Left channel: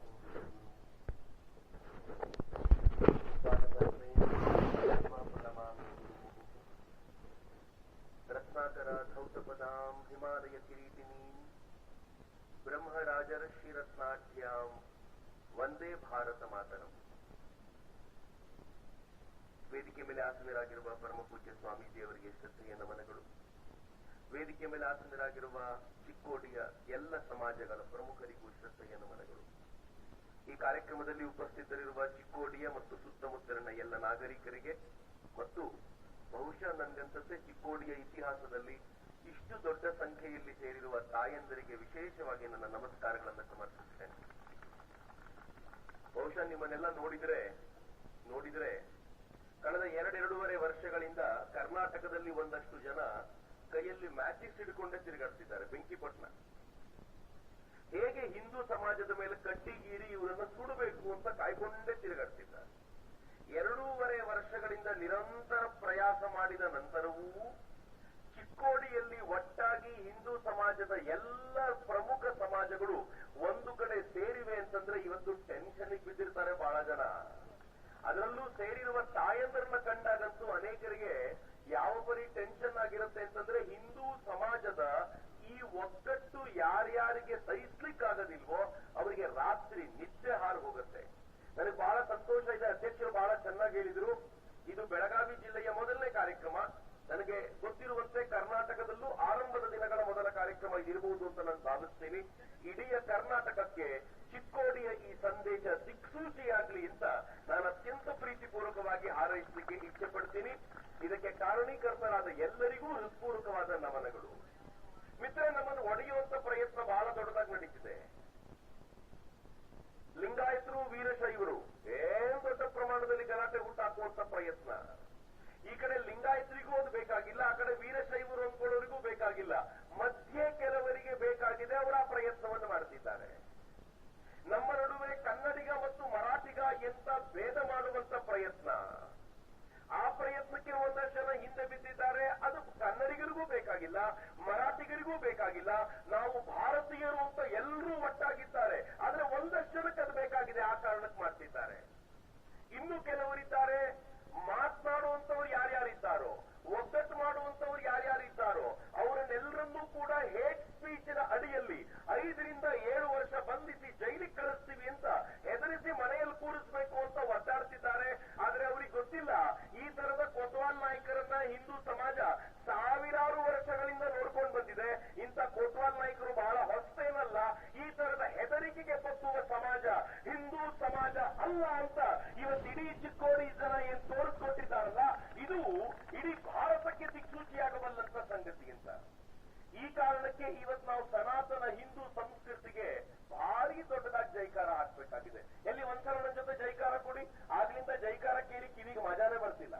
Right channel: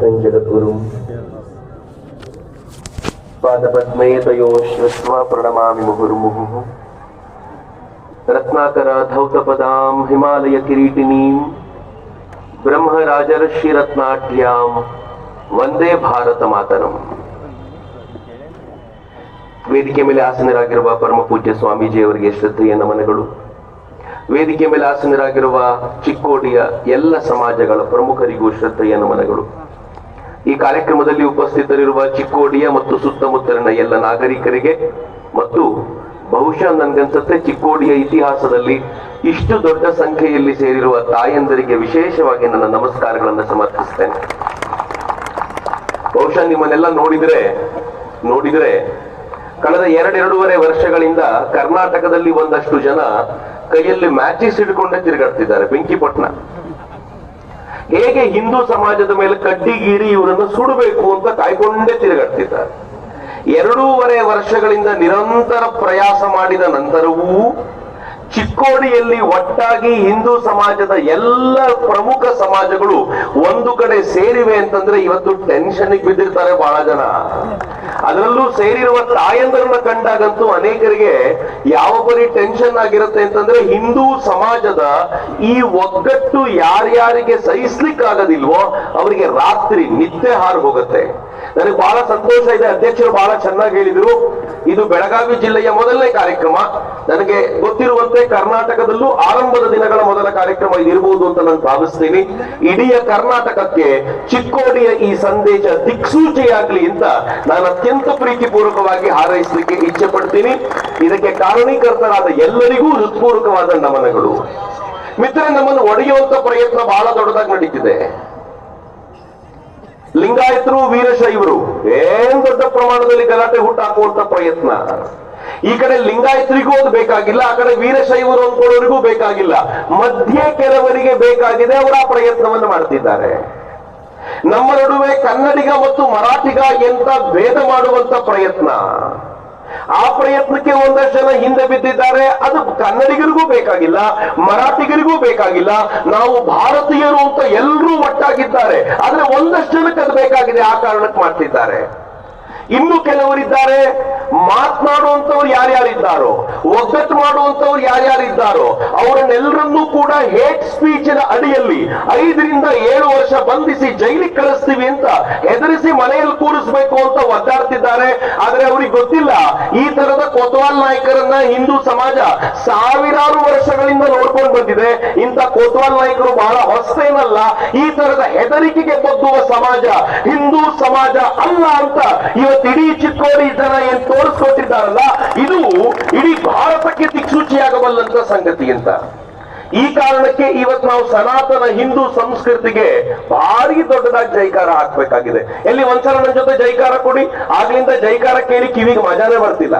कृष्णं जगद्गुरुं पादपद्मे तयोः श्रुत्वा प्रणमामि मुहुर्मुहुः रत्नाकराधौतपदां हिमालयकिरीटिनीं ब्रह्मराजर्षिरत्नाढ्यां ವಂದೇ ಭಾರತ ಮಾತರಂ. ವೇದಿಕೆ ಮೇಲೆ ಆಸನರಾಗಿರುವ ಪರಮ ಪೂಜ್ಯ ಸ್ವಾಮೀಜಿಯವರಿಗೆ ಶ್ರದ್ಧೆಯ ನಮನಗಳು. ವೇದಿಕೆ ಮೇಲೆ ಆಸನರಾಗಿರುವ ಚಿಕ್ಕೋಡಿಯ ಎಲ್ಲ ಸಮಾಜಗಳ ಪ್ರಮುಖರಿಗೂ ಶ್ರದ್ಧೆಯ ನಮನಗಳು. ಈ ಕಾರ್ಯಕ್ರಮದಲ್ಲಿ ಉಪಸ್ಥಿತರಿರುವ ಚಿಕ್ಕೋಡಿಯ ಮತ್ತು ಸುತ್ತಮುತ್ತಲಿನ ಎಲ್ಲ ನಾಗರಿಕರಿಗೆ ಮತ್ತು ಬಹುಶಃ ನನ್ಗನ್ಸುತ್ತೆ ಚಿಕ್ಕೋಡಿಯ ಇತಿಹಾಸದಲ್ಲಿ ಇಷ್ಟು ದೊಡ್ಡ ಸಂಖ್ಯೆಯಲ್ಲಿ ಸೇರಿರುವ ತಾಯಂದರಿಗೆ ವಿಶೇಷವಾಗಿ ನನ್ನ ನಮಸ್ಕಾರಗಳನ್ನು ಸಮರ್ಪಿಸ್ತೇನೆ. ಬಹುಶಃ ನಿಮ್ಮನ್ನೆಲ್ಲ ನೋಡಿದ್ರೆ ಕಳೆದ 2-2.5 ವರ್ಷಗಳಿಂದ ಕರ್ನಾಟಕದಲ್ಲಿ ಒಂದಷ್ಟು ಜನ ಕೈಯಲ್ಲಿ ಮ್ಯಾಚಿಸ್ ಹಿಡ್ಕೊಂಡೇ ತಿರುಗಾಡ್ತಿದ್ದಾರೆ. ಬೆಂಕಿಪಟ್ಟಣ ಹೇಗೆ ಹಿಂದೂ ಸಮಾಜದ ಮೇಲೆ ಕಡ್ಡಿಗೀರಿ ಇವರನ್ನು ಸುಡಬೇಕು ಅಂತ ಕಾಯ್ಕೊಂಡೇ ತಿರುಗಾಡ್ತಿದ್ದಾರೆ. 2.5 ವರ್ಷಗಳಿಂದ ನಿರಂತರ ಪ್ರಯಾಸ ಮಾಡಿದ ನಂತರವೂ ಚಿಕ್ಕೋಡಿಯಲ್ಲಿ ಒಟ್ಟಾಗಿ ಹಿಂದೂ ಸಮಾಜದ ಎಲ್ಲ ಪ್ರಮುಖ ಸಮಾಜಗಳು ಒಂದು ಕಡೆ ಸೇರಿವೆ ಅಂತಂದ್ರೆ ಇವತ್ತು ಟೆನ್ಷನ್ ಬಿದ್ದಿರ್ತಾರೆ ಬಹಳ ಜನ. ಅದರಲ್ಲೂ ಸೇರಿರುವ ತಾಯಂದರನ್ನ ಕಂಡಾಗಂತೂ ಅನೇಕರಿಗೆ ಯಾವ ಪರಿ ಟೆನ್ಷನ್ ಆಗಿರುತ್ತೆ ಅಂತಂದ್ರೆ ಹಿಂದೂ ಸಮಾಜದ ಈ ಒಗ್ಗಟ್ಟು ಯಾರ್ಯಾರಿಗೆ ಸಹಿಸ್ಲಿಕ್ಕಾಗದಿಲ್ವೋ ಅವರಿಗೆ ರಾತ್ರಿ ನಿದ್ದೆ ಹಾರು ಹೋಗುತ್ತೆ. ನನಗೆ ಬಹಳ ಸಂತೋಷ ಇದೆ, ಅಧ್ಯಕ್ಷರು ಬಹಳ ಚೆನ್ನಾಗಿ ಹೇಳಿದ್ರು. ಇದು ಬೆಳಗಾವಿ ಜಿಲ್ಲೆಯ ಮೊದಲನೇ ಕಾರ್ಯಕ್ರಮ. ನನಗೆ ಗೊತ್ತಿರುವಂತೆ ಕರ್ನಾಟಕದಲ್ಲೂ ಆರಂಭದ ದಿನಗಳ ಮೊದಲ ಕಾರ್ಯಕ್ರಮ ಇದಿರಬಹುದು ಅಂತ ನಾನು ಭಾವಿಸ್ತೀನಿ. ಇಡೀ ಕರ್ನಾಟಕಕ್ಕೆ ಚಿಕ್ಕೋಡಿಯ ಈ ಸಂದೇಶ ದಿಕ್ಸೂಚಿಯಾಗ್ಲಿ ಅಂತ ನಾನು ಅತ್ಯಂತ ಪ್ರೀತಿಪೂರ್ವಕವಾಗಿ ಹಾರೈಸಲಿಕ್ಕೆ ಇಚ್ಛೆ ಪಡ್ತೀನಿ. ಇದಕ್ಕೆ ಕಾರಣೀಕರ್ತರಾದ ಎಲ್ಲರಿಗೂ ಹೃತ್ಪೂರ್ವಕವಾದ ನಮನಗಳು. ಮಿತ್ರ, ನಮ್ಮನ್ನು ಒಡೆಯುವಂತ ಪ್ರಯತ್ನ ಬಹಳ ದೊಡ್ಡದಾಗಿ ನಡೀತಿದೆ. ಲಿಂಗಾಯತರು ವೀರಶೈವರು ಏನ್ ದೊಡ್ಡ ಪ್ರಮಾಣದಲ್ಲಿ ಗಲಾಟೆ ಹುಟ್ಟಾಕುವಂತ ಪ್ರಯತ್ನ. ಈ ಕಡೆ ಲಿಂಗಾಯತರಿಗೂ ಅದು ಬೇಕಾಗಿಲ್ಲ, ಆ ಕಡೆ ವೀರಶೈವರು ಅಂದ್ಕೊಳ್ಳೋರಿಗೂ ಬೇಕಾಗಿಲ್ಲ. ಮಧ್ಯೆ ಕೆಲವರಿಗೆ ಬೇಕಾಗಿದೆ, ಅವರ ಆ ಪ್ರಯತ್ನವನ್ನು ಮಾಡ್ತಿದ್ದಾರೆ. ನಮ್ಮ ನಡುವೆ ಕನ್ನಡಿಗ ಮತ್ತು ಮರಾಠಿಗ ಎಂತ ಭೇದ ಮಾಡುವಂತ ಪ್ರಯತ್ನ. ಆ ಪ್ರಯತ್ನಕ್ಕೆ ಒಂದಷ್ಟು ಜನ ಹಿಂದೆ ಬಿದ್ದಿದ್ದಾರೆ. ಅದು ಕನ್ನಡಿಗರಿಗೂ ಬೇಕಾಗಿಲ್ಲ, ಮರಾಠಿಗರಿಗೂ ಬೇಕಾಗಿಲ್ಲ. ನಾವು ಭಾರತೀಯರು ಅಂತ ಎಲ್ಲರೂ ಒಟ್ಟಾಗಿದ್ದಾರೆ. ಆದ್ರೆ ಒಂದಷ್ಟು ಜನಕ್ಕೆ ಅದು ಬೇಕಾಗಿದೆ, ಆ ಕಾರಣಕ್ಕೆ ಮಾಡ್ತಿದ್ದಾರೆ. ಇನ್ನು ಕೆಲವರಿದ್ದಾರೆ, ಮಾತನಾಡುವಂತವ್ರು ಯಾರ್ಯಾರಿದ್ದಾರೋ, ಒಗ್ಗಟ್ಟು ಮಾಡುವಂತವ್ರು ಯಾರ್ಯಾರಿದ್ದಾರೋ ಅವರನ್ನೆಲ್ಲರನ್ನೂ ಕೂಡ ಹೇಟ್ ಸ್ಪೀಚಿನ ಅಡಿಯಲ್ಲಿ 5-7 ವರ್ಷ ಬಂಧಿಸಿ ಜೈಲಿಗೆ ಕಳಿಸ್ತೀವಿ ಅಂತ ಹೆದರಿಸಿ ಮನೆಯಲ್ಲಿ ಕೂರಿಸಬೇಕು ಅಂತ ಒದ್ದಾಡ್ತಿದ್ದಾರೆ. ಆದ್ರೆ ಅವ್ರಿಗೆ ಗೊತ್ತಿಲ್ಲ, ಈ ತರದ ಕೊತ್ವಾಲ್ ನಾಯಕರನ್ನ ಹಿಂದೂ ಸಮಾಜ ಸಾವಿರಾರು ವರ್ಷಗಳಿಂದ ನೋಡ್ಕೊಂಡು ಬಂದಿದೆ. ಇಂಥ ಕೊತ್ವಾಲ್ ನಾಯಕರು ಬಹಳ ಹೊಸೇನಲ್ಲ. ಈ ತರದ ಹೆದರಿಕೆಗೆ ಬಗ್ಗುವ ಸಮಾಜ ಹಿಂದೂ ಸಮಾಜ ಅಲ್ಲ ಅಂತ ಇವತ್ತು ಇಡೀ ಚಿಕ್ಕೋಡಿ ಜನ ಏನ್ ತೋರಿಸ್ಕೊಟ್ಟಿದ್ದಾರಲ್ಲ, ಇದು ಇಡೀ ಭಾರತಕ್ಕೆ ದಿಕ್ಸೂಚಿಯಾಗಬಲ್ಲಂತ ಸಂಗತಿ ಅಂತ. ಈ ಕಾರಣಕ್ಕೆ ಇವತ್ತು ನಾವು ಸನಾತನ ಹಿಂದೂ ಸಂಸ್ಕೃತಿಗೆ ಭಾರಿ ದೊಡ್ಡದಾಗಿ ಜೈಕಾರ ಹಾಕ್ಬೇಕಾಗಿದೆ. ಎಲ್ಲಿ ಒಂದ್ಸಲ ನನ್ನ ಜೊತೆ ಜೈಕಾರ ಕೊಡಿ, ಆಗ್ಲಿಂದ ಜೈಕಾರ ಕೇಳಿ ಕಿವಿಗೆ ಮಜಾನೇ ಬರ್ತಿಲ್ಲ.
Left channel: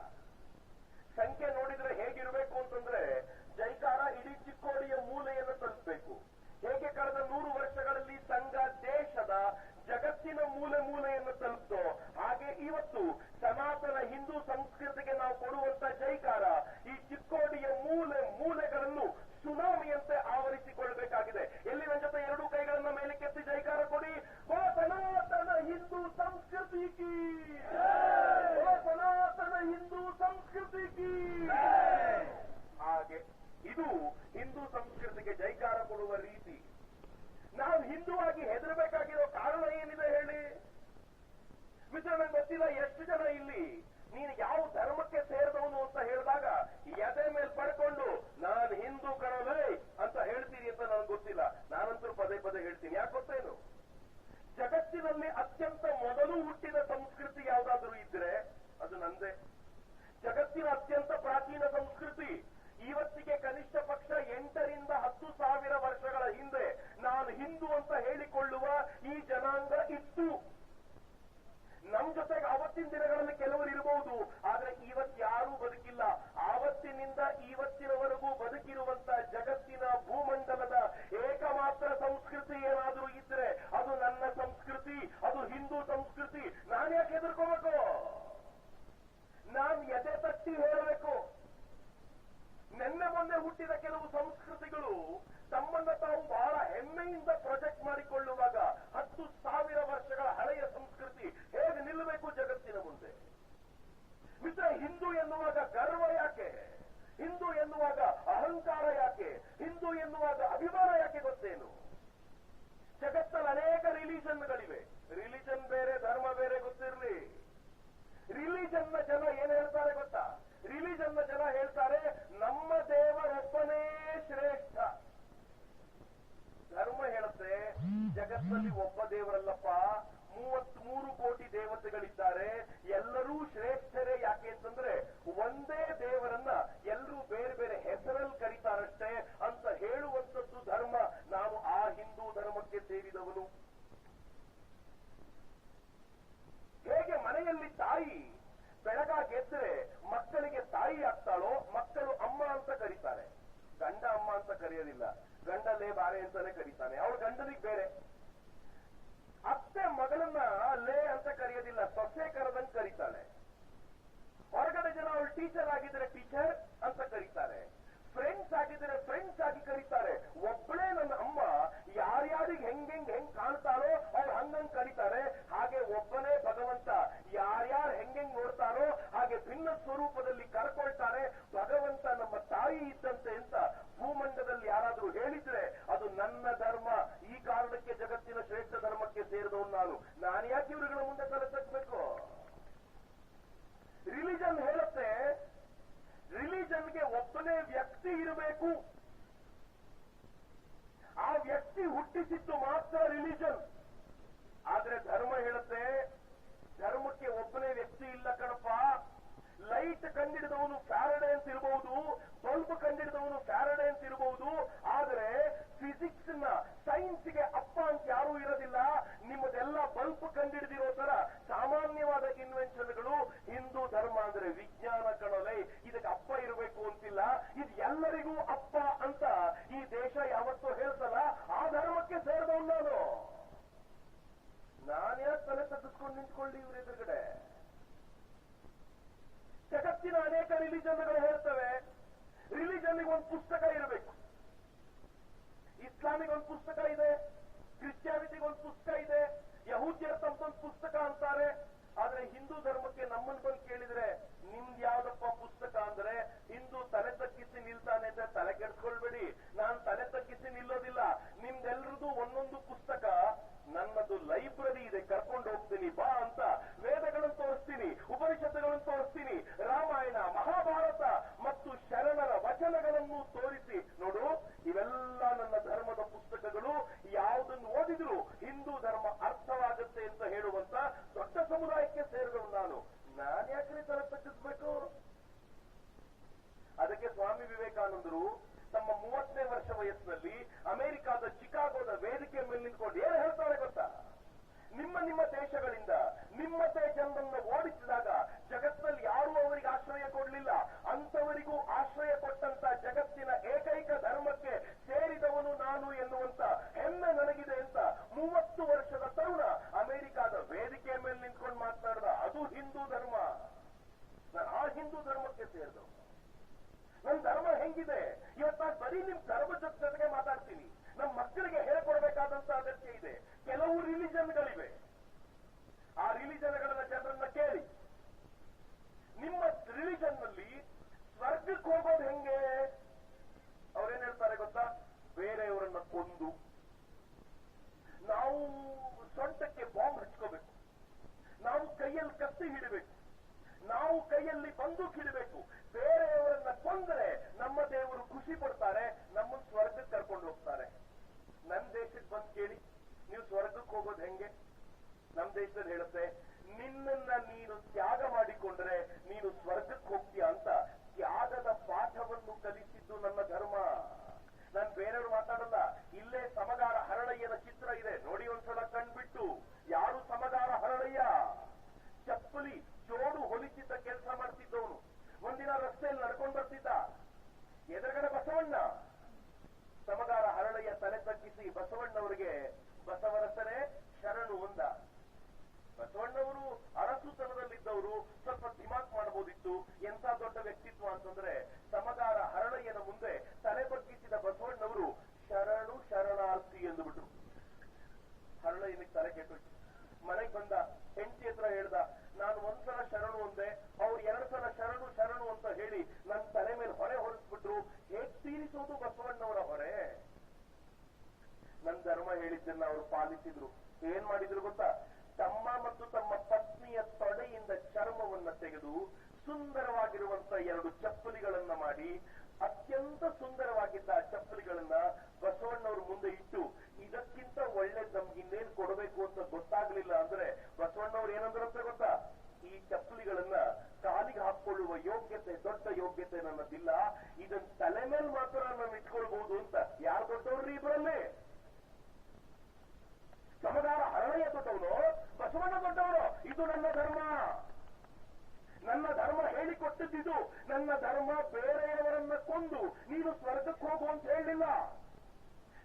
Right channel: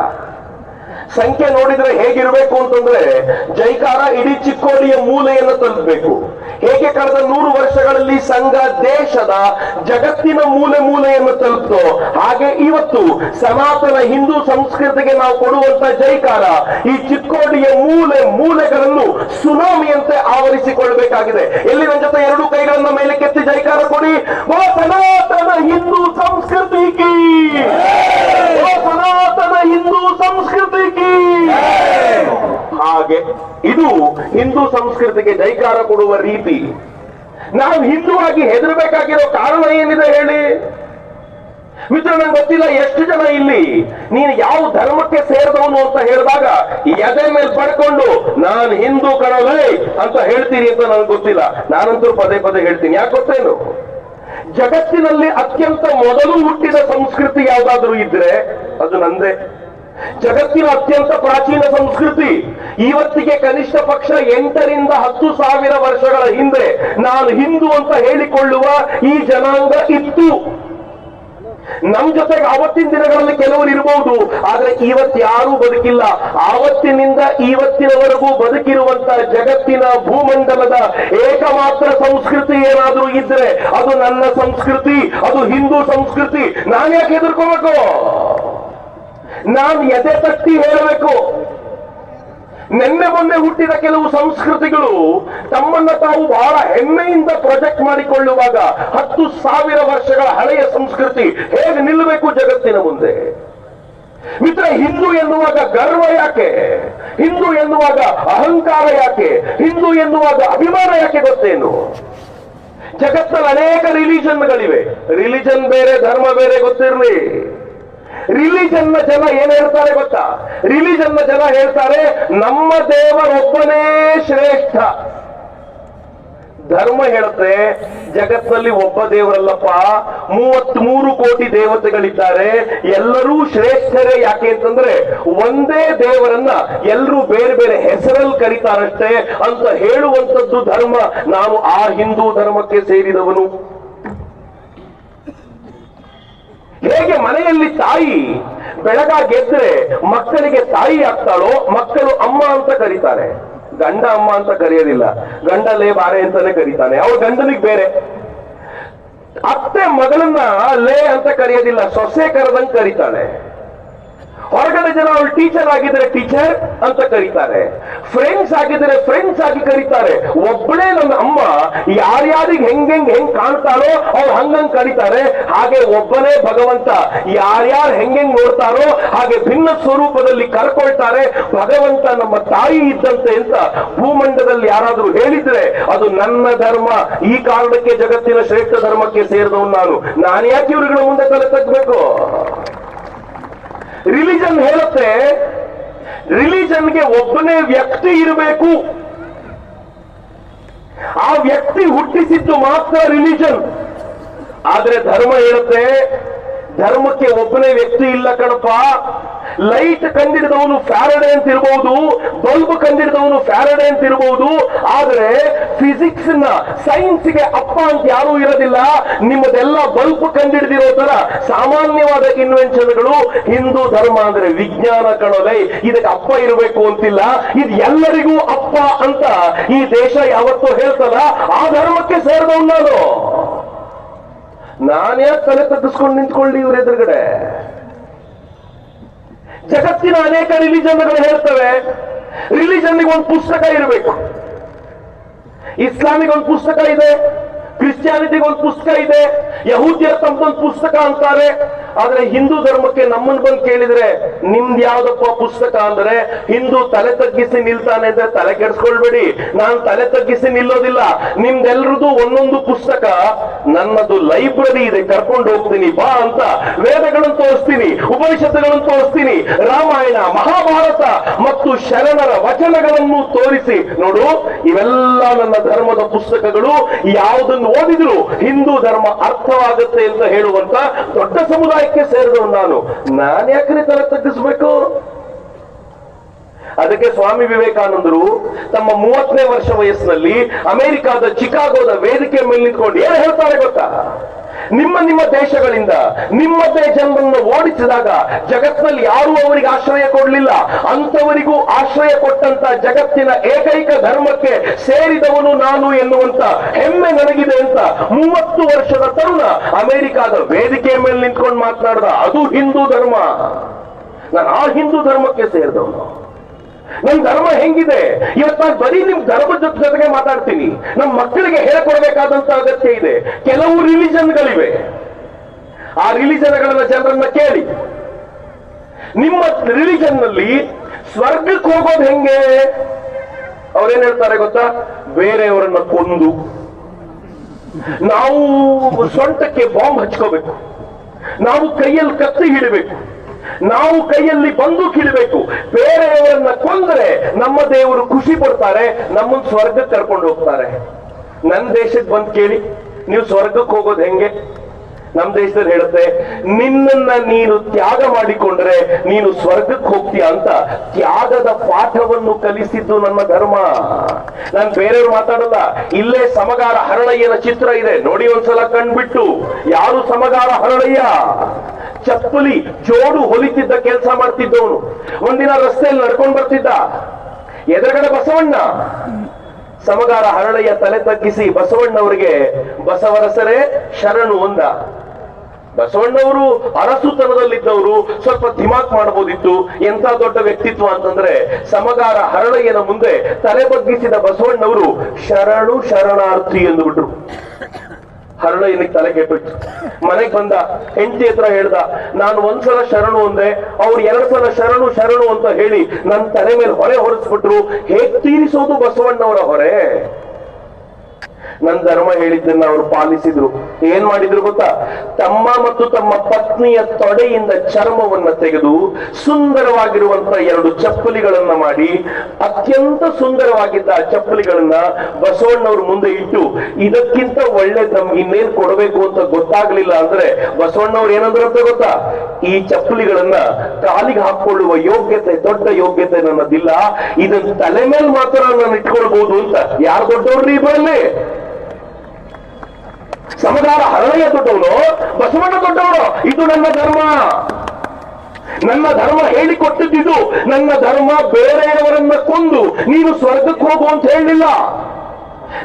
ಸಂಖ್ಯೆ ನೋಡಿದ್ರೆ ಹೇಗಿರ್ಬೇಕು ಅಂತಂದ್ರೆ ಜೈಕಾರ ಇಡೀ ಚಿಕ್ಕೋಡಿಯ ಮೂಲೆಯನ್ನು ತಲುಪಬೇಕು. ಹೇಗೆ ಕಳೆದ 100 ವರ್ಷಗಳಲ್ಲಿ ಸಂಘ ದೇಶದ ಜಗತ್ತಿನ ಮೂಲೆಯನ್ನು ತಲುಪ್ತೋ ಹಾಗೆ ಇವತ್ತು ಸನಾತನ ಹಿಂದೂ ಸಂಸ್ಕೃತಿಗೆ ನಾವು ಕೊಡುವಂತ ಜೈಕಾರ ಈ ಚಿಕ್ಕೋಡಿಯ ಮೂಲೆಗಳನ್ನು ಸುನಾಮಿಯಂತೆ ಆವರಿಸಿಕೊಳ್ಳಬೇಕಾಗಿದೆ. ಎಲ್ಲಿ ನನ್ನ ಜೊತೆ 2 ಕೈಗಳನ್ನ ಮೇಲೆ ಕೆತ್ತಿ ಜೈಕಾರ ಕೊಡಿ. ಓ ಸನಾತನ ಹಿಂದೂ ಸಂಸ್ಕೃತಿ ಕೀ, ಓ ಸನಾತನ ಹಿಂದೂ ಸಂಸ್ಕೃತಿ ಕೀ. ಹಾಗೆ ಇದು ಹಿಂದೂ ಸಂಸ್ಕೃತಿಗೆ ಜೈಕಾರ ಕೊಡುವ ರೀತಿ. ನಾವು ಹಿಂದೂ ಆಗಿ ಹೆದರಬೇಕಾಗಿರೋ ಕಾರಣ ಏನಿದೆ ಹೇಳಿ ಮಿತ್ರ? ನಂಗೆ ಗೊತ್ತಿಲ್ಲ ಎಷ್ಟು ಜನ ಇಲ್ಲಿ ನೀನು ಯಾವ ಧರ್ಮಕ್ಕೆ ಸೇರಿದವನು ಅಂತ ಹೇಳಿದಾಗ ಎದೆ ಮೇಲೆ ಪಡ್ಕೊಂಡು ನಾನು ಹಿಂದೂ ಕಣವೇ ಅಂತ ಹೇಳ್ತೀರಿ ಅಂತ ನನಗೆ ಗೊತ್ತಿಲ್ಲ. ನಾನಂತೂ ಪದೇ ಹೇಳ್ತೀನಿ. ಯಾಕೆ ಗೊತ್ತೇನು? ಜಗತ್ತಿನಲ್ಲಿ ಅತ್ಯಂತ ಮೊದಲು ಹುಟ್ಟಿದ ಸಂಸ್ಕೃತಿ ಯಾವ್ದಾದ್ರೂ ಇದ್ರೆ ಅದು ನಂದೇ. ಜಗತ್ತಿನ ಅತ್ಯಂತ ಪ್ರಾಚೀನ ಸಂಸ್ಕೃತಿ ಇವತ್ತಿಗೆ ಕನಿಷ್ಠ ಪಕ್ಷ 8,000-10,000 ವರ್ಷಗಳ ಹಿಂದೆ ನಾನು ಹಿಂದೂ ಅಂತ ಹೇಳಿಕೊಳ್ಳುವ ಈ ಜನಾಂಗ ಇತ್ತು. ನಮ್ ಜೊತೆಗೆ ಆವತ್ತಿನ ದಿನಗಳಲ್ಲಿ ಕೆಲವರು ಇರಬಹುದು, ಆದ್ರೆ ಇವತ್ಯಾರೂ ಬದುಕಿಲ್ಲ. ಆವತ್ತಿನಿಂದ ಇವತ್ತಿನವರೆಗೂ ಬದುಕಿರುವಂತ ಜಗತ್ತಿನ ಭೂಮಂಡಲದ ಏಕಮಾತ್ರ ಸಂಸ್ಕೃತಿ ಏನಾದ್ರೂ ಇದ್ರೆ ಅದು ನನ್ನ ಸಂಸ್ಕೃತಿ, ಅದು ಹಿಂದೂ ಸಂಸ್ಕೃತಿ. ನಾನು ಯಾಕೆ ಹೆದರ್ಕೋಬೇಕು? ನಾನು ಎದೆ ತಟ್ಟಿ ಹೇಳಬೇಕು, ನಿನ್ನೆ ಮೊನ್ನೆ ಹುಟ್ಟಿದ ಕೆಲವು ಸಂಸ್ಕೃತಿಗಳು ತಮ್ಮನ್ನ ತಾವು ಬಹಳ ಹೆಮ್ಮೆಯಿಂದ ಪ್ರೊಜೆಕ್ಟ್ ಮಾಡಿಕೊಳ್ಳುವಾಗ 10,000 ವರ್ಷಗಳ ಹಳೆಯ ಸಂಸ್ಕೃತಿ ಹೇಗೆ ನಿಲ್ಲಬೇಕು ಜಗತ್ತಿನ ಮುಂದೆ? ಮಿತ್ರ, ಹಿಂದೂ ಎನ್ನುವಾಗ ಗರ್ವ ಯಾಕೆ? ಹಿಂದೂ ಎನ್ನುವಾಗ ಅಹಂಕಾರ ಯಾಕೆ? ಹಿಂದೂ ಎನ್ನುವಾಗ ಅಭಿಮಾನ ಯಾಕೆ ಗೊತ್ತೇನು? ಜಗತ್ತಲ್ಲಿ ಅನೇಕ ರಿಲಿಜನ್ಗಳಿವೆ. ರಿಲಿಜನ್ ಬೇರೆ, ಧರ್ಮ ಬೇರೆ ಗೊತ್ತಿರಲಿ. ರಿಲಿಜನ್ ನ ಜನ ಏನ್ ಹೇಳ್ತಾರೆ ಗೊತ್ತಾ? ರಿಲಿಜನ್ ನ ಜನ ಹೇಳ್ತಾರೆ ನಮ್ಮ ದೇವರೊಬ್ಬನೇ ಶ್ರೇಷ್ಠ. ಧರ್ಮ ಹೇಳುತ್ತೆ ಜಗತ್ತಿನಲ್ಲಿ ಒಬ್ಬ ದೇವರಲ್ಲಪ್ಪ, 33 ಕೋಟಿ ದೇವತೆಗಳಿದ್ದಾರೆ, ಎಲ್ಲರೂ ಶ್ರೇಷ್ಠರೇ. ಯಾಕೆ ಅಂತಂದ್ರೆ ಒಂದೇ ದೇವರನ್ನ ಎಲ್ಲರೂ ಬೇರೆ ಬೇರೆ ಹೆಸರಲ್ಲಿ ಕರೀತಾರಷ್ಟೇ ಅಂತ ಹೇಳುವಂತದ್ದು ಧರ್ಮ. ನಾನು ಆ ಹಿಂದೂ ಧರ್ಮಕ್ಕೆ ಸೇರಿದವನು. ಹೇಗೆ ಮನೆಯಲ್ಲಿ ತಾಯಿ ಬೆಳಗಾಗೆದ್ರೆ ಮಕ್ಕಳಿಗೆ ತಾಯಿ ಆಗ್ತಾಳೋ, ಮಕ್ಕಳು ಅಮ್ಮ ಅಂತ ಕರೀತಾರೆ. ಗಂಡ ಅಮ್ಮ ಅಂತ ಕರೆಯೋದಿಲ್ಲ, ಗಂಡಲೇ ಬಾರೆ ಅಂತಾನೆ ಕರೀತಾನೆ. ಅವ್ರ ಗಂಡನಿಗೆ ಬೇರೆ. ಅತ್ತೆ ಮಗಳನ್ನ ಲೇ ಅಂತ ಕರೆಯೋದಿಲ್ಲ, ಸೊಸೆ ಕರೆದಂಗ್ ಕರೀತಾಳೆ. ಹೊರಗಡೆ ಜನ ಅವಳು ಟೀಚರ್ ಆಗಿದ್ರೆ ಟೀಚರ್ ಅಂತ ಕರೀತಾರೆ, ಫ್ರೆಂಡ್ಸ್ ಆಗಿದ್ರೆ ಫ್ರೆಂಡ್ಸ್ ಆಗಿ ಕರೀತಾರೆ. ಒಬ್ಬಳೇ ನನ್ನ ಅಮ್ಮ, ಯಾರ್ಯಾರಿಗೆ ಹೆಂಗ್ ಕಾಣ್ತಾರೋ ಅವ್ರು ಹಂಗಂಗ್ ಕರೀತಾರೆ. ಹಾಗೆ ಒಬ್ಬನೇ ಭಗವಂತ, ಯಾರ್ಯಾರು ಹೆಂಗ್ ನೋಡ್ತಾರೋ ಹಾಗೆ ಭಿನ್ನ ಸ್ವರೂಪದಲ್ಲಿ ಕರ್ಕೊಳ್ತಾರೆ. ಭಗವಂತ ನಮ್ಮ ತಾಯಿ ಇದ್ದಂತೆ ಅಂತ ಭೂಮಂಡದಲ್ಲಿ ಯಾರಾದ್ರೂ ಹೇಳಿದ್ರೆ ಅದು ನನ್ನ ಧರ್ಮ. ಈ ಕಾರಣಕ್ಕೆ ಜಗತ್ತಿನ ಶ್ರೇಷ್ಠ ಧರ್ಮಕ್ಕೆ ಸೇರಿದವನು ನಾನು ಯಾಕೆ ಇವ್ರುಗಳ ಮುಂದೆ ತಲೆ ತಗ್ಬೇಕು? ರಿಲಿಜನ್ ಹೇಳುತ್ತೆ ರಿಲಿಜನ್ಗೆ ಒಬ್ಬನೇ ವ್ಯಕ್ತಿ ಇರಬೇಕು, ಆ ವ್ಯಕ್ತಿ ಹುಟ್ಟಿಸಿದ್ದು ಮಾತ್ರ ರಿಲಿಜನ್. ಆದ್ರೆ ಧರ್ಮ ಹೇಳುತ್ತೆ ಧರ್ಮಕ್ಕೆ ಒಬ್ಬನೇ ವ್ಯಕ್ತಿ ಇಲ್ಲ ಕಣಪ್ಪ. ಲೈಟ್ ಕಂಡಿಡಿದವನು ಫ್ಯಾರಡೆ ಅಂತ ಇರಬಹುದು, ಬಲ್ಬ್ ಕಂಡಿಡಿದವನು ಫ್ಯಾರಡೆ ಅಂತ ಇರಬಹುದು, ಆದ್ರೆ ಫಿಸಿಕ್ಸ್ ನ ಸೈನ್ಸ್ಗೆ ಅಪ್ಪ ಅಂತ ಯಾರೂ ಇರೋದಿಲ್ಲ. ನಿಮ್ಮದೆಲ್ಲ ಬಲ್ಬ್ ಕಂಡಿಡಿದಿರೋ ತರ ಸಾಮಾನ್ಯವಾದ ಇನ್ವೆನ್ಷನ್ಗಳು. ಹಿಂದೂ ಧರ್ಮ ಅಂದ್ರೆ ವಿಜ್ಞಾನ ಕಣಲೆ, ಇದಕ್ಕೆ ಅಪ್ಪ ಇರಬೇಕು ಅಂತಿಲ್ಲ, ಇದು ಎಲ್ಲರಿಗೂ ಅಪ್ಪ ಅಂತ ಈ ದೇಶ ಯಾವತ್ತೂ ಹೇಳ್ತಲ್ಲ. ಆ ಧರ್ಮಕ್ಕೆ ಸೇರಿದವನು ನಾನ್ಯಾಕೆ ತಲೆ ತಗ್ಗಿಸ್ಕೊಂಡು ನಿಂತ್ಕೊಳ್ಳಿ ಇವ್ರ ಎದುರುಗಡೆ? ಜಗತ್ತಿನ ಅನೇಕ ರಿಲಿಜನ್ಗಳು ಹೇಳ್ತವೆ ರಿಲಿಜನ್ಗೆ ಒಂದು ಪುಸ್ತಕ ಇರಬೇಕು. ಇಸ್ಲಾಮಿಗೆ ಒಂದು ಪುಸ್ತಕ ಇದೆ, ಕ್ರಿಶ್ಚಿಯಾನಿಟಿಗೆ ಒಂದು ಪುಸ್ತಕ ಇದೆ, ಯಹೂದ್ಯರ ತಮ್ಮದೊಂದು ಪುಸ್ತಕ ಅಂತಾರೆ. ಆದ್ರೆ ಹಿಂದೂ ಧರ್ಮಕ್ಕೆ ನಮ್ಮನ್ನು ಬಂದು ಕೇಳಿದ್ರೆ ನಿಮ್ದು ಯಾವ್ದಪ್ಪ ಪುಸ್ತಕ ಅಂದ್ರೆ ಹಿಂದೂ ತಲೆ ತಗ್ಗಿಸಿ ನಿಲ್ತಾನೆ ಅಂದ್ರೆ ತಲೆ ಕೆಡಿಸ್ಕೊಳ್ಬೇಡಿ, ನಾನು ತಲೆ ತಗ್ಗಿಸಿ ನಿಲ್ಲೋದಿಲ್ಲ. ನಿಮ್ದೆಲ್ರದ್ದು ಒಂದೊಂದು ಪುಸ್ತಕ, ನನ್ನದು ಲೈಬ್ರರಿ ಇದೆ, ಕರ್ಕೊಂಡು ಹೋಗ್ತೀನಿ ಬಾ ಅಂತ ವೇದಗಳನ್ನು ತೋರಿಸ್ತೀನಿ, ಉಪನಿಷತ್ತುಗಳನ್ನು ತೋರಿಸ್ತೀನಿ, ರಾಮಾಯಣ ಮಹಾಭಾರತ ಮತ್ತು ಶರಣರ ವಚನಗಳನ್ನು ತೋರಿಸಿ ನೋಡು ಇವೆಲ್ಲ ನನ್ನ ಧರ್ಮದ ಪುಸ್ತಕಗಳು, ಯಾವುದನ್ನು ಓದಿದ್ರು ಹಿಂದೂ ಧರ್ಮ ಅರ್ಥವಾಗುತ್ತೆ ಅಂತ ಹೇಳುವಂತ ದೊಡ್ಡ ಸಮುದಾಯಕ್ಕೆ ಸೇರಿದವನು ನಾನು ಯಾಕ್ರಿ ತಲೆ ತಗ್ಗಿಸ್ಬೇಕು? ಅದಕ್ಕೆ ಸ್ವಾಮಿ ವಿವೇಕಾನಂದರು ತಮ್ಮ 30ನೇ ವರ್ಷ ವಯಸ್ಸಿನಲ್ಲಿ ಅಮೆರಿಕಾದ ಚಿಕಾಗೋದ ವೇದಿಕೆ ಮೇಲೆ ನಿಂತ್ಕೊಂಡು ಏನು ಹೇಳ್ತಾರೆ ಗೊತ್ತಾ? ನಿಮ್ಮ ದೇಶಗಳಿಂದ ನಿಮ್ಮದೇ ಜನರನ್ನು ಓಡಿಸಿದಾಗ ಜಗತ್ತಿನಲ್ಲಿ ಯಾರೂ ಅವರಿಗೆ ಆಶ್ರಯ ಕೊಡಲಿಲ್ಲ, ಅಂತವರಿಗೂ ಆಶ್ರಯ ಕೊಟ್ಟಂತ ಜಗತ್ತಿನ ಏಕೈಕ ಧರ್ಮಕ್ಕೆ ಸೇರಿದವನು ನಾನು ಎನ್ನುವಂತ ಹೆಮ್ಮೆ ನನಗಿದೆ ಅಂತ 30 ವರ್ಷದ ತರುಣ ಅಮೆರಿಕಾದ ವೇದಿಕೆ ಮೇಲೆ ನಿಂತ್ಕೊಂಡು ಮಾತನಾಡಿದ. ಅದು ಹಿಂದೂ ಧರ್ಮ. ನಾನು ಆ ಹಿಂದೂ ಧರ್ಮಕ್ಕೆ ಸೇರಿದವನು. ನಮ್ ಧರ್ಮ ಹೆಂಗಿದೆ ಇವತ್ತು? ನಾನು ಬರೀ ನಿಮ್ ಧರ್ಮದ ಜೊತೆಗೆ ಮಾತಾಡ್ತೀನಿ. ನಮ್ಮ ಮಕ್ಕಳಿಗೆ ಹೇಳ್ಕೊಡ್ಬೇಕಾದಂತ ಅಗತ್ಯ ಇದೆ. ಕೆಲವು ರಿಲಿಜನ್ಗಳಿವೆ, ಆ ರಿಲಿಜನ್ಗಳನ್ನ ಜನರನ್ನ ಕೇಳಿ, ನಿಮ್ಮ ರಿಲಿಜನ್ ನಲ್ಲಿ ಸ್ವರ್ಗಕ್ಕೆ ಹೋಗೋದು ಹೆಂಗೆ? ಅವ್ರೇನ್ ಹೇಳ್ತಾರೆ ಗೊತ್ತಾ? ಬೇರೆಯವರನ್ನ ಕೊಂದು ನಾವು ಸೊಂಟಕ್ಕೆ ಬಾಂಬ್ ಹಚ್ಕೋಬೇಕು, ನಾವು ಕೈಯಲ್ಲಿ ಕತ್ತಿ ಹಿಡಬೇಕು, ನಾವು ಕೈಯಲ್ಲಿ ಬಂದೂಕ್ ಹಿಡಬೇಕು, ಬೇರೆಯವರನ್ನ ಕೊಂದರೆ ನಮ್ಮ ದೇವರು ಖುಷಿ ಪಡ್ತಾರೆ, ನಮ್ಮನ್ನು ಸ್ವರ್ಗಕ್ಕೆ ಕರ್ಕೊಂಡು ಹೋಗ್ತಾರೆ. ನನ್ನ ದೇಶಕ್ಕೆ ಬಂದು ಕೇಳಿ ನೀವು ಸ್ವರ್ಗಕ್ಕೆ ಹೋಗೋದು ಹೆಂಗೆ? ನಮ್ಮ ದೇಶದಲ್ಲಿ ಹೇಳುತ್ತೆ ನಿನ್ನನ್ನ ನೀನು ತ್ಯಾಗ ಮಾಡಿಕೊಂಡ್ರೆ ನೀನು ಸ್ವರ್ಗಕ್ಕೆ ಹೋಗ್ತೀಯ ಅಂತ ತ್ಯಾಗದ ಪಾಠವನ್ನು ಕಲಿಸಿದ್ದು ನನ್ನ ಧರ್ಮ. ನಾನು ಬೇರೆಯವ್ರು ಮಾತಾಡಲ್ಲ. ಇಲ್ಲೇ ಸಮಗಾರ ಹರಳಯ್ಯನ ಚಿತ್ರ ಇದೆ, ನೋಡಿ ಒಂದ್ಸಲ ಕಣ್ಬಿಟ್ಟು. ಯಾರು ಸಮಗಾರ ಹರಳಯ್ಯ? ಚಪ್ಪಲಿ ಜೋಡು ಹೊಲಿತಿದ್ದ ಕೆಲಸ ಮಾಡ್ತಿದ್ದವನು. ಒಂದಿನ ರಸ್ತೆಯಲ್ಲಿ ನಡ್ಕೊಂಡು ಬರ್ತಿದ್ದ, ಎದುರುಗಡೆ ಬಸವಣ್ಣ. ಸಮಗಾರ ಹರಳಯ್ಯ ತಲೆ ತಗ್ಗಿಸಿ ಬಸವಣ್ಣವರಿಗೆ ಬಸವರಸರೇ ಶರಣು ಒಂದ. ಬಸವಣ್ಣವರು ಅರಸುತನದಲ್ಲಿದ್ದವರು, ಸ್ವಲ್ಪ ದಿಮಾಕ್ ಮಾಡಬಹುದಿತ್ತು. ಎಂತ ದೊಡ್ಡ ವ್ಯಕ್ತಿತ್ವ ಅಂತಂದ್ರೆ ಸಮಗಾರ ಹರಳಯ್ಯನ ಮುಂದೆ ತಲೆ ಬಗ್ಗಿಸಿದ ಬಸವಣ್ಣವರು ಶರಣು ಶರಣಾರ್ಥಿ ಎಂದು ಬಿಟ್ರು. ಹರಳಯ್ಯನಿಗೆ ತಲೆ ಕೆಟ್ಟೋಯ್ತು. ಮನೆಗೆ ಬಂದ, ಹೆಂಡತಿ ಹತ್ರ ಹೇಳ್ದ, ನಾನು ಒಂದ್ಸಲ ಶರಣು ಅಂದೆ, ಅವ್ರು 2 ಸಲ ಶರಣು ಶರಣು ಅಂತ ಹೇಳಿ ನನ್ನ ತಲೆ ಮೇಲೆ ಹೊರೆ ಹೊರಿಸ್ಬಿಟ್ರು. ಹೇಗ್ ತೀರಿಸೋದು ಬಸವಣ್ಣವರ ಹೊರೆ? ನನ್ನ ಧರ್ಮ ಹೇಳಿದ್ದನ್ನ ಅವರು ಪಾಲಿಸಿದ್ರು. ಏನ್ ಮಾಡಿದ್ರು ಗೊತ್ತಾ? ತಮ್ಮ ಮತ್ತು ತಮ್ಮ ಪತ್ನಿಯ ತೊಡೆಯಿಂದ ಚರ್ಮವನ್ನ ತೆಗೆದು ಸುಂದರವಾಗಿರುವಂತ 2 ಚಪ್ಪಲಿಗಳನ್ನ ಮಾಡಿ, ಅತ್ಯಂತ ಸುಂದರವಾಗಿದ್ದ ಆ ಚಪ್ಪಲಿಗಳನ್ನ ಬಸವಣ್ಣವ್ರ ಮುಂದೆ ಇಟ್ಟು, ಇದಕ್ಕಿಂತ ಒಳ್ಳೇದ್ ನಮ್ಗೆ ಇನ್ನೇನ್ ಕೊಡಬೇಕು ಅಂತ ಗೊತ್ತಾಗ್ಲಿಲ್ಲ ಅಂದ್ರೆ ಬಸವಣ್ಣವ್ರು ಏನಂದ್ರು ಅಂತ ಗೊತ್ತಾ? ಈ ಚಪ್ಪಲಿಗಳನ್ನ ಕಾಲಿಗೆ ಹಾಕೊಳ್ಳುವ ಯೋಗ್ಯತೆ, ದೊಡ್ಡ ಯೋಗ್ಯತೆ ನನ್ನದಿಲ್ಲ, ಇದನ್ನ ತಲೆ ಮೇಲೆ ಮಾತ್ರ ನಾನು ಇಟ್ಕೊಳ್ಬಹುದು ಅಂತ. ಯಾರು ದೊಡ್ಡವ್ರಿ ಬರಲಿ? ಸಮಗಾರ ಹರಳಯ್ಯ ದೊಡ್ಡವನು, ಬಸವಣ್ಣ ದೊಡ್ಡವನು. ಇದು ನನ್ನ ಧರ್ಮ, ನನ್ನ ಧರ್ಮ ಹೇಳಿಕೊಟ್ಟಿದ್ದು. ನನ್ನ ಧರ್ಮ ಬೇರೆಯವರನ್ನ ಕೊಂದು ನೀನು ಸ್ವರ್ಗಕ್ಕೆ ಹೋಗು ಅಂತ ಹೇಳಲಿಲ್ಲ.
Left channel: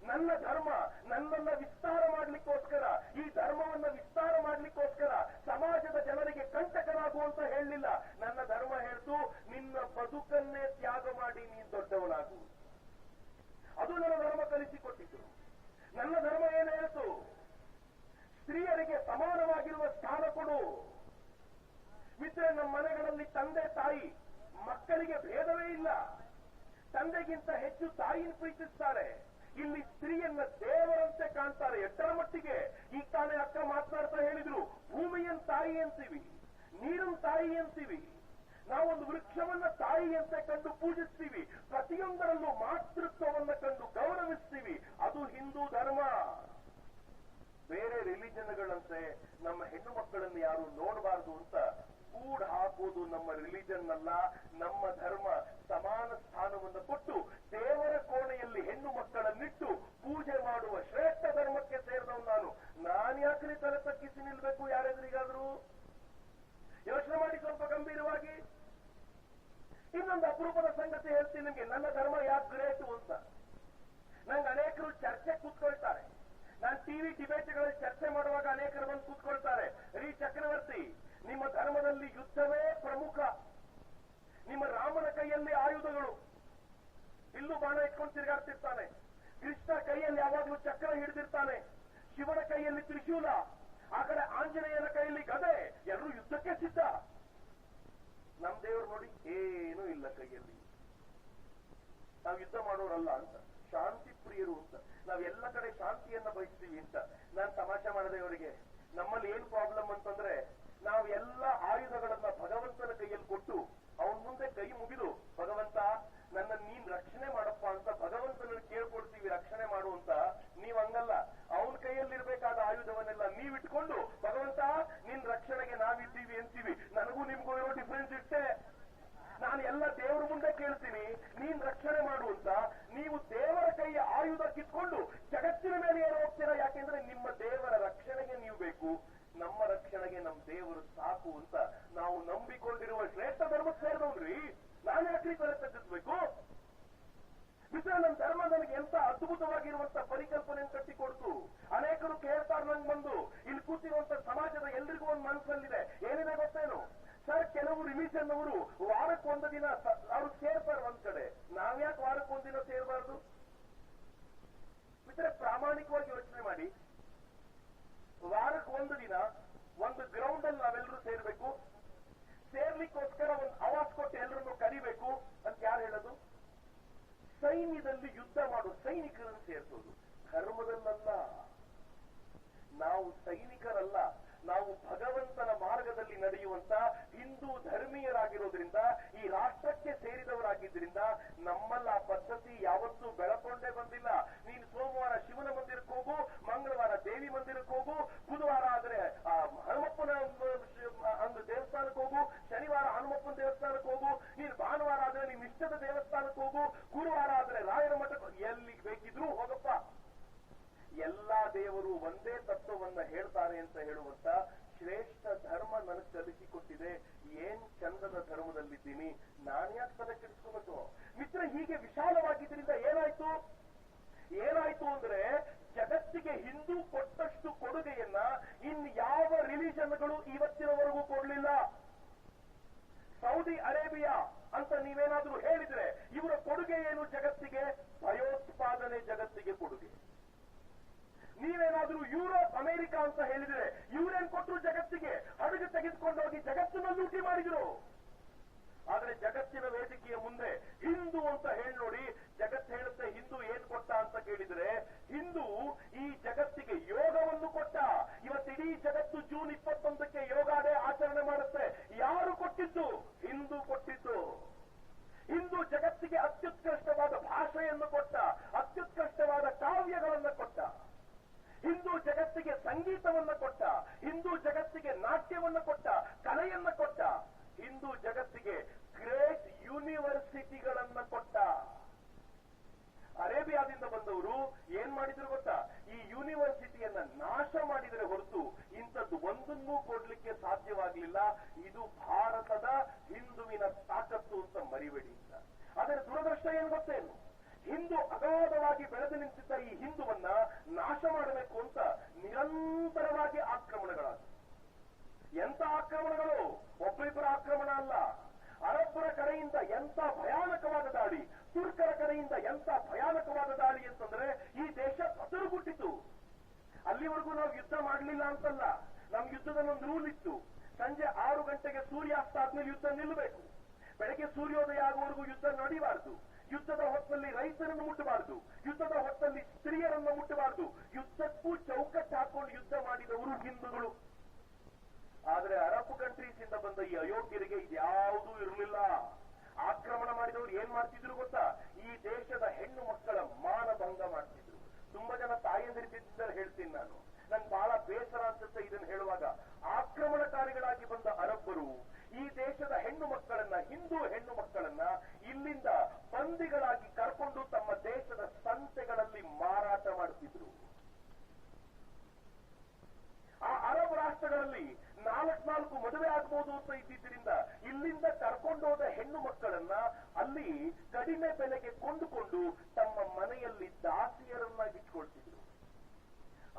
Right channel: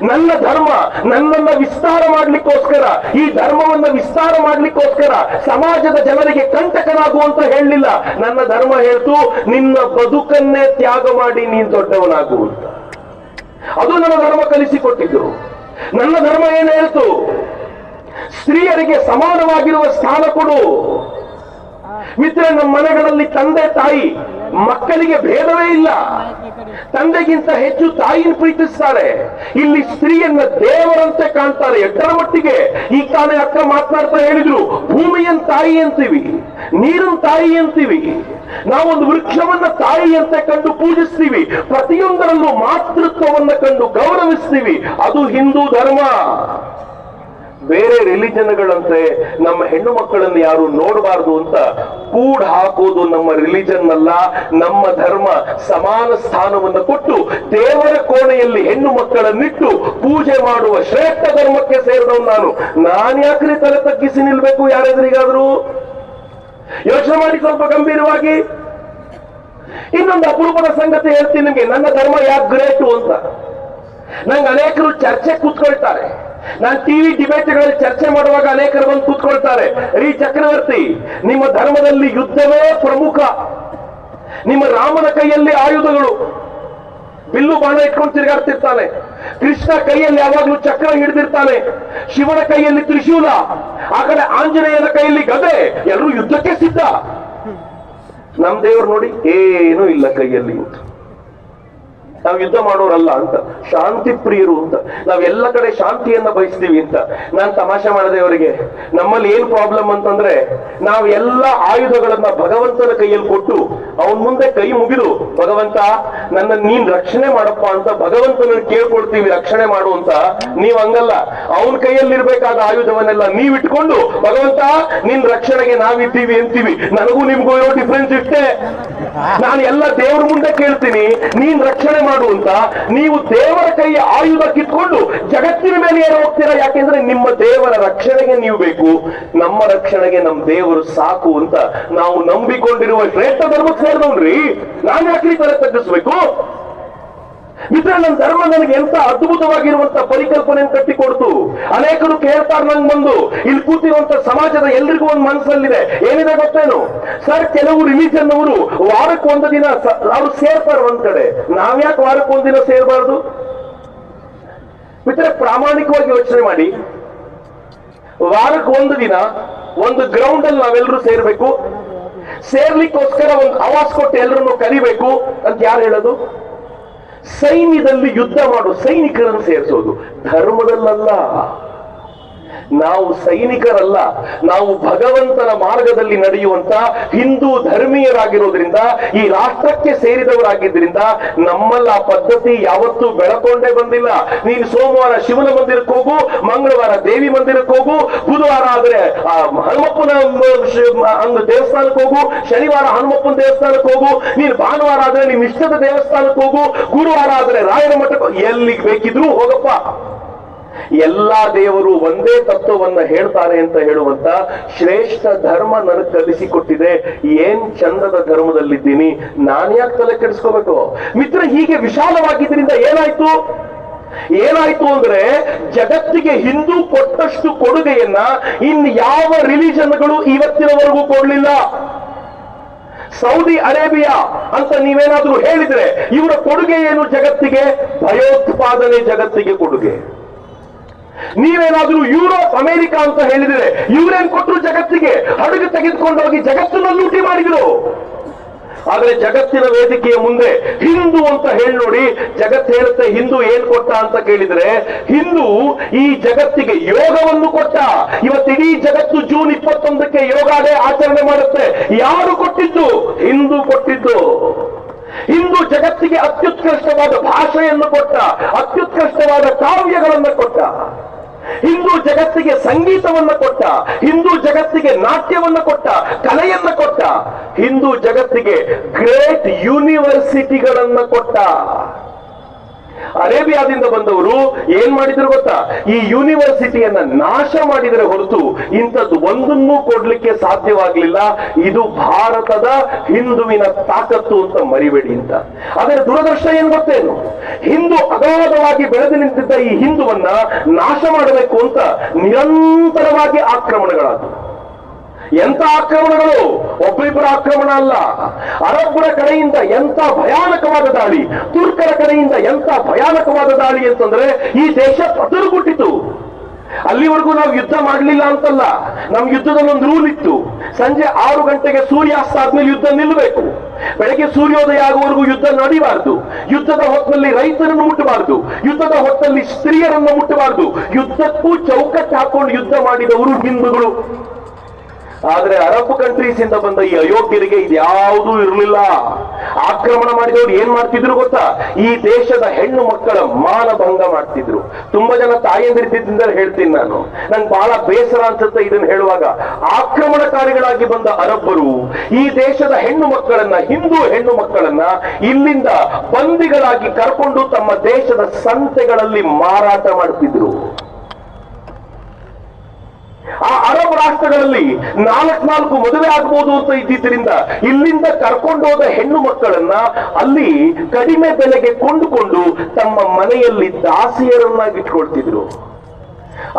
ನನ್ನ ಧರ್ಮ ನನ್ನನ್ನ ವಿಸ್ತಾರ ಮಾಡ್ಲಿಕ್ಕೋಸ್ಕರ, ಈ ಧರ್ಮವನ್ನ ವಿಸ್ತಾರ ಮಾಡ್ಲಿಕ್ಕೋಸ್ಕರ ಸಮಾಜದ ಜನರಿಗೆ ಕಂಟಕನಾಗುವಂತ ಹೇಳಲಿಲ್ಲ. ನನ್ನ ಧರ್ಮ ಹೇಳ್ತು, ನಿನ್ನ ಬದುಕನ್ನೇ ತ್ಯಾಗ ಮಾಡಿ ನೀನ್ ದೊಡ್ಡವನಾಗು ಅಂತ. ಅದು ನನ್ನ ಧರ್ಮ ಕಲಿಸಿಕೊಟ್ಟಿದ್ದು. ನನ್ನ ಧರ್ಮ ಏನು ಹೇಳ್ತು? ಸ್ತ್ರೀಯರಿಗೆ ಸಮಾನವಾಗಿರುವ ಸ್ಥಾನ ಕೊಡು. ಮಿತ್ರ, ನಮ್ಮ ಮನೆಗಳಲ್ಲಿ ತಂದೆ ತಾಯಿ ಮಕ್ಕಳಿಗೆ ಭೇದವೇ ಇಲ್ಲ. ತಂದೆಗಿಂತ ಹೆಚ್ಚು ತಾಯಿನ ಪ್ರೀತಿಸ್ತಾರೆ. ಇಲ್ಲಿ ಸ್ತ್ರೀಯನ್ನ ದೇವರಂತೆ ಕಾಣ್ತಾರೆ. ಎಷ್ಟರ ಮಟ್ಟಿಗೆ? ಈ ತಾನೇ ಅಕ್ಕ ಮಾತನಾಡ್ತಾ ಹೇಳಿದ್ರು, ಭೂಮಿಯನ್ ತಾಯಿ ಅಂತೀವಿ, ನೀರನ್ ತಾಯಿ ಅಂತೀವಿ, ನಾವೊಂದು ವೃಕ್ಷವನ್ನ ತಾಯಿಯಂತೆ ಕಂಡು ಪೂಜಿಸ್ತೀವಿ, ಪ್ರತಿಯೊಂದರಲ್ಲೂ ಮಾತೃತ್ವವನ್ನ ಕಂಡು ಗೌರವಿಸ್ತೀವಿ. ಅದು ಹಿಂದೂ ಧರ್ಮ. ಬೇರೆ ರಿಲಿಜನ್ಗಳಂತೆ ನಮ್ಮ ಹೆಣ್ಣು ಮಕ್ಕಳನ್ನು ಯಾರು ನೋಡಬಾರದು ಅಂತ ಕೂಡ ಹಾಕೋದು ನಮ್ಮ ರಿಲಿಜನ್ ಅಲ್ಲ, ನಮ್ಮ ಧರ್ಮ. ಸಮಾನ ಸ್ಥಾನವನ್ನು ಕೊಟ್ಟು ದೇವರ ಕೋಣೆಯಲ್ಲಿ ಹೆಣ್ಣು ಮಕ್ಕಳನ್ನಿಟ್ಟು ಪೂಜೆ ಮಾಡುವ ಶ್ರೇಷ್ಠ ಧರ್ಮಕ್ಕೆ ಸೇರಿದವನು ನಾನು ಯಾಕ್ರಿ ತಲೆ ತಗ್ಗಿಸಿ ನಿಲ್ಬೇಕು ಯಾರೆದುರಿಗಾದ್ರೂ? ಯೋಚನೆ ಮಾಡಿ ಸ್ವಲ್ಪ ಗಂಭೀರವಾಗಿ. ಇನ್ನೊಂದು ಅಪರೂಪದ ಸಂಗತಿ ಹೇಳ್ತೀನಿ ನಿಮಗೆ, ನನ್ನ ಧರ್ಮ ಯಾಕೆ ಗ್ರೇಟು ಅಂತ. ನಂಗೆ ಅನೇಕರು ಚರ್ಚೆ ಕೂತ್ಕೊಳ್ತಾರೆ. ನಾನು ಟಿವಿ ಡಿಬೇಟ್ಗಳಲ್ಲಿ ಚರ್ಚೆ ಮಾಡುವಾಗ ಅನೇಕರು ಬಂದು ಕೂತ್ಕೊಳ್ತಾರೆ, ರೀ ಚಕ್ರವರ್ತಿ, ನಿಮ್ಮ ಧರ್ಮದಲ್ಲಿ ಯುದ್ಧವೇ ಪ್ರಮುಖ, ನಿಮ್ಮ ರಾಮನ ಕೈಯಲ್ಲಿ ಆಯುಧಗಳು, ಬಿಲ್ಲು ಬಾಣ ಇಟ್ಕೊಂಡು ತಿರುಗಾಡ್ತಿರ್ತಾನೆ, ಕೃಷ್ಣ ಕೈಯಲ್ಲಿ ಯಾವಾಗ್ಲೂ ಚಕ್ರ ಹಿಡಿದಿರ್ತಾನೆ, ಶಿವನ ಕೈಯಲ್ಲಿ ತ್ರಿಶೂಲ, ಆ ಕಡೆ ಆಂಜನೇಯನ ಕೈಯಲ್ಲಿ ಗದೆ, ಎಲ್ಲರೂ ಯುದ್ಧಕ್ಕೆ ಸಿದ್ಧ. ನಮ್ ದೇವರು ನೋಡಿ ಏನೂ ಇಲ್ಲ ಕೈಯಲ್ಲಿ ಅಂತ. ನಾವು ಯುದ್ಧ ಮಾಡೋರಲ್ಲ ಅಂತ, ಶಾಂತಿ ಪ್ರಿಯರು ಅಂತ, ನಾವೆಲ್ಲ ಕಡೆ ಶಾಂತಿಯನ್ನ ಬಯಸ್ತೀವಿ ಅಂತ. ನಾನು ತಮಾಷೆ ಮಾಡಿದೆ ಅವರಿಗೆ, ನಮ್ಮಲ್ಲಿ ಏನ್ ಪ್ರಾಬ್ಲಮ್ ಅಂತಂದ್ರೆ, ನಾವು ಎಲ್ಲ ಆಯುಧಗಳನ್ನ ಭಗವಂತನ ಕೈಯಲ್ಲಿ ಕೊಟ್ಟು ಅವನ್ ಮುಂದೆ ಕೈ ಮುಗಿದು, ಭಗವಂತ ನನ್ನ ನೀನ್ ರಕ್ಷಣೆ ಮಾಡಪ್ಪ ಅಂತ ಭಗವಂತನ ಕೇಳ್ಕೊಳ್ತೀವಿ, ರಕ್ಷಣೆ ಮಾಡು ಅಂತ. ನೀವ್ ಹಂಗಲ್ಲ, ಅವನ ಕೈಯಲ್ಲಿರ್ಬೇಕಾದ ಆಯುಧವನ್ನೆಲ್ಲ ನೀವ್ ಇಟ್ಕೊಂಡು ಭಗವಂತ ನಿನ್ ರಕ್ಷಣೆಗೆ ನಾವಿದ್ದೀವಿ ಅಂತೀವಿ. ನನಗೂ ನಿಮ್ಗೂ ಇರೋ ಡಿಫ್ರೆನ್ಸ್ ಇಷ್ಟೇ. ನಾನು ಎಲ್ಲ ದೇವ್ರ ಮುಂದೆ ಕೇಳ್ತೀನಿ, ನೀನ್ ರಕ್ಷಣೆ ಮಾಡು ಅಂತ. ನೀವು ದೇವರ ಕೈಯ ಆಯುಧ ಕಿತ್ಕೊಂಡು ಜಗತ್ತಿನ ಮೇಲೆ ಏನು ಹೋಗ್ತೀರಾ? ಯಾಕೆಂದ್ರೆ ನಿಮ್ಮ ದೇವರ ರಕ್ಷಣೆಗೆ ನೀವು ಬೇಕು, ನಮ್ಮ ರಕ್ಷಣೆಗೆ ನಮ್ಮ ದೇವರು ಸಾಕು ಅಂತ ನಾವು ನಂಬಿಕೊಂಡಿರುವ ಶ್ರೇಷ್ಠ ಧರ್ಮಕ್ಕೆ ಸೇರಿದವ್ರಿ. ನಾನು ಯಾಕೆ ತಲೆ ತಗ್ಗಿಸ್ಬೇಕು? ಮಿತ್ರ, ನನ್ನ ಧರ್ಮ ನನಗೆ ಎಂತ ಅದ್ಭುತವಾಗಿರುವಂತ ಪರಿಕಲ್ಪನೆಯನ್ನು ಕಟ್ಟಿಕೊಡ್ತು. ಅನೇಕರು ಕೇಳ್ತಾರೆ ನಂಗೆ ಬಂದು, ಇಲ್ಲಿ ಕೂತಿರುವಂತ ಸಮಾಜದ ಎಲ್ರಿಗೂ ಒಂದು ಮನಸ್ಸಲ್ಲಿದೆ, ಏನಿದೆ ಗೊತ್ತೇನು ಸರ್? ಕೆಲವು ರಿಲಿಜನ್ ಅವರು ವಾರಕ್ಕೆ ಒಂದು ದಿನ ಅವ್ರು ಸೇರ್ತಾರೆ ಒಂದ್ ಕಡೆ, ನಾವ್ಯಾಕೆ ವಾರಕ್ಕೆ ಒಂದಿನ ಸೇರಬಾರ್ದು? ಮಿತ್ರ, ಪ್ರಾಮಾಣಿಕವಾಗಿ ಯೋಚನೆ ಮಾಡಿ. ವಾರಕ್ಕೆ ಒಂದು ದಿನ ಒಂದು ಗ್ರೌಂಡ್ ಅಲ್ಲಿ ನಾವೆಲ್ಲರೂ ಸೇರ್ಬೇಕು, ಸೇರ್ಲಿಕ್ಕೋಸ್ಕರ ಒಂದು ಆವಾಸ್ ಕೊಟ್ಟು ಎಲ್ಲರನ್ನು ಕರಿಬೇಕು ಅಂತ ಯಾರು ಹೇಳೋದು? ಸೈನ್ಯದಲ್ಲಿ ಯುದ್ಧ ಮಾಡೋ ಸೈನಿಕರನ್ನು ಸೇರಿಸೋದು, ಧರ್ಮದಲ್ಲಲ್ಲ. ನಾವು ಸೈನಿಕರಲ್ಲ, ನಾವು ಭಗವಂತನ ಮಾರ್ಗದಲ್ಲಿ ನಡೆಯುವಂತ ಹಿಂದೂ ಧರ್ಮೀಯರಾಗಿರೋದ್ರಿಂದ, ಈ ರಾಷ್ಟ್ರಕ್ಕೆ ಸೇರಿದವರಾಗಿದ್ದರಿಂದ ನಮ್ಮಲ್ಲ ಆ ಪದ್ಧತಿ ಯಾವತ್ತೂ ಬೆಳಕೊಂಡೇ ಬಂದಿಲ್ಲ. ನೀನು ಸೋಮವಾರ ಶಿವನ ಮಂದಿರಕ್ಕೆ ಹೋಗು, ಮಂಗಳವಾರ ದೇವಿ ಮಂದಿರಕ್ಕೆ ಹೋಗು, ಬುಧವಾರ ಆದ್ರೆ ಹನುಮಪ್ಪನ ದೇವಸ್ಥಾನಕ್ಕೆ ಹೋಗು, ಶನಿವಾರ ಹನುಮಪ್ಪನ ದೇವಸ್ಥಾನಕ್ಕೆ ಹೋಗು, ನೀನು ಭಾನುವಾರ ಆದ್ರೆ ನಿಮ್ ಇಷ್ಟದ ದೇವಸ್ಥಾನಕ್ಕೆ ಹೋಗು, ಗುರುವಾರ ಆದ್ರೆ ರಾಯರ ಮಠಕ್ಕೆ, ಎಲ್ಲಿಗೆ ಬೇಕಿದ್ರು ಹೋಗಪ್ಪ. ಎಲ್ಲಾ ದೇವರು ಒಂದೇ ತತ್ವವನ್ನ ಹೇಳ್ತಾರೆ ಅಂತ ಹೇಳುವಂತ ಶ್ರೇಷ್ಠ ಧರ್ಮ ನನಗೆ ಕಲಿಸಿಕೊಟ್ಟಿದೆ. ಏನ್ ಚಂದದ ಧರ್ಮದಲ್ಲಿದ್ದೀನಿ, ನಾನು ಯಾಕೆ ತಲೆ ಕೆಡಿಸ್ಕೋಬೇಕು? ಮಿತ್ರ, ಹೀಗೆ ವಿಶಾಲವಾಗಿದ್ರಿಂದ ಏನಾಯ್ತು? ಏನಾಯ್ತು ಅಂದ್ರೆ ಜಗತ್ತಿಗೆ ಹಿಂದೂ ಕೊಟ್ಟಷ್ಟು ಕೊಡುಗೆಯನ್ನ ಇನ್ ಯಾವ ರಿಲಿಜನ್ಗಳು ಇವತ್ತಿನವರೆಗೂ ಕೊಡಲಿಲ್ಲ. ಸೌದಿ ಅರೇಬಿಯಾ ಅಂತ ನೀವೇನಾದ್ರೂ ಹೇಳಿದ್ರೆ ಇವರ ಕೊಡುಗೆ ಏನು ಜಗತ್ತಿಗೆ? ಭಯೋತ್ಪಾದನೆ ಜಗತ್ತಿಗೆ ಕೊಡುಗೆ. ನೀವೇನಾದ್ರೂ ಯುರೋಪ್ ಅಮೆರಿಕ ಅಂತ ಹೇಳಿದ್ರೆ ಇವರೇನ್ ಕೊಟ್ಟರು ಜಗತ್ತಿಗೆ? ಹಡಗು ತೆಗೆದುಕೊಂಡೋಗಿ ಜಗತ್ತನ್ನ ಲೂಟಿ ಮಾಡಿದ್ರು. ಆದ್ರೆ ಜಗತ್ತಿನ ವೇದಿಕೆಯ ಮುಂದೆ ಹಿಂದೂ ಅಂತ ಹೇಳಿ ನೋಡಿ, ಜಗತ್ತು ಹೇಳುತ್ತೆ ಹಿಂದೂ ಏನ್ ಕೊಟ್ಟ ಅಂತ ಕೇಳಿದ್ರೆ, ಹಿಂದೂ ಈ ಜಗತ್ತಿಗೆ ಯೋಗವನ್ನು ಕೊಟ್ಟ. ಇವತ್ತಿಡೀ ಜಗತ್ತು ಜೂನ್ 21ಕ್ಕೆ ಯೋಗ ಡೇ ಆಚರಣೆ ಮಾಡುತ್ತೆ. ಯಾರು ಕೊಟ್ಟಿದ್ದು? ಹಿಂದೂ ಕೊಟ್ಟಿದ್ದು. ಹಿಂದೂ ಜಗತ್ತಿಗೆ ಅತ್ಯುತ್ಕೃಷ್ಟವಾದ ಭಾಷೆಯನ್ನು ಕೊಟ್ಟ, ಅತ್ಯುತ್ಕೃಷ್ಟವಾದ ಕಾವ್ಯಗಳನ್ನು ಕೊಟ್ಟ. ಹಿಂದೂ ಜಗತ್ತಿಗೆ ಸಂಗೀತವನ್ನ ಕೊಟ್ಟ, ಹಿಂದೂ ಜಗತ್ತಿಗೆ ನಾಟ್ಯವನ್ನ ಕೊಟ್ಟ, ಕಲೆಯನ್ನ ಕೊಟ್ಟ, ಹಿಂದೂ ಜಗತ್ತಿಗೆ ಗ್ರೇಟ್ ಯೂನಿವರ್ಸಿಟಿಗಳನ್ನ ಕೊಟ್ಟ. ಅರೇಬಿಯಾದಿಂದ ಬಂದವರು ಏನ್ ಮಾಡಿದ್ರು ಗೊತ್ತಾ? ಈ ಯೂನಿವರ್ಸಿಟಿಯನ್ನ ನಾಶ ಮಾಡಿದರೆ ಹೊರತು ಇಂಥದ್ದು ಒಂದನ್ನೂ ಕೊಡ್ಲಿಕ್ಕೆ ಸಾಧ್ಯವಾಗಲಿಲ್ಲ. ಇದು ಭಾರತದ ಹಿಂದುವಿನ ತಾಕತ್ತು ಅಂತ ಮರಿಬೇಡಿ ಅಂತ. ಅದರ ದುರದೃಷ್ಟ ಏನ್ ಗೊತ್ತೇನು? ಹಿಂದೂ ಅಗಾಧವಾಗಿ ಬೆಳೆದು ನಿಂತಿದ್ದ ಈ ಹಿಂದುವನ್ನ ನಾಶ ಮಾಡಬೇಕು ಅಂತ ನಿರಂತರವಾಗಿ ಆಕ್ರಮಣಗಳಾದವು. ಎಂತ ಆಕ್ರಮಣಗಳು! ಒಬ್ಬರಿಬ್ಬರ ಆಕ್ರಮಣ ಅಲ್ಲ. ಅರಬ್ಬರ ಕಡೆಯಿಂದ ಎಂತ ಭಯಾನಕವಾದ ದಾಳಿ, ತುರ್ಕರ ಕಡೆಯಿಂದ ಎಂತ ಭಯಾನಕವಾದ ದಾಳಿ ಅಂತಂದ್ರೆ ಈ ದೇಶ ಪತರುಗುಟ್ಟಿತು. ಅಲ್ಲಿವರೆಗೂ ನಾವು ಯುದ್ಧ ಮಾಡಲಿಲ್ಲ ಅಂತಲ್ಲ, ನಮ್ ಯುದ್ಧದಲ್ಲಿ ಒಂದು ರೂಲ್ ಇತ್ತು. ಸಂಜೆ 6 ಗಂಟೆಗೆ ಸೂರ್ಯಾಸ್ತ ಆದ್ಮೇಲೆ ಯುದ್ಧ ನಿಲ್ಲಬೇಕು. ಬೆಳಗ್ಗೆ ಸೂರ್ಯೋದಯ ಆಗುವವರೆಗೂ ಯುದ್ಧ ನಡೀಬಾರದು. ಯುದ್ಧದ ಹೊತ್ತಲ್ಲಿ ರೈತರನ್ನು ಮುಟ್ಟಬಾರದು, ಯುದ್ಧದ ಹೊತ್ತಲ್ಲಿ ಸ್ತ್ರೀಯರನ್ನು ಮುಟ್ಟಬಾರದು. ಯುದ್ಧಕ್ಕೂ ಚೌಕಟ್ಟು ಹಾಕೊಂಡು ಯುದ್ಧ ಮಾಡಿದವರು ಹಿಂದೂಗಳು. ಆದ್ರೆ ಅರಬ್ ಕಂಟ್ರೀಸ್ ಇಂದ ಬಂದ ಈ ಅಯೋಗ್ಯರಿಗೆ ಇದ್ಯಾವುದೂ ಇರಲಿಲ್ಲ. ಆಕ್ರಮಣ ಮಾಡಿದವರು ಏನ್ ಮಾಡ್ತಿದ್ರು ಗೊತ್ತಾ? ಈ ದೇಶದ ಹೆಣ್ಣು ಮಕ್ಕಳ ಮಾನಭಂಗ ಮಾಡ್ತಿದ್ರು. ತುಂಬಾ ಜನ ತಾಯಂದಿರಿದ್ದಿಂದ ಹೇಳ್ತೀನಿ ನಾನು, ನಂಗೆ ಬಹಳ ಬೇಸರ ಅನ್ಸುತ್ತೆ ಇದನ್ನು ಹೇಳುವಾಗ. ಆಕ್ರಮಣಕಾರಿಗಳಾಗಿ ಬಂದ ಅರಬ್ಬರು ಈ ದೇಶದ ಹೆಣ್ಣು ಮಕ್ಕಳನ್ನ, ಹಿಂದೂ ಹೆಣ್ಣು ಮಕ್ಕಳನ್ನ ಇಲ್ಲಿಂದ ಬಂದಿಗಳಾಗಿ ಕರ್ಕೊಂಡು ತಮ್ಮ ದೇಶದ ಸಂತೆಗಳಲ್ಲಿ ಮಾರಾಟ ಮಾಡ್ತಿದ್ರು. ಆ ಅರಬ್ ರಾಷ್ಟ್ರಗಳಲ್ಲಿ 4 ಮದುವೆ ಆಗಬಹುದು ಅಂತ ಇದ್ದಿದ್ದರಿಂದ ಇಲ್ಲಿಂದ ಕರ್ಕೊಂಡೋದ ಹೆಣ್ಣು ಮಕ್ಕಳನ್ನ ಅಲ್ಲಿ ಕಡಿಮೆ ಬೆಲೆಗೆ ಕೊಂಡುಕೊಂಡು ತಮ್ಮ ಮನೆಯಲ್ಲಿ ದಾಸಿಯರನ್ನಾಗಿಟ್ಕೊಳ್ತಿದ್ರು.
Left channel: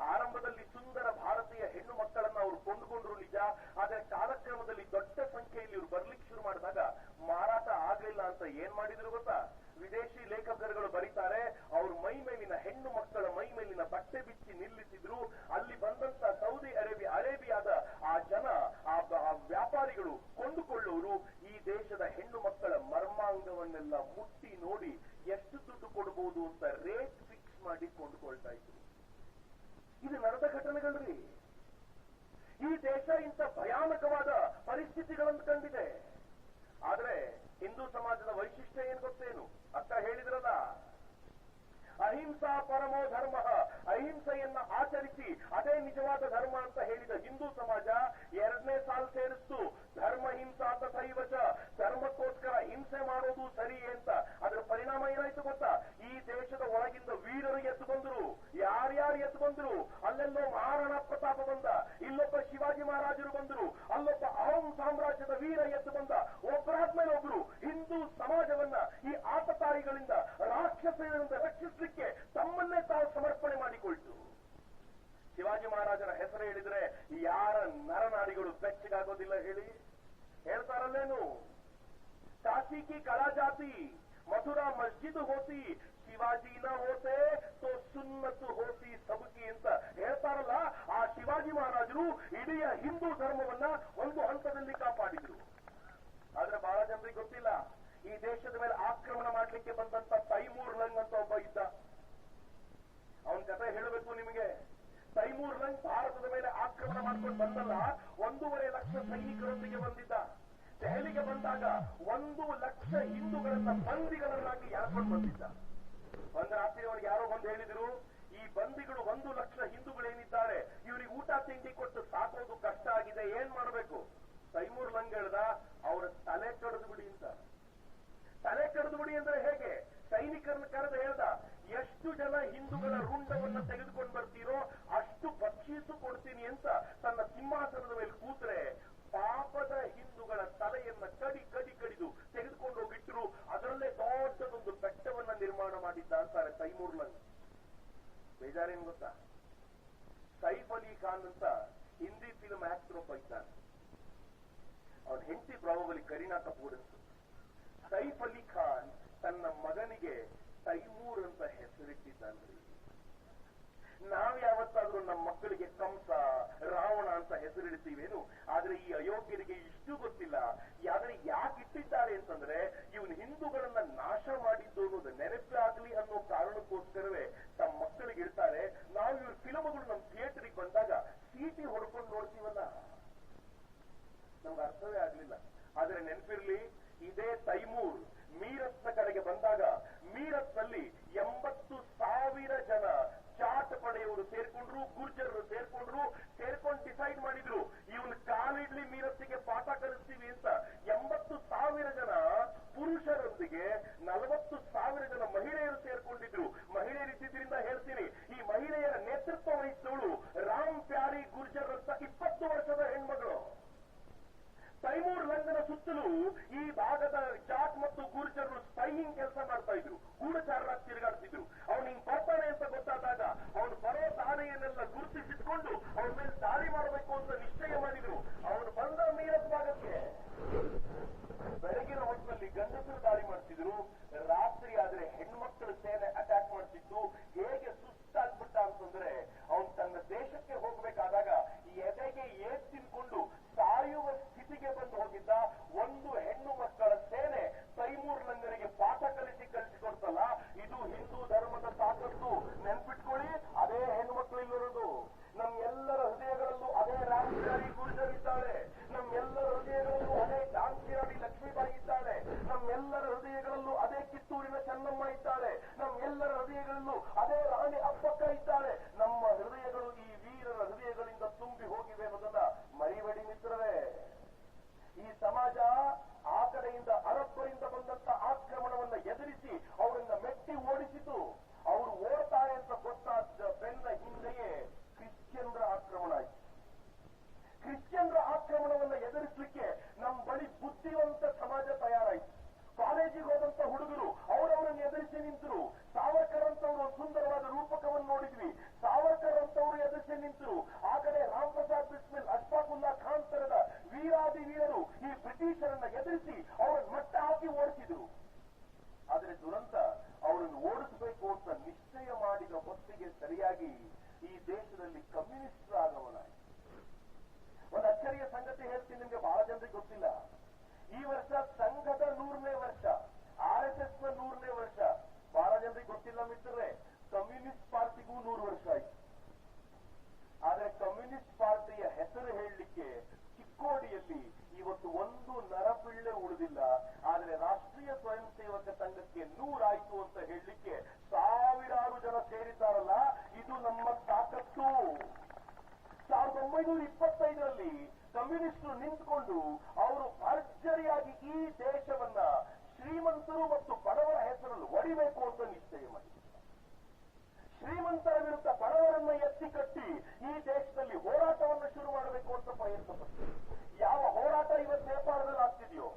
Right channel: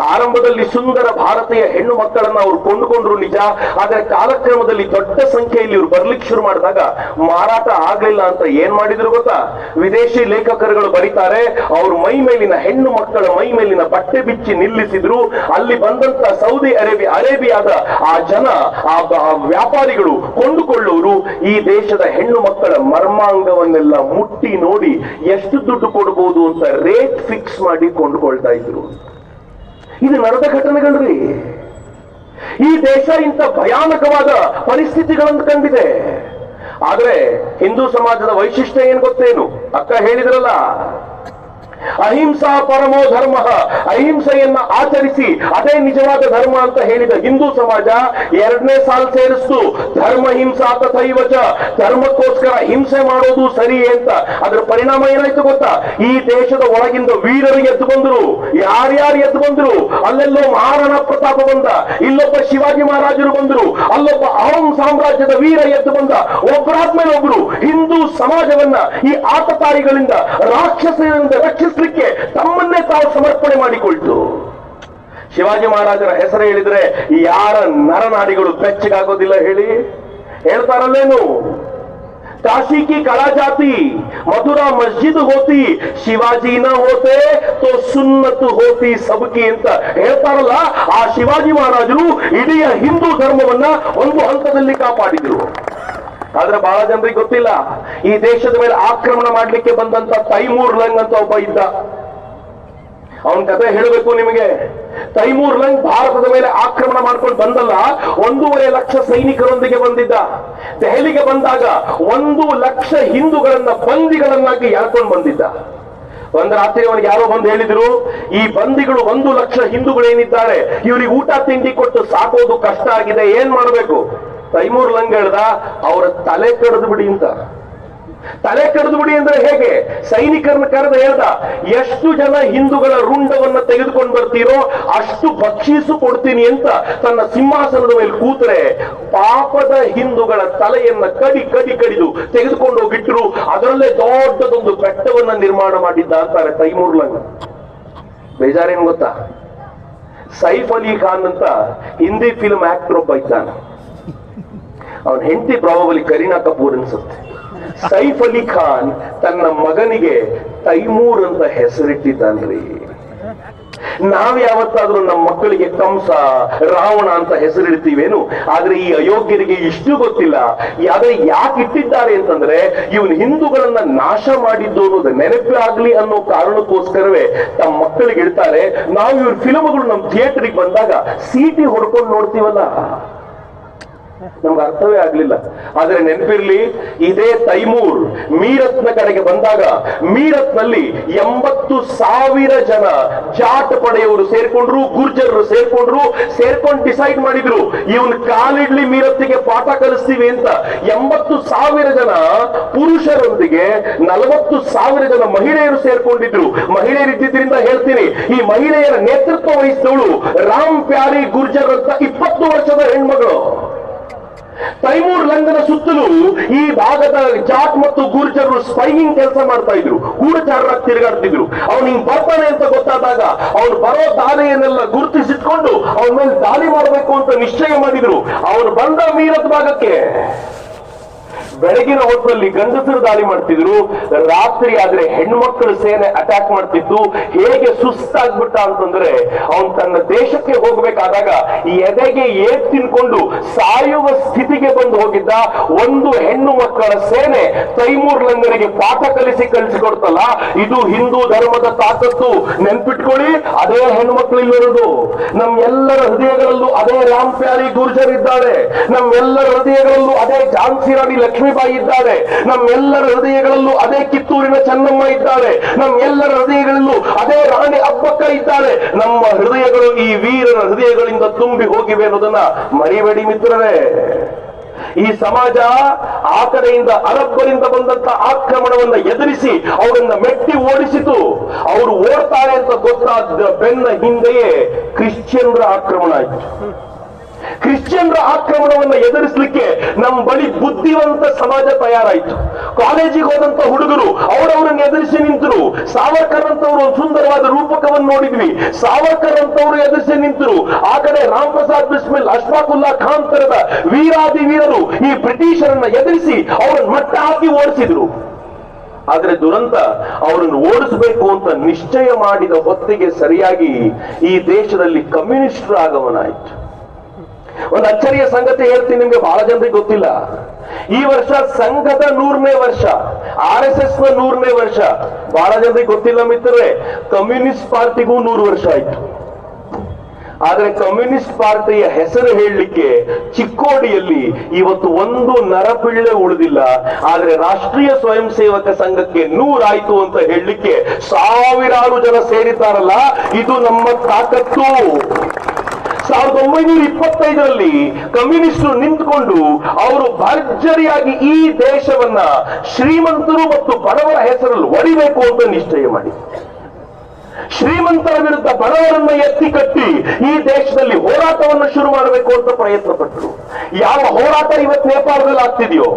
ಆರಂಭದಲ್ಲಿ ಸುಂದರ ಭಾರತೀಯ ಹೆಣ್ಣು ಮಕ್ಕಳನ್ನ ಅವ್ರು ಕೊಂಡುಕೊಂಡ್ರು ನಿಜ. ಆದ್ರೆ ಕಾಲಕ್ರಮದಲ್ಲಿ ದೊಡ್ಡ ಸಂಖ್ಯೆಯಲ್ಲಿ ಇವ್ರು ಬರ್ಲಿಕ್ಕೆ ಶುರು ಮಾಡಿದಾಗ ಮಾರಾಟ ಆಗ್ಲಿಲ್ಲ ಅಂತ ಏನ್ ಮಾಡಿದ್ರು ಗೊತ್ತಾ? ವಿದೇಶಿ ಲೇಖಕರುಗಳು ಬರೀತಾರೆ, ಅವ್ರ ಮೈ ಮೇಲಿನ ಹೆಣ್ಣು ಮಕ್ಕಳ ಮೈ ಮೇಲಿನ ಬಟ್ಟೆ ಬಿಚ್ಚಿ ನಿಲ್ಲಿಸಿದ್ರು. ಅಲ್ಲಿ ಬಂದಂತ ಸೌದಿ ಅರೇಬಿಯಾದ ಆ ಜನ, ಆ ವ್ಯಾಪಾರಿಗಳು, ಕೊಂಡುಕೊಳ್ಳೋರು ಈ ದೇಶದ ಹೆಣ್ಣು ಮಕ್ಕಳ ಮರ್ಮಾಂಗವನ್ನೆಲ್ಲ ಮುಟ್ಟಿ ನೋಡಿ ಎಷ್ಟು ದುಡ್ಡು ಕೊಡಬಹುದು ಅಂತ ರೇಟ್ ಫಿಕ್ಸ್ ಮಾಡಿ ಕೊಂಡುಕೊಳ್ತಾ ಇದ್ರು. ಇದು ನಡೆದ ಘಟನೆಗಳ್ರಿ. ಈ ದೇಶ ಇಂಥ ಭಯಾನಕವಾದ ಪರಿಸ್ಥಿತಿಗಳನ್ನು ಕಂಡಿದೆ. ಆದ್ರೆ ಹಿಂದೂ ಸಮಾಜದ ವೈಶಿಷ್ಟ್ಯ ಏನ್ ಗೊತ್ತೇನು? ಅಕ್ಕ ಹೇಳಿದ್ರಲ್ಲ, ಅಹಿಂಸಾ ಪರಮೋ ಧರ್ಮ, ಅಹಿಂಸೆಯನ್ನ ಆಚರಿಸಿ ಅದೇ ನಿಜವಾದ ಧರ್ಮ ಅಂತ ಹೇಳಿದ ಹಿಂದೂ ಸಮಾಜ 2ನೇ ಸಾಲು ಸೇರಿಸ್ತು. ಧರ್ಮ ಹಿಂಸಾ ತಥೈವಚ, ಧರ್ಮಕ್ಕೋಸ್ಕರ ಹಿಂಸೆ ಮಾಡೋದು ಸರಿ ಅಂತ. ಅದರ ಪರಿಣಾಮ ಏನಾಯ್ತು ಗೊತ್ತಾ? ಈ ದೇಶದ ಒಳಗಿಂದ ವೀರರು ಎದ್ದು ಬಂದ್ರು. ಯಾರ್ಯಾರು ಎದ್ದು ಬಂದ್ರು? ಅಲ್ಲೆಲ್ಲೋ ಮಹಾರಾಣಾ ಪ್ರತಾಪ ಬಂದ, ಇಲ್ಲೊಬ್ಬ ಶಿವಾಜಿ ಮಹಾರಾಜರು ಬಂದ್ರು, ಅಲ್ಲೊಬ್ಬ ಅಹೋಂ ಸಾಮ್ರಾಜ್ಯದ ವೀರ ಎದ್ದು ಬಂದ. ಒಬ್ಬರಾದ್ಮೇಲೆ ಒಬ್ರು ಹಿಂದೂ ಸಮಾಜವನ್ನ ಈ ಆತತಾಯಿಗಳಿಂದ, ರಾಕ್ಷಸರಿಂದ ರಕ್ಷಿಸಲಿಕ್ಕೆ ತಮ್ಮನ್ನೇ ತಾವು ಸಮರ್ಪಣೆ ಮಾಡಿಕೊಳ್ತು. ಶಿವಾಜಿ ಮಹಾರಾಜರ ಹೆಸರು ಹೇಳಿದ್ರೆ ಯಾರ ನರನಾಡಿಗಳು ಬೆಚ್ಚಗಾಗೋದಿಲ್ಲ ಹೇಳಿ? ಹೇಳ್ತಾರಲ್ಲೇನು? काशी की कला जाती, मथुरा मस्जिद होती, शिवाजी न होते तो सुन्नत होती सबकी ಅಂತ ಹೇಳ್ತಾರಲ್ಲ. ಆ ಶಿವಾಜಿ ಮಹಾರಾಜರು ಇಡೀ ಹಿಂದೂ ಧರ್ಮವನ್ನ ಒಂದು ಹಂತದಲ್ಲಿ ಕಾಪಾಡಿದ್ರು. ಆದ್ರೆ ಬಹಳ ಜನರಿಗೆ ಗೊತ್ತಿಲ್ಲ, ಈ ದೇಶದ ಮೇಲೆ ಆಕ್ರಮಣ ಮಾಡ್ಲಿಕ್ಕೆ ಬಂದಂತ ತೈಮೂರ್ ಲಂಗ್ ಅಂತ ಒಬ್ಬ ಇದ್ದ. ಅವನ ಕಥೆ ಹೇಳಬೇಕು ನಿಮಗೆ. ತೈಮೂರ್ ಲಂಗ್ ಭಾರತದ ಮೇಲೆ ಆಕ್ರಮಣ ಮಾಡ್ಕೊಂಡು ಬಂದಲ್ಲ, 1.5 ಲಕ್ಷ ಸೈನಿಕರೊಂದಿಗೆ ಬಂದಿದ್ದ. ದೆಹಲಿಗೆ ಬಂದಾಗ 1 ಲಕ್ಷ ಹಿಂದೂಗಳನ್ನ ಬಂದಿಗಳನ್ನಾಗಿ ಎಳ್ಕೊಂಡು ಬಂದಿದ್ದ. ಒಂದು ರಾತ್ರಿ ಅವನಿಗೆ ಯಾರೋ ಬಂದು ಹೇಳಿದ್ರು, ಈ ಬಂದಿಗಳು 1 ಲಕ್ಷ ಹಿಂದೂಗಳೇನಿದ್ದಾರೆ ಇವರಿಗೆ ಊಟ ತಿಂಡಿ ಕೊಟ್ಟು ಸಾಕೋದು ಕಷ್ಟ ಆಗಿದೆ, ಏನ್ ಮಾಡಬೇಕು? ತೈಮೂರ್ ಲಂಗ್ ಹೇಳ್ದ, ಅವರ ತಲೆ ಕಡಿದು ಬಿಡಿ ಅಂತ. ತಲೆ ಕಡಿದು ಬಿಡಿ ಅಂದ್ರೆ ಹೇಗೆ? ಸೈನಿಕರನ್ನ ಕರೆದು ಹೇಳ್ದ, ಎಷ್ಟು ಜನ ಹಿಂದೂಗಳ ರುಂಡವನ್ನ ತೆಗೆದುಕೊಂಡು ಬರ್ತೀರೋ ಅಷ್ಟು ಬಕ್ಷೀಸು ಕೊಡ್ತೀನಿ ಅಂತ ತನ್ನ ಸಿಂಹಾಸನದ ಮೇಲೆ ಕೂತ್ರೆ ಪಾಪದ ಹಿಂದೂಗಳ ತಲೆಯನ್ನ ಕಡಿದು ತೆಗೆದುಕೊಂಡು ಹೋಗಿಟ್ರು. ಅದರಲ್ಲೇ ದೊಡ್ಡದೊಂದು ಬೆಟ್ಟವನ್ನ ನಿರ್ಮಾಣ ಮಾಡಿದ್ದ ಅಂತಾರೆ ತೈಮೂರ್ ಲಂಗ್. ಬೇಜಾರೇನು ಗೊತ್ತಾ? ಸೈಫ್ ಅಲಿ ಖಾನ್ ಅಂತ ಹಿಂದಿ ಫಿಲ್ಮ್ ಆಕ್ಟರ್ ಒಬ್ಬ ಇದ್ದಾನೆ. ಅವನ ಹೆಂಡತಿ ಪ್ರಾಬಬಲಿ ಕರೀನಾ ಕಪೂರ್ ಅನ್ಸುತ್ತೆ. ಸೈಫ್ ಅಲಿ ಖಾನ್ ತನ್ನ ಮಗನಿಗೆ ತೈಮೂರ್ ಅಂತ ಹೆಸರಿಟ್ಟಿದ್ದಾನ್ರಿ. ನಾವ್ ಯಾವತ್ತಾದ್ರೂ ನಮ್ಮ ಮಕ್ಕಳಿಗೆ ಕಂಸ, ರಾವಣ ಅಂತ ಹೆಸರಿಡ್ತೀವೇನು? ಆದ್ರೆ ಈ ಅಯೋಗ್ಯರಿಗೆ ಇಷ್ಟು ಗೊತ್ತಿಲ್ಲ. ಆದ್ರೆ ಯಾಕೆ ಇಟ್ಟಿದ್ದಾರೆ ಅಂತಂದ್ರೆ ಇವನು ಹಿಂದೂಗಳನ್ನ ನಾಶ ಮಾಡಿದ್ದು ಅನ್ನೋದು ನೆನಪೇ ಆಗ್ಲಿ ಅನ್ನೋ ಕಾರಣಕ್ಕೋಸ್ಕರವೇ ತಮ್ಮ ಮಕ್ಕಳಿಗೆ ಇಡ್ತಾರೆ. ನಾವು ಇವ್ರ ಫಿಲ್ಮ್ಗಳು ನಮ್ಮ ಥಿಯೇಟರ್ಗೆ ಬಂದಾಗ ಸೀಟಿ ಹೊಡ್ಕೊಂಡು ನೋಡ್ತೀವಲ್ಲ, ನಮ್ಗೆ ಅರ್ಥವೇ ಆಗ್ಲಿಲ್ಲ. ಆದ್ರೆ ನೆನಪಿರ್ಲಿ, ಇದೇ ತೈಮೂರ್ ಮೀರತ್ನ ಕಡೆಗೆ ಬಂದಾಗ ಮೀರತ್ನಲ್ಲಿ 80,000 ಜನ ಜಾಟ್ ಪಡೆಯವರು ಸೇರ್ಕೊಂಡ್ರು, ಗುರ್ಜರರು ಸೇರ್ಕೊಂಡು ಡಿಸೈಡ್ ಮಾಡಿದ್ರು ಇವನ್ ಕಾಲಿಡ್ಲಿ ಮೀರತ್ತಿಗೆ ಪಾಠ ಕಲಿಸ್ತೀವಿ ಅಂತ. 80,000 ಜನ ಪುರುಷರೊಂದಿಗೆ 40,000 ಜನ ಮಹಿಳೆಯರು ಸೇರ್ಕೊಂಡಿದ್ರು. ಮಹಿಳೆಯರಿದ್ದರಿಂದ ಹೇಳ್ತೀನಿ, ಈ ಮಹಿಳೆಯರ ನೇತೃತ್ವ ವಹಿಸಿದವಳು ರಾಮ್ ಪ್ಯಾರಿ ಗುರ್ಜರ್ ಅಂತ 20 ವರ್ಷದ ಹೆಣ್ಮಗಳು. ತೈಮೂರ್ ಲಂಗನ ಸುತ್ತಲೂ ಈ ಭಾಗದ ಜಾಟ್ ಮತ್ತು ಗುರ್ಜರು ಸ್ಪೈಯಿಂಗ್ ಕೆಲಸ ಮಾಡ್ತಾ ಇದ್ರು, ಗೂಢಚಾರರಾಗಿ ತಿರುಗಾಡ್ತಿದ್ರು. ಅವನು ಹಿಂಗ್ ಬರ್ತಾನೆ ಅಂತ ಗೊತ್ತಾದಾಗ ಅವನು ಬರೋ ದಾಳಿಯನ್ನೆಲ್ಲ ಗುರುತಿಸಿಟ್ಕೊಂಡು ಅವನ ಮೇಲೆ ದಾಳಿ ಮಾಡಬೇಕು ಅಂತ ನಿಶ್ಚಯ ಮಾಡಿದ್ರು. ಅವನು ಬಂದ ಮೀರತ್ ಭಾಗಕ್ಕೆ ಬೆಳಗಿನ ಹೊತ್ತಲ್ಲಿ ಗಂಡಸರು ದಾಳಿ ಮಾಡ್ತಿದ್ರು, ರಾತ್ರಿ ಆದ್ರೆ ಹೆಣ್ಮಕ್ಳು ಸೇನೆ ಅಟ್ಯಾಕ್ ಮಾಡ್ತಿತ್ತು. ಹೇಗೆ ಸುಸ್ತಾಗ್ಬಿಟ್ಟ ಅಂತಂದ್ರೆ ಅವನು ತನ್ನ ದೇಶಕ್ಕೆ ಹೋಗ್ಬೇಕಾದಾಗ ಎದೆಗೆ ಏಟ್ ತಿನ್ಕೊಂಡು ಸಾಯುವ ಸ್ಥಿತಿಗೆ ಬಂದು ಹೋಗಿದ್ದ. ಒಂದು ಹೆಣ್ಣು ಮಕ್ಕಳ ಸೇನೆ ತೈಮೂರ್ ಲಂಗನಿಗೆ ಪಾಠ ಕಲಿಸಿಕೊಡ್ತಲ್ಲ, ಇದು ಹಿಂದೂ ಧರ್ಮದ ತಾಕತ್ತು. ನೆನ್ಪಿಟ್ಕೊಳ್ಳಿ, ಅದೇ ಹೆಣ್ಮಕ್ಳು ಇಲ್ಲಿರೋದು. ನಮ್ಮೆಲ್ಲರ ಹೃದಯಗಳಲ್ಲೂ ಅದೇ ರಾಮ್ ಪ್ಯಾರಿ ಗುರ್ಜರ್ ಇದ್ದಾರೆ. ನಮ್ಮೆಲ್ಲರ ಹೃದಯಗಳಲ್ಲೂ ಅದೇ ಝಾನ್ಸಿ ರಾಣಿ ಲಕ್ಷ್ಮೀಬಾಯಿ ಇದ್ದಾರೆ. ನಮ್ಮೆಲ್ಲರ ಹೃದಯಗಳಲ್ಲೂ ಅದೇ ಕಿತ್ತೂರಿನ ಚೆನ್ನಮ್ಮ ಇದ್ದಾರೆ. ನಮ್ಮೆಲ್ಲರ ಹೃದಯಗಳಲ್ಲೂ ಅದೇ ರಾಣಿ ಅಬ್ಬಕ್ಕ ಇದ್ದಾರೆ. ನಮ್ಮ ಹೃದಯಗಳು ಈ ವೀರರ ಹೃದಯಗಳಿಂದ ತುಂಬಿ ಹೋಗಿವೆ ಅನ್ನೋದನ್ನ ಮರಿಬೇಡಿ ಮಿತ್ರರೇ. ಈ ಸಮಾಜ ಆ ಕಡೆಯಿಂದ ಅರಬ್ಬರಿಂದ ಬಂದಂತ ಆಕ್ರಮಣವನ್ನ ಎದುರಿಸಿ ಅವರನ್ನ ಮೆಟ್ಟಿ ಓಡಿಸಿತು. ಅವರು ಓಡ್ತಾರೆ ಅಂತ ಗೊತ್ತಾದ ಬೆನ್ನ ಹಿಂದೆಯೇ ಕ್ರಿಶ್ಚಿಯನ್ರ ಆಕ್ರಮಣ ಆಯಿತು. ಕ್ರಿಶ್ಚಿಯನ್ರ ಆಕ್ರಮಣವನ್ನ ಎದುರಿಸಲಿಕ್ಕೆ ನಮ್ಮ ಬಳಿ ಬುದ್ಧಿವಂತ ಸಮಾಜ ತಯಾರಾಯಿತು. ಕಾಲೇಜಿಗೆ ಹೋದಂತ ಹುಡುಗರು ಅವರವರನ್ನು ಎದುರಿಸಿ ನಿಂತರು. ಸಾವರ್ಕರ್ ಅಂತವರು ಒಂದು ಸುಂದರವಾದ ರೂಪಕವನ್ನು ನೋಡಿದ್ವಿ. ಸಾವರ್ಕರ್ ಅಂತವರು ಎದುರಿಸಿ ನಿಂತರು. ಆ ಕಡೆ ರಾಮ್ ಪ್ರಸಾದ್ ಬಿಸ್ಮಿಲ್, ಅಶ್ಫಾಕುಲ್ಲಾ ಖಾನ್ ತರದ ವೀರಾದಿ ವೀರರು ಈ ಬ್ರಿಟಿಷರನ್ನ ಎದುರಿಸಿ ಅವರನ್ನು ಮಟ್ಟ ಹಾಕಿ ಓಡಿಸಿದ್ರು. ಆದ್ರೆ ದುರಂತ, ಅವರನ್ನು ಓಡಿಸಬೇಕು ಅಂತ ನಿಶ್ಚಯ ಮಾಡಿದ ಹೊತ್ತಿಗೆ ಸರಿಯಾಗಿ ಈ ದೇಶದಲ್ಲಿ ಕಮ್ಯುನಿಸ್ಟರ ಆಗಮನ ಆಯಿತು. ಒಂದು ಅಚ್ಚರಿಯ ಸಂಗತಿ ಹೇಳ್ತೀನಿ ನಿಮ್ಗೆ, ಬಹಳ ಜನರಿಗೆ ಗೊತ್ತಿಲ್ಲ. ಈ ವರ್ಷ ಸಂಘದ 100ನೇ ವರ್ಷ, RSS ನ 100ನೇ ವರ್ಷ. ಬಹಳ ಜನರಿಗೆ ಗೊತ್ತಿಲ್ಲ ಮಿತ್ರರೇ, ಕಮ್ಯುನಿಸ್ಟ್ ಪಾರ್ಟಿಗೂ 100 ವರ್ಷ ಆಯ್ತು. ಆದ್ರೆ ಕಮ್ಯುನಿಸ್ಟ್ ಪಾರ್ಟಿಯ ಹೆಸರು ಹೇಳಲಿಕ್ಕೆ ಚಿಕ್ಕೋಡಿಯಲ್ಲಿ ಇವತ್ತು ಒಂದು ನರಪಿಳ್ಳೆ ಉಳಿದಿಲ್ಲ. ಆದ್ರೆ ರಾಷ್ಟ್ರೀಯ ಸ್ವಯಂ ಸೇವಕ ಸಂಘಕ್ಕೆ 100 ಆಯ್ತು ಅಂತ ಹೇಳಲಿಕ್ಕೆ ಸಾವಿರಾರು ಜನ ಸೇರಿದ್ದಾರಲ್ಲ, ಇದು ನಮ್ಮ ತಾಕತ್ತು. 1925ರಲ್ಲಿ ಕಮ್ಯುನಿಸ್ಟರು ನಿಂತುಕೊಂಡು ಅವರು ಭರ್ಜರಿಯಾಗಿ ಈ ದೇಶವನ್ನ ಶ್ರೀಮಂತರು ಮತ್ತು ಬಡವರ ಹೆಸರಲ್ಲಿ ಒಡಿಬೇಕು ಅಂತ ನಿಶ್ಚಯ ಮಾಡಿ, ಶ್ರೀಮಂತರ ವಿರುದ್ಧ ಬಡವರನ್ನ ಎತ್ತಿ ಕಟ್ಟಿ ಈ ದೇಶದಲ್ಲಿ ಹೋರಾಟವನ್ನು ಶುರು ಮಾಡಬೇಕು ಅಂತ ಪ್ರಯತ್ನ ಪಟ್ಟರು. ಯಾವ ಹೋರಾಟ ಇವತ್ತು ನೇಪಾಳದಲ್ಲಿ ಆಗ್ತಿದೆಯೋ,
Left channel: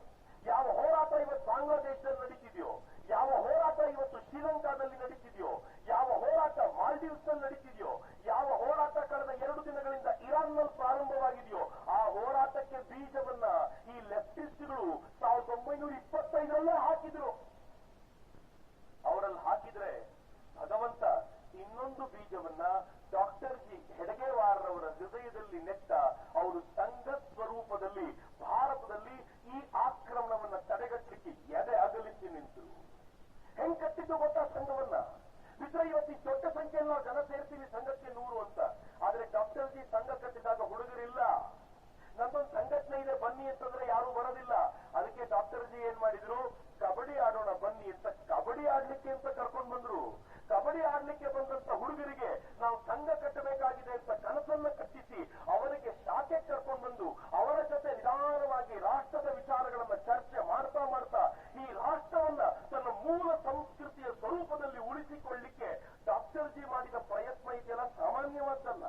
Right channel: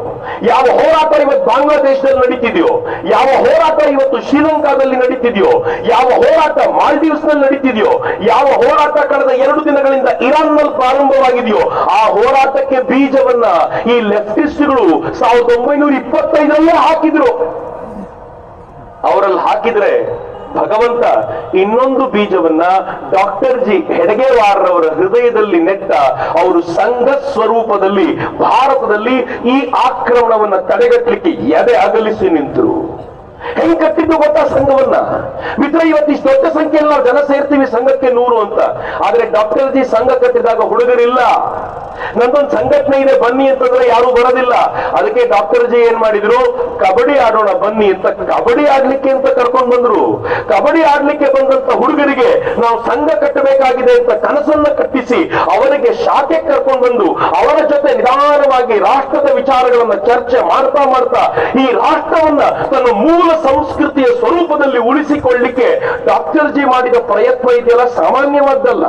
ಯಾವ ಹೋರಾಟ ಇವತ್ತು ಬಾಂಗ್ಲಾದೇಶದಲ್ಲಿ ನಡೀತಿದೆಯೋ, ಯಾವ ಹೋರಾಟ ಇವತ್ತು ಶ್ರೀಲಂಕಾದಲ್ಲಿ ನಡೀತಿದೆಯೋ, ಯಾವ ಹೋರಾಟ ಮಾಲ್ಡೀವ್ಸ್ ನಲ್ಲಿ ನಡೀತಿದೆಯೋ, ಯಾವ ಹೋರಾಟ ಕಳೆದ 2 ದಿನಗಳಿಂದ ಇರಾನ್ ನಲ್ಲಿ ಪ್ರಾರಂಭವಾಗಿದೆಯೋ, ಆ ಹೋರಾಟಕ್ಕೆ ಬೀಜವನ್ನ ಈ ಲೆಫ್ಟಿಸ್ಟ್ಗಳು 1925ರಲ್ಲೇ ಹಾಕಿದ್ರು. ಅವರಲ್ಲಿ ಹಾಕಿದ್ರೆ ಭಗವಂತ ಇನ್ನೊಂದು ಬೀಜವನ್ನ ಡಾಕ್ಟರ್ ಜಿ ಹೆಡಗೇವಾರ್ರವರ ಹೃದಯದಲ್ಲಿ ನೆಟ್ಟ. ಅವರು ಸಂಘ ಸ್ವರೂಪದಲ್ಲಿ ಭಾರತದಲ್ಲಿ ಈ ಆಕ್ರಮಣವನ್ನ ತಡೆಗಟ್ಟಲಿಕ್ಕೆ ಎದೆ ಅಗಲಿಸಿ ನಿಂತರು. ಹೆಂಗ್ ಕಟ್ಟಿದ್ದು ಗೊತ್ತಾ ಸಂಘವನ್ನ ಮಿತ್ರ? ಇವತ್ತು ಇಷ್ಟು ದೊಡ್ಡ ಸಂಖ್ಯೆಯಲ್ಲಿ ನಾವು ಜನ ಸೇರ್ತೀವಿ ಸಂಘಕ್ಕೆ 100 ಅಂತ. ಆದ್ರೆ ಡಾಕ್ಟರ್ ಜಿ ಸಂಘ ಕಟ್ಟಿದಾಗ ಹುಡುಗರಿಲ್ಲ, ನಂದೊಂದು ಸಂಘಟನೆ ಇದೆ ಬನ್ನಿ ಅಂತಂದ್ರೆ ಯಾರು ಬರೋದಿಲ್ಲ. ಅದಕ್ಕೆ ಡಾಕ್ಟರ್ ಜಿ ಏನ್ ಮಾಡಿದ್ರು, ಕಬಡ್ಡಿ ಆಡೋಣ ಬನ್ನಿ ಅಂತ ಕಬಡ್ಡಿ ಆಡ್ಲಿಕ್ಕೆ ಅಂತ ಕರ್ಕೊಂಡು ಬಂದ್ರು. ಕಬಡ್ಡಿ ಆಡ್ಲಿಕ್ಕೆ ಬಂದಂತ ಹುಡುಗರಿಗೆ ನಾವು ಸಂಘ ಕಟ್ಟಬೇಕಾಗಿದೆ ಅಂತ ಕನಸನ್ನ ಕಟ್ಟಿಸಿ ಅವರಿಗೆ ಶಾಖೆ ಕರ್ಕೊಂಡು ಬಂದು ಅವರ ಜೊತೆ ನಿಧಾನವಾಗಿ ರಾಷ್ಟ್ರದ ವಿಚಾರಗಳನ್ನ ಚರ್ಚೆ ಮಾಡ್ತಾ ಮಾಡ್ತಾ ಈ ರಾಷ್ಟ್ರವನ್ನ ತನ್ನ ಮೂಲ ಸಂಸ್ಕೃತಿಯ ಸ್ವರೂಪದಲ್ಲಿ ಉಳಿಸಿಕೊಳ್ಳಿಕ್ಕೆ ಡಾಕ್ಟರ್ ಜಿ ಮಾಡಿದ ಪ್ರಯತ್ನ ಇದೆಯಲ್ಲ ಸಾಮಾನ್ಯವಾದ್ದಲ್ಲ.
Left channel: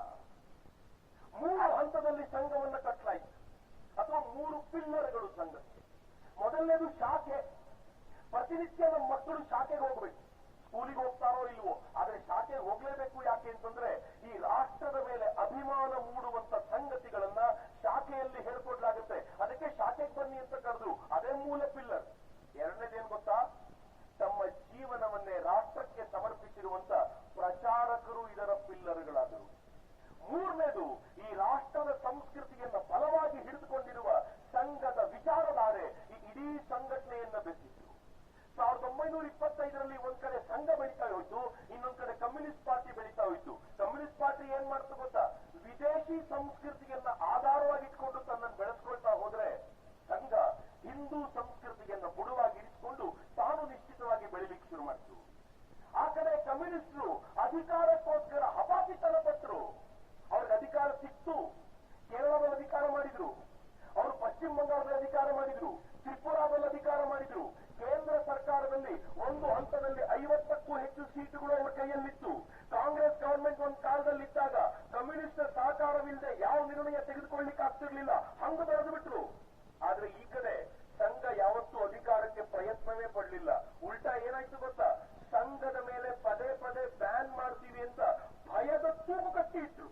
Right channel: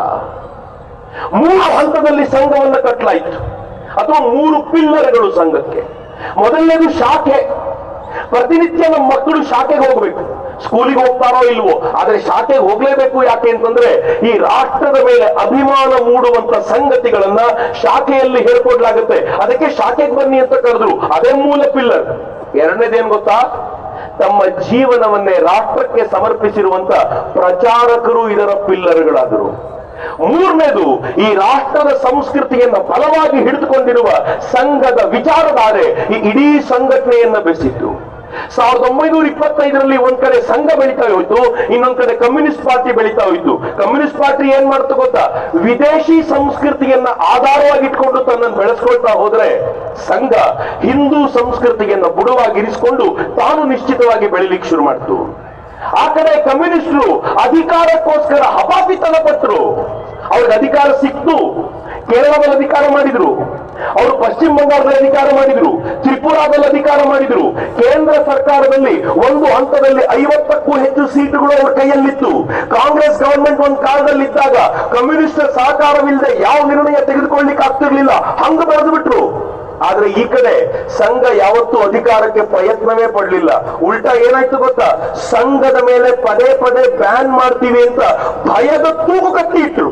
3 ಹಂತದಲ್ಲಿ ಸಂಘವನ್ನ ಕಟ್ಟಲಾಯಿತು, ಅಥವಾ 3 ಪಿಲ್ಲರ್ಗಳು ಸಂಘಕ್ಕೆ. ಮೊದಲನೇದು ಶಾಖೆ. ಪ್ರತಿನಿತ್ಯ ನಮ್ಮ ಮಕ್ಕಳು ಶಾಖೆಗೆ ಹೋಗ್ಬೇಕು. ಸ್ಕೂಲಿಗೆ ಹೋಗ್ತಾರೋ ಇಲ್ವೋ, ಆದ್ರೆ ಶಾಖೆಗೆ ಹೋಗ್ಲೇಬೇಕು. ಯಾಕೆ ಅಂತಂದ್ರೆ ಈ ರಾಷ್ಟ್ರದ ಮೇಲೆ ಅಭಿಮಾನ ಮೂಡುವಂತ ಸಂಗತಿಗಳನ್ನ ಶಾಖೆಯಲ್ಲಿ ಹೇಳ್ಕೊಡ್ಲಾಗುತ್ತೆ. ಅದಕ್ಕೆ ಶಾಖೆಗೆ ಬನ್ನಿ ಅಂತ ಕರೆದ್ರು. ಅದೇ ಮೂಲ ಪಿಲ್ಲರ್. ಎರಡನೇದೇನ್ ಗೊತ್ತಾ, ತಮ್ಮ ಜೀವನವನ್ನೇ ರಾಷ್ಟ್ರಕ್ಕೆ ಸಮರ್ಪಿಸಿರುವಂತ ಪ್ರಚಾರಕರು ಇದರ ಪಿಲ್ಲರ್ಗಳಾದರು. ಮೂರನೇದು, ಈ ರಾಷ್ಟ್ರದ ಸಂಸ್ಕೃತಿಯನ್ನ ಬಲವಾಗಿ ಹಿಡಿದುಕೊಂಡಿರುವ ಸಂಘದ ವಿಚಾರಧಾರೆ ಈ ಇಡೀ ಸಂಘಟನೆಯನ್ನ ಬೆಳೆಸಿತ್ತು. 1925ರಲ್ಲಿ ಒಂದ್ ಕಡೆ ಸಂಘ ಬೆಳೀತಾ ಹೋಯ್ತು, ಇನ್ನೊಂದ್ ಕಡೆ ಕಮ್ಯುನಿಸ್ಟ್ ಪಾರ್ಟಿ ಬೆಳೀತಾ ಹೋಯ್ತು. ಕಮ್ಯುನಿಸ್ಟ್ ಪಾರ್ಟಿ ಏನ್ ಮಾಡ್ತು ಗೊತ್ತಾ, ವಿದೇಶಿ ಸಂಸ್ಕೃತಿಯನ್ನ ಆಧಾರವಾಗಿ ಇಟ್ಕೊಂಡು ತನ್ನನ್ನು ಬೆಳೆಸ್ಕೊಳ್ತಾ ಹೋದ್ರೆ ಸಂಘ ಹಿಂದೂ ಸಂಸ್ಕೃತಿಯನ್ನ ಬುಡವಾಗಿರಿಸಿಕೊಂಡು ತಾನು ನಿಶ್ಚಿತವಾಗಿ ಬೆಳಿಲಿಕ್ಕೆ ಶುರು ಮಾಡ್ತು. ಆ ಕಡೆ ಕಮ್ಯುನಿಸ್ಟರು ಅಧಿಕಾರಕ್ಕೋಸ್ಕರ ಹಪಾಪಿತನ ಪಟ್ಟರು. ಅವ್ರಿಗೆ ಅಧಿಕಾರ ಸಿಕ್ತು. ಕೇರಳದಲ್ಲಿ ಅಧಿಕಾರ ಮಾಡಿದ್ರು, ಅವರು ಪಶ್ಚಿಮ ಬಂಗಾಳದಲ್ಲಿ ಅಧಿಕಾರ ಮಾಡಿದ್ರು, ತ್ರಿಪುರಾದಲ್ಲಿ ಅಧಿಕಾರ ಮಾಡಿದ್ರು. ಕೇಂದ್ರ ಸರ್ಕಾರದಲ್ಲಿ ಒಂದು ಹಂತದಲ್ಲಿ 50ಕ್ಕೂ ಹೆಚ್ಚು ಸೀಟುಗಳು ಅವ್ರ ಕೈಯಲ್ಲಿತ್ತು. ಕಾಂಗ್ರೆಸ್ ಗವರ್ಮೆಂಟ್ ಒಂದು ಕಾಲದಲ್ಲಿ ಇದ್ದಾಗ ಕಮ್ಯುನಿಸ್ಟ್ ಸಹಕಾರವಿಲ್ಲದೆ ಯಾವ ನಿರ್ಣಯ ತೆಗೆದುಕೊಳ್ಳಿಕ್ಕೆ ಆಗ್ತಿರ್ಲಿಲ್ಲ, ಹಂಗ ಬರೆದು ಬಿಟ್ರು. ಆದ್ರೆ ಈ ಕಡೆ ಸಂಘ ಯಾವತ್ತೂ ಅಧಿಕಾರಕ್ಕೆ ಪ್ರಯತ್ನವೇ ಪಡಲಿಲ್ಲ. ಉಲ್ಟಾ ಏನಾಯ್ತು ಗೊತ್ತಾ, ಸಂಘದ ಮೇಲೆ ಪದೇ ಪದೇ ಬ್ಯಾನ್ ಮಾಡ್ತೀವಿ ಅಂತ ಭಯದ ತೂಗು ಕಟ್ಟಿ ಇಟ್ರು.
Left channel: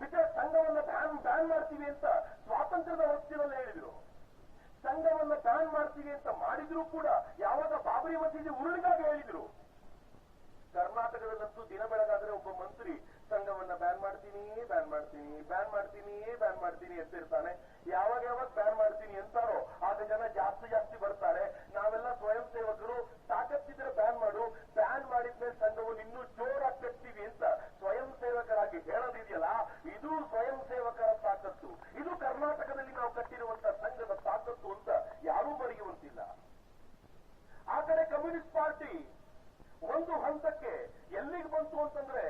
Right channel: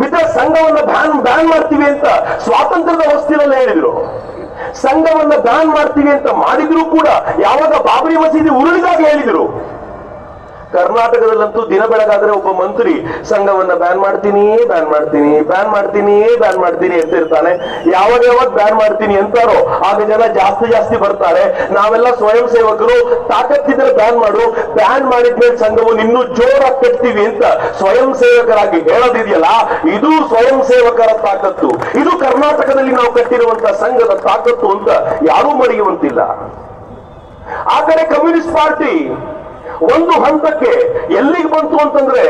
ಮಿತ್ರ, ಸಂಘವನ್ನ ಬ್ಯಾನ್ ಮಾಡ್ತೀವಿ ಅಂತ ಸ್ವಾತಂತ್ರ್ಯದ ಹೊಸ್ತಿನಲ್ಲಿ ಹೇಳಿದ್ರು. ಸಂಘವನ್ನ ಬ್ಯಾನ್ ಮಾಡ್ತೀವಿ ಅಂತ ಮಾಡಿದ್ರು ಕೂಡ ಯಾವಾಗ ಬಾಬರಿ ಮಸೀದಿ ಉರುಳಿದಾಗ ಹೇಳಿದ್ರು. ಕರ್ನಾಟಕದಲ್ಲಂತೂ ದಿನ ಬೆಳಗಾದ್ರೆ ಒಬ್ಬ ಮಂತ್ರಿ ಸಂಘವನ್ನ ಬ್ಯಾನ್ ಮಾಡ್ತೀನಿ ಅಂತ ಇರ್ತಾನೆ. ಯಾವಾಗ ಬ್ಯಾನ್ ಮಾಡ್ತೀನಿ ಅಂತಾರೋ ಆಗ ಜನ ಜಾಸ್ತಿ ಬರ್ತಾರೆ. ನಾವೆಲ್ಲ ಸ್ವಯಂ ಸೇವಕರು, ತಾಕತ್ತಿದ್ರೆ ಬ್ಯಾನ್ ಮಾಡು, ಬ್ಯಾನ್ ಮಾಡಿದ್ಮೇಲೆ ಸಂಘವನ್ನು ಇನ್ನೂ ಜೋರಾಗಿ ಕಟ್ತೀವಿ ಅಂತ ಸ್ವಯಂ ಸೇವಕರಾಗಿ ಹೇಳೋದಿದೆಯಲ್ಲ, ಇದು ಸ್ವಯಂ ಸೇವಕರ ತಾಕತ್ತು. ಇದು ಕರ್ನಾಟಕದಲ್ಲಿ ನಾವು ಕಟ್ಟಿರುವಂತ ಸಂಘದ ತಾಕತ್ತು ಅಂತ ಯಾರೂ ಮರೆಯುವಂತಿಲ್ಲ. ಆ ಕಡೆ ಕಮ್ಯುನಿಸ್ಟ್ ಪಾರ್ಟಿ ಒಂದು ಹಂತಕ್ಕೆ ಎಲ್ಲಿಗೆ ಬಂತು ಅಂತಂದ್ರೆ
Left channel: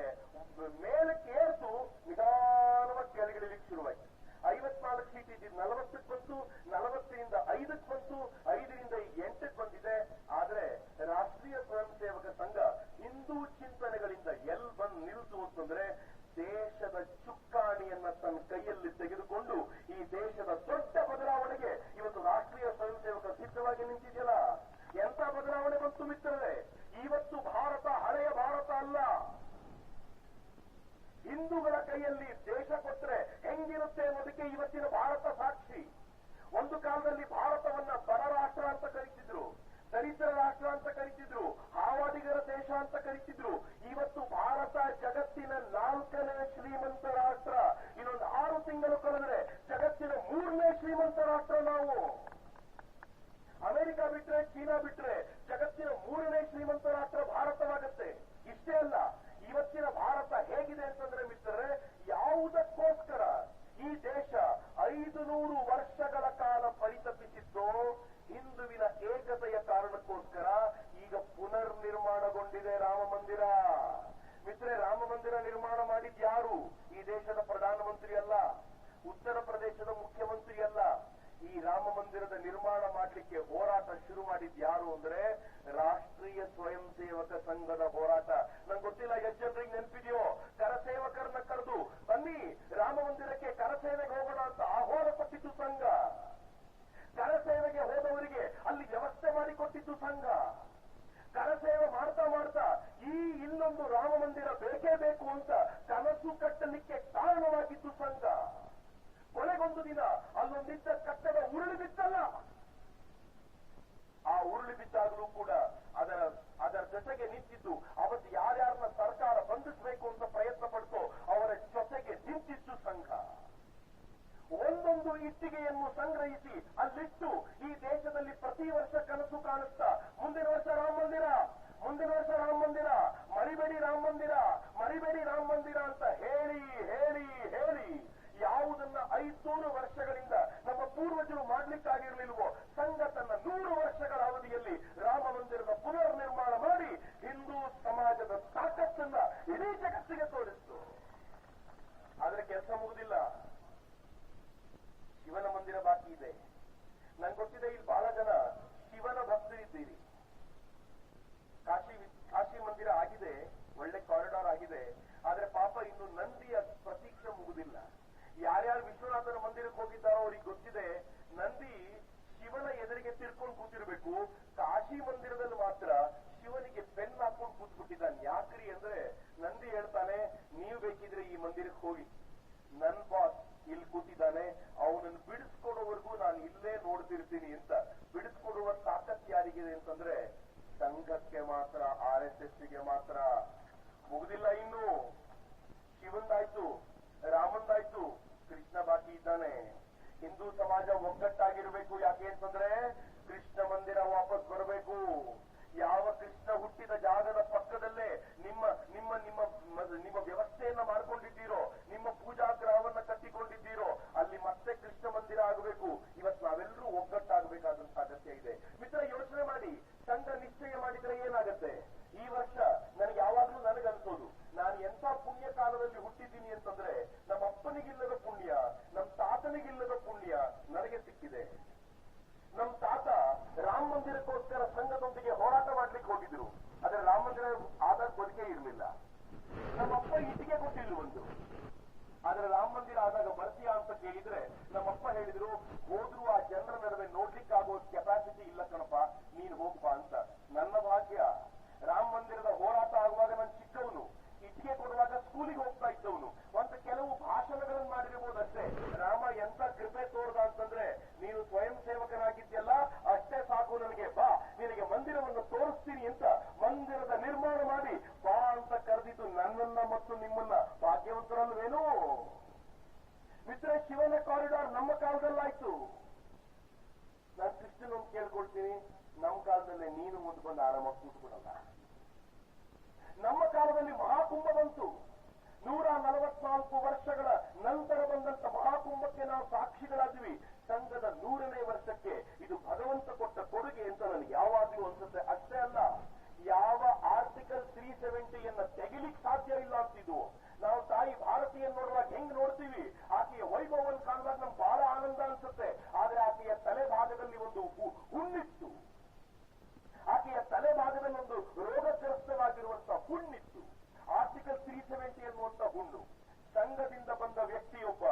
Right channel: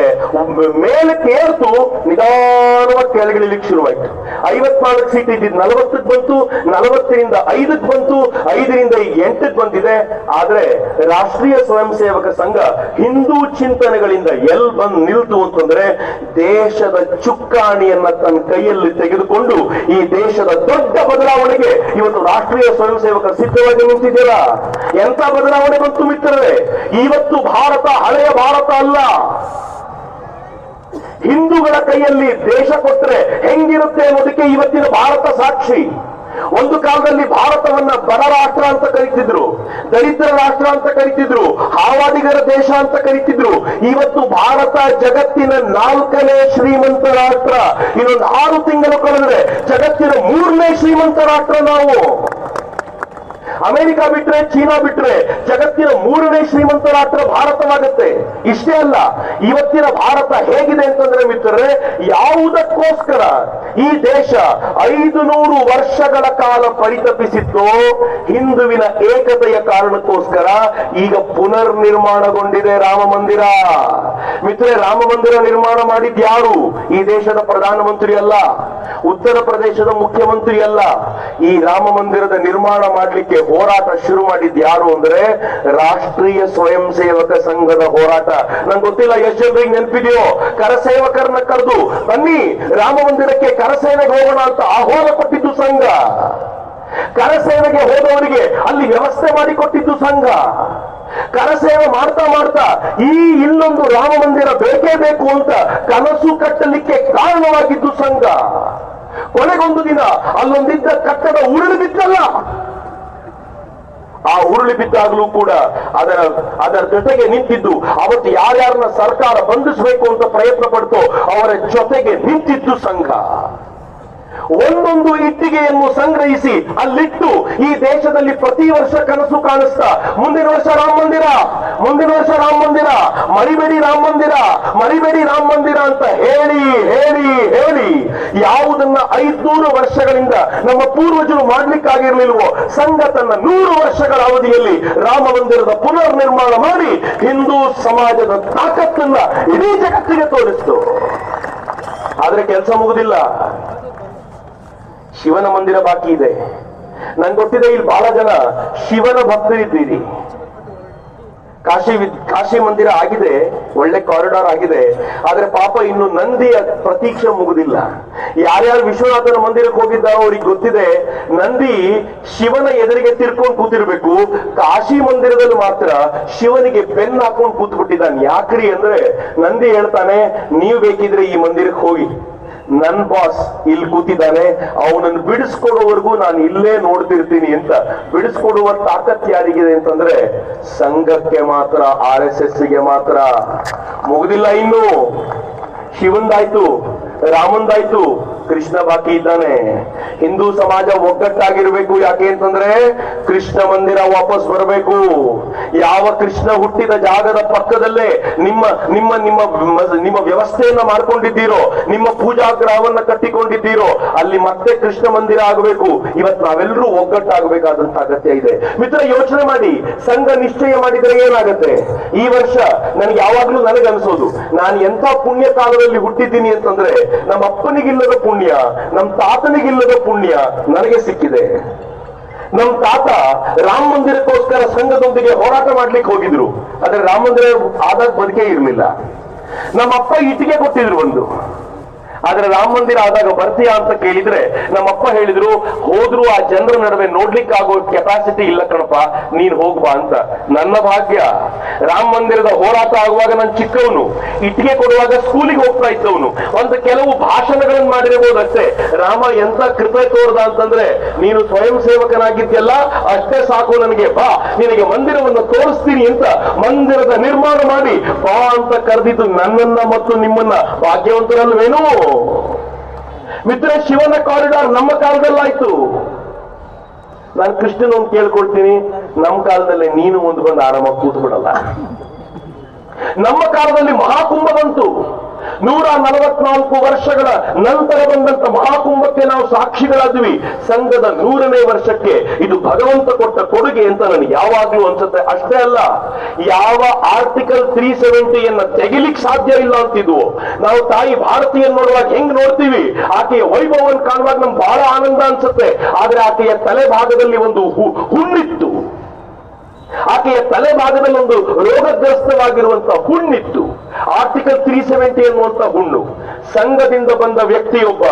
ಮೇಲಕ್ಕೆ ಏರ್ತು ನಿಧಾನವಾಗಿ ಕೆಳಗಿಳಿಲಿಕ್ಕೆ ಶುರುವಾಯ್ತು. 54 ಸೀಟ್ ಇದ್ದಿದ್ದು 40ಕ್ಕೆ ಬಂತು, 40ರಿಂದ 5ಕ್ಕೆ ಬಂತು, 5ರಿಂದ 8ಕ್ಕೆ ಬಂದಿದೆ. ಆದ್ರೆ ರಾಷ್ಟ್ರೀಯ ಸ್ವಯಂ ಸೇವಕ ಸಂಘ ಹಿಂದೂ ಚಿಂತನೆಗಳಿಂದ ಎಲ್ಲಿ ಬಂದು ನಿಲ್ತು ಅಂತಂದ್ರೆ ದೇಶದ ಚುಕ್ಕಾಣಿಯನ್ನ ತನ್ನ ಕೈಯಲ್ಲಿ ತೆಗೆದುಕೊಂಡು ಈ ದೇಶದ ದೊಡ್ಡ ಬದಲಾವಣೆಗೆ ಇವತ್ತು ರಾಷ್ಟ್ರೀಯ ಸ್ವಯಂ ಸೇವಕ ಸಿದ್ಧವಾಗಿ ನಿಂತಿದ್ದೀರ. ಎಂತ ಬದಲಾವಣೆ ಬಂತು ಮಿತ್ರರೇ, ಇವತ್ತು ಭಾರತ ಹಳೆಯ ಭಾರತ ಅಲ್ಲ. ಹಿಂದೂಗಳ ಕೈಯಲ್ಲಿ ದೇಶ ಕೊಟ್ಟರೆ ಹೆಂಗಿರುತ್ತೆ ಅನ್ನೋದಕ್ಕೆ ಇವತ್ತಿನ ಭಾರತ ಸಾಕ್ಷಿ. ಒಂದು ಕಾಲದಲ್ಲಿ ಭಾರತವನ್ನ ಬಡ ರಾಷ್ಟ್ರ ಅಂತ ಕರೀತಿದ್ರು, ದರಿದ್ರ ರಾಷ್ಟ್ರ ಅಂತ ಕರೀತಿದ್ರು, ಹಾವಾಡಿಗರ ದೇಶ ಅಂತ ಕರೀತಿದ್ರು. ಇವತ್ತು ಭಾರತ ಜಗತ್ತಿನ 4ನೇ ಶ್ರೀಮಂತ ರಾಷ್ಟ್ರ. ಇನ್ನೊಂದು 6 ತಿಂಗಳು ಕಳೆದ್ರೆ ಜಗತ್ತಿನ 3ನೇ ಶ್ರೀಮಂತ ರಾಷ್ಟ್ರ ನಾವು. ಅಮೆರಿಕ ಬಿಟ್ರೆ, ಚೀನಾ ಬಿಟ್ರೆ ಜಗತ್ತಿನ 3ನೇ ಶ್ರೀಮಂತ ರಾಷ್ಟ್ರ ಭಾರತವಾಗುತ್ತೆ. ಇಷ್ಟೇ ಅಲ್ಲ, ಇವತ್ತಿನ ಭಾರತ ಹೇಗಿದೆ ಅಂತಂದ್ರೆ ಮಿತ್ರರೇ, ಯಾವುದಕ್ಕೋಸ್ಕರ ಈ ದೇಶ 500 ವರ್ಷಗಳ ಕಾಲ ಪರಿತಪಿಸಿತ್ತು, ಹಿಂದುವಿನ ಏಕತೆಯ ಕಾರಣಕ್ಕೋಸ್ಕರ ಈಗ ಪುನರ್ ನಿರ್ಮಾಣಗೊಂಡಿದೆ ರಾಮ ಮಂದಿರ. ಮಿತ್ರರೇ, ರಾಮ ಮಂದಿರ ನಿರ್ಮಾಣ ಮಾಡಿದ್ ಯಾರು? ಈ ದೇಶದ ಪ್ರಧಾನಮಂತ್ರಿ ಅಲ್ಲ, ಉತ್ತರ ಪ್ರದೇಶದ ಮುಖ್ಯಮಂತ್ರಿ ಅಲ್ಲ. ಈ ರಾಮ ಮಂದಿರದ ನಿರ್ಮಾಣ ಮಾಡಲಿಕ್ಕೆ ಹೋರಾಟ ಶುರು ಮಾಡಿದ್ ಯಾರು ಅಂದ್ರೆ ರಾಷ್ಟ್ರೀಯ ಸ್ವಯಂ ಸೇವಕ ಸಂಘದ ಹೋರಾಟ. ನಂಗೆ ಗೊತ್ತಿಲ್ಲ ಎಷ್ಟು ಜನರಿಗೆ ನೆನಪಿದೆಯೋ, ಕರಸೇವಕರನ್ನ ಕರೆದು ಬನ್ನಿ ರಾಮ ಮಂದಿರಕ್ಕೆ ಕರಸೇನೆಗೆ ಹೋಗೋಣ ಅಂತ ಆಹ್ವಾನ ಕೊಟ್ಟಿದ್ದು ಸಂಘ. ಕರಸೇನೆಗೆ ಹೋದವರಿಗೆ ಅಲ್ಲಿ ವ್ಯವಸ್ಥೆ ಮಾಡಿಕೊಟ್ಟಿದ್ದು ಸಂಘ. ಕರಸೇವೆ ಮಾಡ್ತಾ ಮಾಡ್ತಾ ಈ ಇನ್ನೊಂದು ರಾಮ ಮಂದಿರ ಬೇಕೇ ಬೇಕು ಅಂತ ಕನಸು ಕಟ್ಟಲಿಕ್ಕೆ ಕಾರಣವಾಗಿದ್ದು ಸಂಘ. ಕೊನೆಗೊಂದು ದಿನ ಅಲ್ಲೊಂದಿದ್ದ ಕಟ್ಟಡ ಉರುಳಿ ಬಿದ್ದಲ್ಲ, ಆ ಉರುಳಿ ಬಿದ್ದಾಗಲೂ ಕೂಡ ಅದರ ಜೊತೆಗೆ ನಿಂತಿದ್ದು, ಅವತ್ತು ಯಾರ್ಯಾರನ್ನ ಸರ್ಕಾರ ಬಂಧಿಸಬೇಕು ಅಂತ ಪ್ರಯತ್ನ ಪಡ್ತೋ ಅವರ ಜೊತೆಗೆ ನಿಂತಿದ್ದು ಸಂಘ. ಒಂದೊಂದು ಇಟ್ಟಿಗೆಯನ್ನು ಸಂಗ್ರಹಿಸಿ ಅಲ್ಲಿಟ್ಟು ಈ ದೇಶದಲ್ಲಿ ಪ್ರತಿ ವರ್ಷ ಕನಸು ಕಾಣಿಸ್ತಾ ಮುಂದಿನ ವರ್ಷ ರಾಮ ಮಂದಿರ, ಮುಂದಿನ ವರ್ಷ ರಾಮ ಮಂದಿರ, ಮರಿಬೇಡಿ ರಾಮ ಮಂದಿರ, ಮರಿಬೇಡಿ ರಾಮ ಮಂದಿರ ಅಂತ ಹೇಳಿ ಹೇಳಿ ಹೇಳಿ ಯಾವುದನ್ನ 500 ವರ್ಷಗಳಿಂದ ನಮ್ಮ ಪೂರ್ವಜರು ಮಾಡ್ಲಿಕ್ಕಾಗಿರ್ಲಿಲ್ವೋ ಸಂಘ ತನ್ನ 100 ವರ್ಷಗಳ ಅವಧಿಯಲ್ಲಿ ರಾಮ ಮಂದಿರದ ಪುನರ್ ನಿರ್ಮಾಣ ಮಾಡಿ ಹಿಂದೂ ಸಮಾಜದ ತಾಕತ್ತನ್ನ ಇಡೀ ಜಗತ್ತಿಗೆ ತೋರಿಸ್ತು. ಆದ್ರೆ ಕೆಲಸ ಮುಗುದಿಲ್ಲ. ಶಿವನ ಮಂದಿರ ಬಾಕಿ ಇದೆ. ನನ್ಗೆ ಗೊತ್ತಿದೆ ಇಲ್ಲಿ ಬಹಳ ಜನ ಶಿವನ ಭಕ್ತರಿದ್ದೀರಿ. ಕಾಶಿ ಮಂದಿರ ಆಗಿದೆ, ಒಳ್ಳೆ ಕಾರಿಡಾರ್ ಆಗಿದೆ, ಆದ್ರೆ ಪಾಪ ಇನ್ನು ನಂದಿಯ ಪ್ರತೀಕ್ಷೆ ಮುಗುದಿಲ್ಲ. ಯಾರ್ಯಾರು ವಿಶ್ವನಾಥನ ಮಂದಿರಕ್ಕೆ ಹೋಗಿದ್ದಾರೋ ಅವ್ರಿಗೆ ಗೊತ್ತಿದೆ, ನಂದಿ ಶಿವನ ಎದುರಿಗೆ ತಿರ್ಕೊಂಡು ಕೂತಿರ್ಬೇಕು, ಕಾಶಿ ಮಂದಿರದಲ್ಲಿ ಮಾತ್ರ ಶಿವನಿಗೆ ಬೆನ್ನು ಹಾಕೊಂಡು ಕೂತ್ಬಿಟ್ಟಿದ್ದಾನೆ. ಯಾಕ್ರಿ ಅಂದ್ರೆ ನಂದಿ ಹೇಳ್ತಾನೆ, ನೀವು ಬೇಕಿದ್ರೆ ಈ ಮಂದಿರಕ್ಕೆ ಹೋಗಿ, ನನ್ ಬಾಸ್ ಇಲ್ಲಿ ಕೂತಿದ್ದಾನೆ, ಅವನನ್ನು ಬಿಡಿಸ್ಕೊಡೋವರೆಗೂ ನಾನು ಇಲ್ಲೇ ನೋಡ್ತಿರ್ತೀನಿ ಅಂತ. ಬಿಡಿಸ್ಕೊಡುವ ತಾಕತ್ ಯಾರಿಗಿದೆ ಅಂತಂದ್ರೆ ಸಂಘಕ್ಕೆ ಮಾತ್ರ, RSS ಗೆ ಮಾತ್ರ. ಮುಗುದಿಲ್ಲ ಇನ್ನು. ಶಿವಂದಾಯ್ತು, ರಾಮಂದಾಯ್ತು, ಕೃಷ್ಣ ಬಾಕಿ ಇದ್ದಾನೆ. ಹಿಂದೂ ಸಮಾಜ ಒಗ್ಗಟ್ಟಾಗಿರ್ಬೇಕು. ಯಾಕೆ ಅಂತಂದ್ರೆ ಕೃಷ್ಣ ಮಂದಿರ ವಾಪಸ್ ಬರಬೇಕು. ಯಾವ ಕೃಷ್ಣ ಹುಟ್ಟಿದ ಜಾಗದ ಪಕ್ಕದಲ್ಲೇ ನಿಮ್ಮ ನಿಮ್ಮ ನಿಮ್ಮ ನಿಮ್ಮ ವ್ಯವಸ್ಥೆಯನ್ನ ಮಾಡ್ಕೊಂಡಿದ್ದೀರೋ, ನಿಮ್ಮ ಪೂಜಾ ಗ್ರಹವನ್ನ ಕಟ್ಟಿಕೊಂಡಿದ್ದೀರೋ, ಅಲ್ಲಿ ಮತ್ತೆ ಕೃಷ್ಣ ಮಂದಿರ ಆಗಬೇಕು. ಇವತ್ತು ನಾವೆಲ್ಲರೂ ಒಗ್ಗಟ್ಟಾಗಬೇಕಾದಂತ ಅಗತ್ಯ ಇದೆ. ಮಿತ್ರ, ಯೋಚನೆ ಮಾಡಿ, ಸಂಘ ನಿಶ್ಚಯ ಮಾಡಿದ್ರೆ ಏನಾಗತ್ತೆ? ಈ ವರ್ಷ ನನಗೆ ಯಾವಾಗ್ಲೂ ನನಗನ್ಸೋದು, ನಾನು ಎಂಥ ಪುಣ್ಯ ಕಾಲದಲ್ಲಿ ಹುಟ್ಟಿದ್ದೀನಿ ಅಂತಂದ್ರೆ ನಮ್ಮ ಅಪ್ಪನಿಗಿಲ್ಲದ ಪುಣ್ಯ, ನಮ್ಮ ತಾತನಿಗಿಲ್ಲದ ಪುಣ್ಯ ನನಗೆ ಸಿಕ್ಕಿದೆ. ನಮ್ ತಾತ ರಾಮ ಮಂದಿರಕ್ಕೋಸ್ಕರ ಸಂಘದೊಂದಿಗೆ ಹೋರಾಟ ಮಾಡ್ಲಿಕ್ಕೆ ಹೋಗಿದ್ರು, ಆದ್ರೆ ರಾಮ ಮಂದಿರ ಆದಾಗ ಬದುಕೇ ಇರಲಿಲ್ಲ. ನಮ್ಮ ಅಪ್ಪ ಇಟ್ಟಿಗೆ ಕೊಟ್ಟಿದ್ರು ಒಂದು, ಆದ್ರೆ ರಾಮ ಮಂದಿರ ಆದಾಗ ಬರ್ತೀಯಾ ಅಂತ ಕೇಳಿದ್ರೆ ನಮ್ಮಪ್ಪ ಹೇಳಿದ್ರು, ಹೋದ್ರು ಆ ಜನರ ನಡುವೆ ನೋಡ್ಲಿಕ್ಕೆ ಆಗೋ ಕೆಪಾಸಿಟಿ ಇಲ್ಲ ಕಣಪ್ಪ, ನೀನ್ ಹೋಗ್ಬಾ ಅಂತ. ನನ್ನ ಭಾಗ್ಯ, ರಾಮ ಮಂದಿರದ ಹೋರಾಟ ಆಗುವಾಗ ನಾನು ಚಿಕ್ಕವನು, ಇಟ್ಟಿಗೆ ಕೊಡುವಾಗ ಸ್ಕೂಲಿಗೆ ಹೋಗ್ತಾ ಇದ್ದವನು. ಒಂದು ಕೆಲವು ಭಾಷಣಗಳನ್ನು ಮಾಡಿರಬಹುದಷ್ಟೇ. ರಾಮ ಎಂತ ಕೃಪೆ ತೋರ್ದ ಅಂತಂದ್ರೆ, ನೀನು ಸ್ವಯಂ ಸೇವಕನಾಗಿದ್ಯಲ್ಲ ಅಷ್ಟೇ ಸಾಕು ನನಗೆ, ಬಾ ನಿನಗೆ ಮಂದಿರವನ್ನು ತೋರಿಸ್ತೀನಿ ಅಂತ ಮಂದಿರದ ನಿರ್ಮಾಣ ಮಾಡಿ ಬಾ ಅಂತ ಕರೆದಿದ್ದು ನನ್ನನ್ನ ಮತ್ತು ನಿಮ್ಮನ್ನ. ಭಾಗ್ಯವಂತರಲ್ವೇನೋ ಮಿತ್ರ? ಶಿವನ ಕಾರಿಡಾರ್ ನಮ್ಮ ಕಾಲದಲ್ಲಾಯ್ತು. ನಾನು ಕೃಷ್ಣನ ಒಂದು ಕೇಳ್ಕೊಳ್ತೀನಿ, ನಮ್ಮ ಕಾಲದಲ್ಲಿ ನೀನು ಒಂದು ಬಂದು ಆರಾಮಾಗಿ ಕೂತು ಬಿಡಲ್ಲ. ನಮ್ಮ ಕಾಲದಲ್ಲಿ ಮಹಾಕುಂಭ ಬಂತು. 144 ವರ್ಷಗಳ ನಂತರ ಬಂದಂತ ಮಹಾಕುಂಭಕ್ಕೆ ನಾವು ಸಾಕ್ಷಿಗಳಾದ್ವಿ. ಸಂಘದ 100ನೇ ವರ್ಷಕ್ಕೆ ಇದು ಭಗವಂತ ಕೊಟ್ಟ ಕೊಡುಗೆ ಅಂತ ನನಗೆ ಯಾವಾಗ್ಲೂ ಅನ್ಸುತ್ತೆ. ಅಷ್ಟೇ ಅಲ್ಲ, ಯಾವ ಆರ್ಟಿಕಲ್ 370 ತೆಗಿಲಿಕ್ಕೆ ಸಾಧ್ಯ ಇಲ್ಲ ಅಂತಿದ್ವು. ನಾವು ತಾಯಿ ಭಾರತೀಯ ನೋಡುವಾಗ ಹೆಂಗ್ ನೋಡ್ತೀವಿ, ಆಕೆಯ ವೈಭವವನ್ನು ಕಾಣುವಾಗ ನಮ್ಗೆ ಬಹಳ ಆನಂದ ಅನ್ಸುತ್ತೆ. ಆದ್ರೆ ಆಕೆಯ ತಲೆ ಭಾಗದಲ್ಲಿ ಒಂದು ಹುಣ್ಣಿತ್ತು. ಆಕೆಯ ತಲೆ ಭಾಗದಲ್ಲಿ ಒಂದು ರೋಗಗ್ರಸ್ತವಾಗಿರುವಂತಹ ಹುಣ್ಣಿತ್ತು. ಆರ್ಟಿಕಲ್ 370 ಎನ್ನುವಂತ ಹುಣ್ಣು. ಸಂಘದಿಂದ ಬಂದ ವ್ಯಕ್ತಿಯೊಬ್ಬ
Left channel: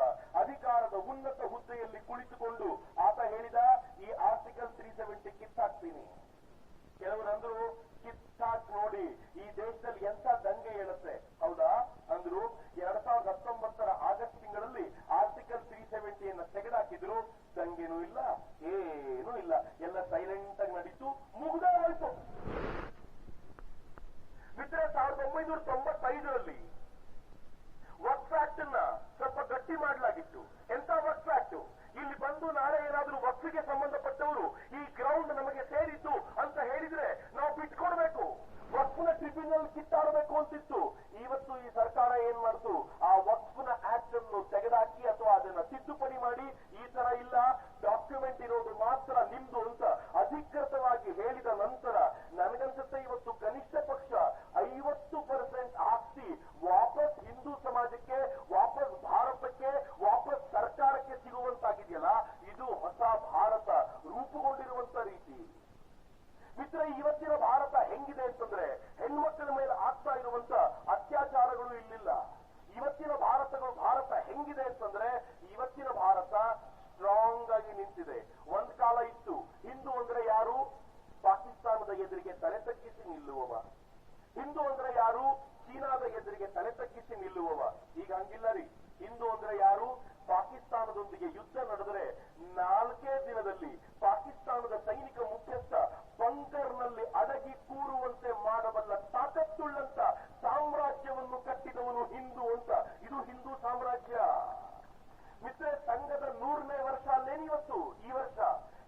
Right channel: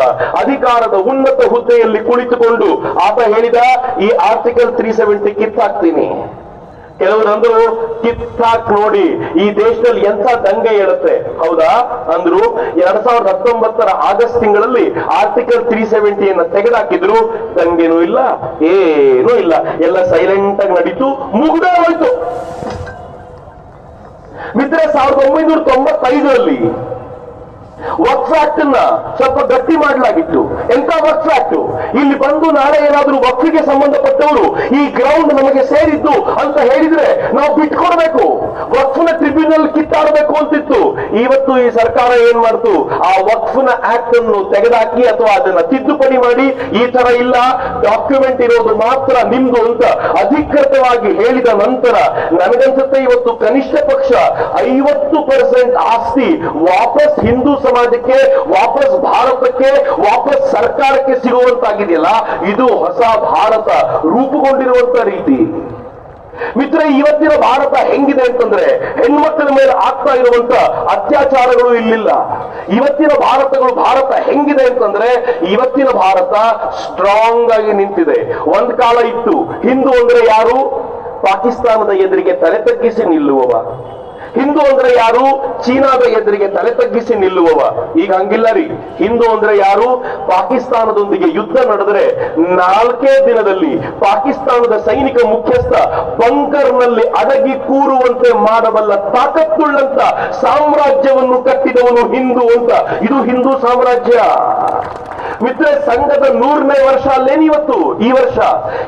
ಅಧಿಕಾರದ ಉನ್ನತ ಹುದ್ದೆಯಲ್ಲಿ ಕುಳಿತುಕೊಂಡು ಆತ ಹೇಳಿದ, ಈ ಆರ್ಟಿಕಲ್ 370 ಕಿತ್ತಾಕ್ತೀನಿ. ಕೆಲವರಂದ್ರು, ಕಿತ್ತಾಕ್ ನೋಡಿ ಈ ದೇಶದಲ್ಲಿ ಎಂಥ ದಂಗೆ ಹೇಳುತ್ತೆ. ಹೌದಾ ಅಂದ್ರು. 2019 ಆಗಸ್ಟ್ ತಿಂಗಳಲ್ಲಿ ಆರ್ಟಿಕಲ್ 370 ತೆಗೆದಾಕಿದ್ರು. ದಂಗೆನೂ ಇಲ್ಲ, ಏನೂ ಇಲ್ಲ, ಎಲ್ಲ ಸೈಲೆಂಟ್ ಆಗಿ ನಡೀತು, ಮುಗ್ದೇ ಹೋಯ್ತು. ಮಿತ್ರ, 1995ರಲ್ಲಿ ವಕ್ಫ್ ಆಕ್ಟ್ ಅನ್ನ ಸ್ವಲ್ಪ ಗಟ್ಟಿ ಮಾಡಲಾಗಿತ್ತು. ಎಂತ ವಕ್ಫ್ ಆಕ್ಟ್? ಇಲ್ಲಿ ಬಂದು ನಾಳೆ ಏನಾದ್ರೂ ವಕ್ಫಿಗೆ ಸಂಬಂಧಪಟ್ಟವರು ಈ ಗ್ರೌಂಡ್ ನಮಗೆ ಸೇರಿದ್ದು ಅಂತ ಹೇಳಿದ್ರೆ ನಾವು ಬಿಟ್ಕೊಡ್ಬೇಕು, ವಕ್ಫ್ನ ಟ್ರಿಬ್ಯುನಲ್ ಕಿತ್ತಾಡಬೇಕು ಅಂತಿತ್ತು. ಇವತ್ತು ಈ ಸರ್ಕಾರ ಏನ್ ಮಾಡ್ತು, ಆ ವಕ್ಫ್ನ ಆಕ್ಟ್ ಅನ್ನು ತೆಗೆದಾಕಿ ಅಥವಾ ಅದನ್ನ ತಿದ್ದುಪಡಿ ಮಾಡಿ, ಈ ತರ ಇಲ್ಲ, ಡಾಕ್ಯುಮೆಂಟ್ ಇರೋದು ಮಾತ್ರ ನಿಮ್ದು ಅಂತ ಅಧಿಕೃತವಾಗಿ ಹೇಳಿದ ನಂತರ ನನಗನ್ಸುತ್ತೆ ಇವತ್ತು ಕನಿಷ್ಠ ಪಕ್ಷ 50% ಆಸ್ತಿ ವಾಪಸ್ ಹಿಂದೂ ಸಮಾಜಕ್ಕೆ, ವಾಪಸ್ ಭಾರತಕ್ಕೆ, ವಾಪಸ್ ಸರ್ಕಾರಕ್ಕೆ ಸಿಗುವಂತಾಗಿದೆಯಲ್ಲ, ಇದು ಹೊಸ ಭಾರತ ರೂಪುಗೊಂಡಿರುವಂತ ರೀತಿ. ಮಿತ್ರ, ಇವತ್ತಿನ ಭಾರತ ಹೆಂಗಿದೆ ಅಂತಂದ್ರೆ ಹೆಣ್ಮಕ್ಕಳ ಮೇಲೆ ಆಗ್ತಾ ಇರುವಂತ ಅತ್ಯಾಚಾರಗಳು ಇಲ್ಲಿಲ್ಲ. ಇವತ್ತಿನ ಭಾರತ ಹೆಂಗಿದೆ ಅಂತಂದ್ರೆ ಇವತ್ತಿನ ಭಾರತ ಸ್ಟ್ರಾಂಗ್ ಆಗಿ ನಿಂತಿದೆ. ಒಂದ್ ಕಾಲ ಇತ್ತು, ಹಿಂದೂ ಅಂದ್ರೆ ಯಾರು? ಪಾಕಿಸ್ತಾನದ ಎದುರಿಗೆ ತಲೆ ತಗ್ಗಿಸಿ ನಿಲ್ಲುವವ. ಹಿಂದೂ ಅಂದ್ರೆ ಯಾರು? ಚೀನಾದ ಎದುರಿಗೆ ತಲೆ ತಗ್ಗಿಸಿ ನಿಲ್ಲುವವ. ಈಗ ಹಂಗಿಲ್ಲ ರೀ. ಹಿಂದೂ ಅಂದ್ರೆ ಯಾರು? ಪಾಕಿಸ್ತಾನದೊಂದಿಗೆ ಯುದ್ಧ ನಡೆದರೆ 4 ದಿನದಲ್ಲಿ ಪಾಕಿಸ್ತಾನದ ಸೈನಿಕ ಮುಖ್ಯಸ್ಥ ಬಂಕರ್ನಲ್ಲಿ ಅಡಗಿ ಕೂರುವಂತೆ ಮಾಡಬಲ್ಲ ತಾಕತ್ತುಳ್ಳಂತ ಸಾಮ್ರಾಜ್ಯವನ್ನು ಕಟ್ಟಿದವನು ಹಿಂದೂ ಅಂತ. ಇದು ಹಿಂದೂ ಸಾಮ್ರಾಜ್ಯ. ಮಿತ್ರ, ಸಂಘದ 100ನೇ ವರ್ಷ ಅಲ್ಲೇನು ಇವತ್ತು? ಈ ವರ್ಷ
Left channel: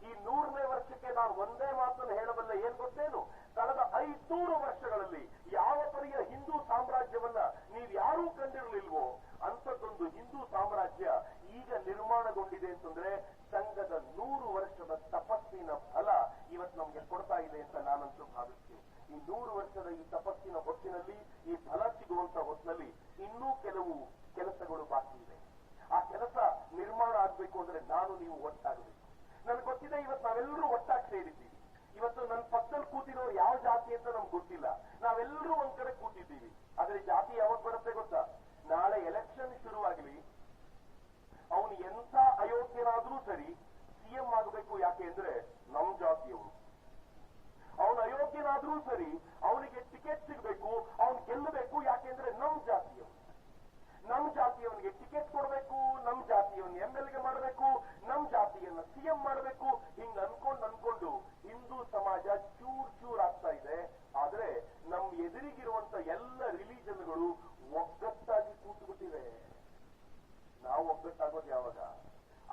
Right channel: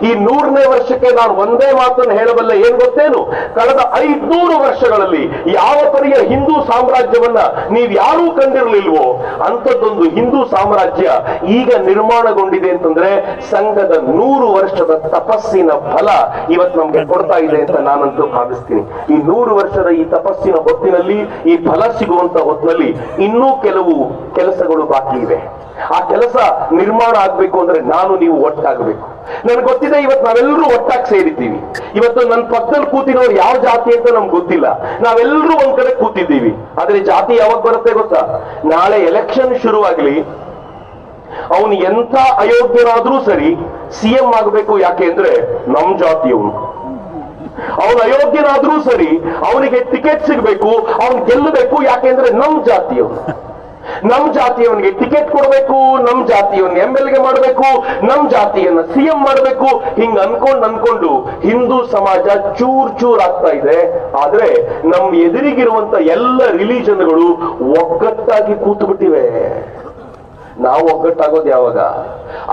ಈ 100ನೇ ವರ್ಷಕ್ಕೆ ನಾನು ಒಂದೇ ಮಾತನ್ನು ಹೇಳಬಲ್ಲೆ. ಏನ್ ಗೊತ್ತೇನು? ಕಳೆದ 500 ವರ್ಷಗಳಲ್ಲಿ ಯಾವ ಪರಿಯ ಹಿಂದೂ ಸಾಮ್ರಾಜ್ಯವನ್ನ ನೀವ್ ಯಾರೂ ಕಂಡಿರಲಿಲ್ವೋ ಅಂಥದ್ದೊಂದು ಹಿಂದೂ ಸಾಮ್ರಾಜ್ಯ ಈಗ ನಿರ್ಮಾಣಗೊಂಡಿದೆ ಅಂತಂದ್ರೆ ಸಂಘದ 100 ವರ್ಷದ ತಪಸ್ಸಿನ ಫಲ ಇವತ್ತು ನಮ್ಗೆ ಕೊಡ್ತಾ ಇದೆ ಅಂತ ನಾನಂತೂ ಭಾವಿಸ್ತೀನಿ. ಈ 100 ವರ್ಷದ ಈ ತಪಸ್ಸಿನ ಹೊತ್ತಿನಲ್ಲಿ ಈ ಫಲ ಸಿಗುವಂತ ಹೊತ್ತಿನಲ್ಲಿ ಇನ್ನೂ ಕೆಲವು ಕೆಲಸಗಳು ಬಾಕಿ ಇವೆ. ಆ ಕೆಲಸ ನಿರ್ಮಾಣ ಆಗ್ಬೇಕು ಅಂದ್ರೆ ನಾನು ನೀವು ಒಟ್ಟಾಗಬೇಕು. ನನ್ಗೆ ಗೊತ್ತಿದೆ, ಇವತ್ತು ನಾವೆಲ್ಲರೂ ಒಟ್ಟಾಗಿ ಸೇರಿದ್ದೀವಿ. ಇವತ್ತು ನನ್ನ ಪಕ್ಕದಲ್ಲಿ ಕೂತಿರೋರು ಯಾವ ಜಾತಿ ಅಂತ ನಮ್ಗೆ ಗೊತ್ತಿಲ್ಲ. ನಾವೆಲ್ಲರೂ ಒಂದ್ ಕಡೆ ಕೂತಿದ್ದೀವಿ. ಆದ್ರೆ ಜಾತಿ ಯಾವಾಗ ಬರುತ್ತೆ ಗೊತ್ತಾ? ನಾಳೆ ಎಲೆಕ್ಷನ್ ಶುರುವಾಗ್ಲಿ, ಅವನು ಎಂಥ ಅಯೋಗ್ಯನಾದ್ರೂ ಸರಿ ಸಿಎಂ ಆಗಬೇಕು. ಯಾಕೆ ಅಂದ್ರೆ ನಮ್ ಜಾತಿಯವನು. ಅವನು ಅಯೋಗ್ಯನಾದ್ರೂ ಸರಿ ಅವನಿಗೆ ಟಿಕೆಟ್ ಸಿಗ್ಬೇಕು, ಅವನು ಗೆಲ್ಲಬೇಕು. ಯಾಕೆಂದ್ರೆ ನಮ್ ಜಾತಿಯವನು. ನಮ್ ಜಾತಿಯವನಿಗೆ ಟಿಕೆಟ್ ಕೊಡಬೇಕು, ನಮ್ ಜಾತಿಯವನ್ನ MLA ಮಾಡಬೇಕು, ನಮ್ ಜಾತಿಯನ್ನ CM ಮಾಡಬೇಕು. ಹಿಂಗ್ ಅನ್ಕೊಂಡು ಹಿಂದೂ ಸಮಾಜ ಚೂರ್ ಆಗ್ತಾ ಇದೆ. ಆದ್ರೆ ನಮ್ ಎದುರಿಗಿರುವಂತ ಎಲ್ಲ ರಿಲಿಜನ್ಗಳು ಒಗ್ಗಟ್ಟಾಗಿ ಕೂತು ಬಿಟ್ಟಿವೆ. ನಾವು ಒಗ್ಗಟ್ಟಾಗೋದು ಯಾವಾಗ?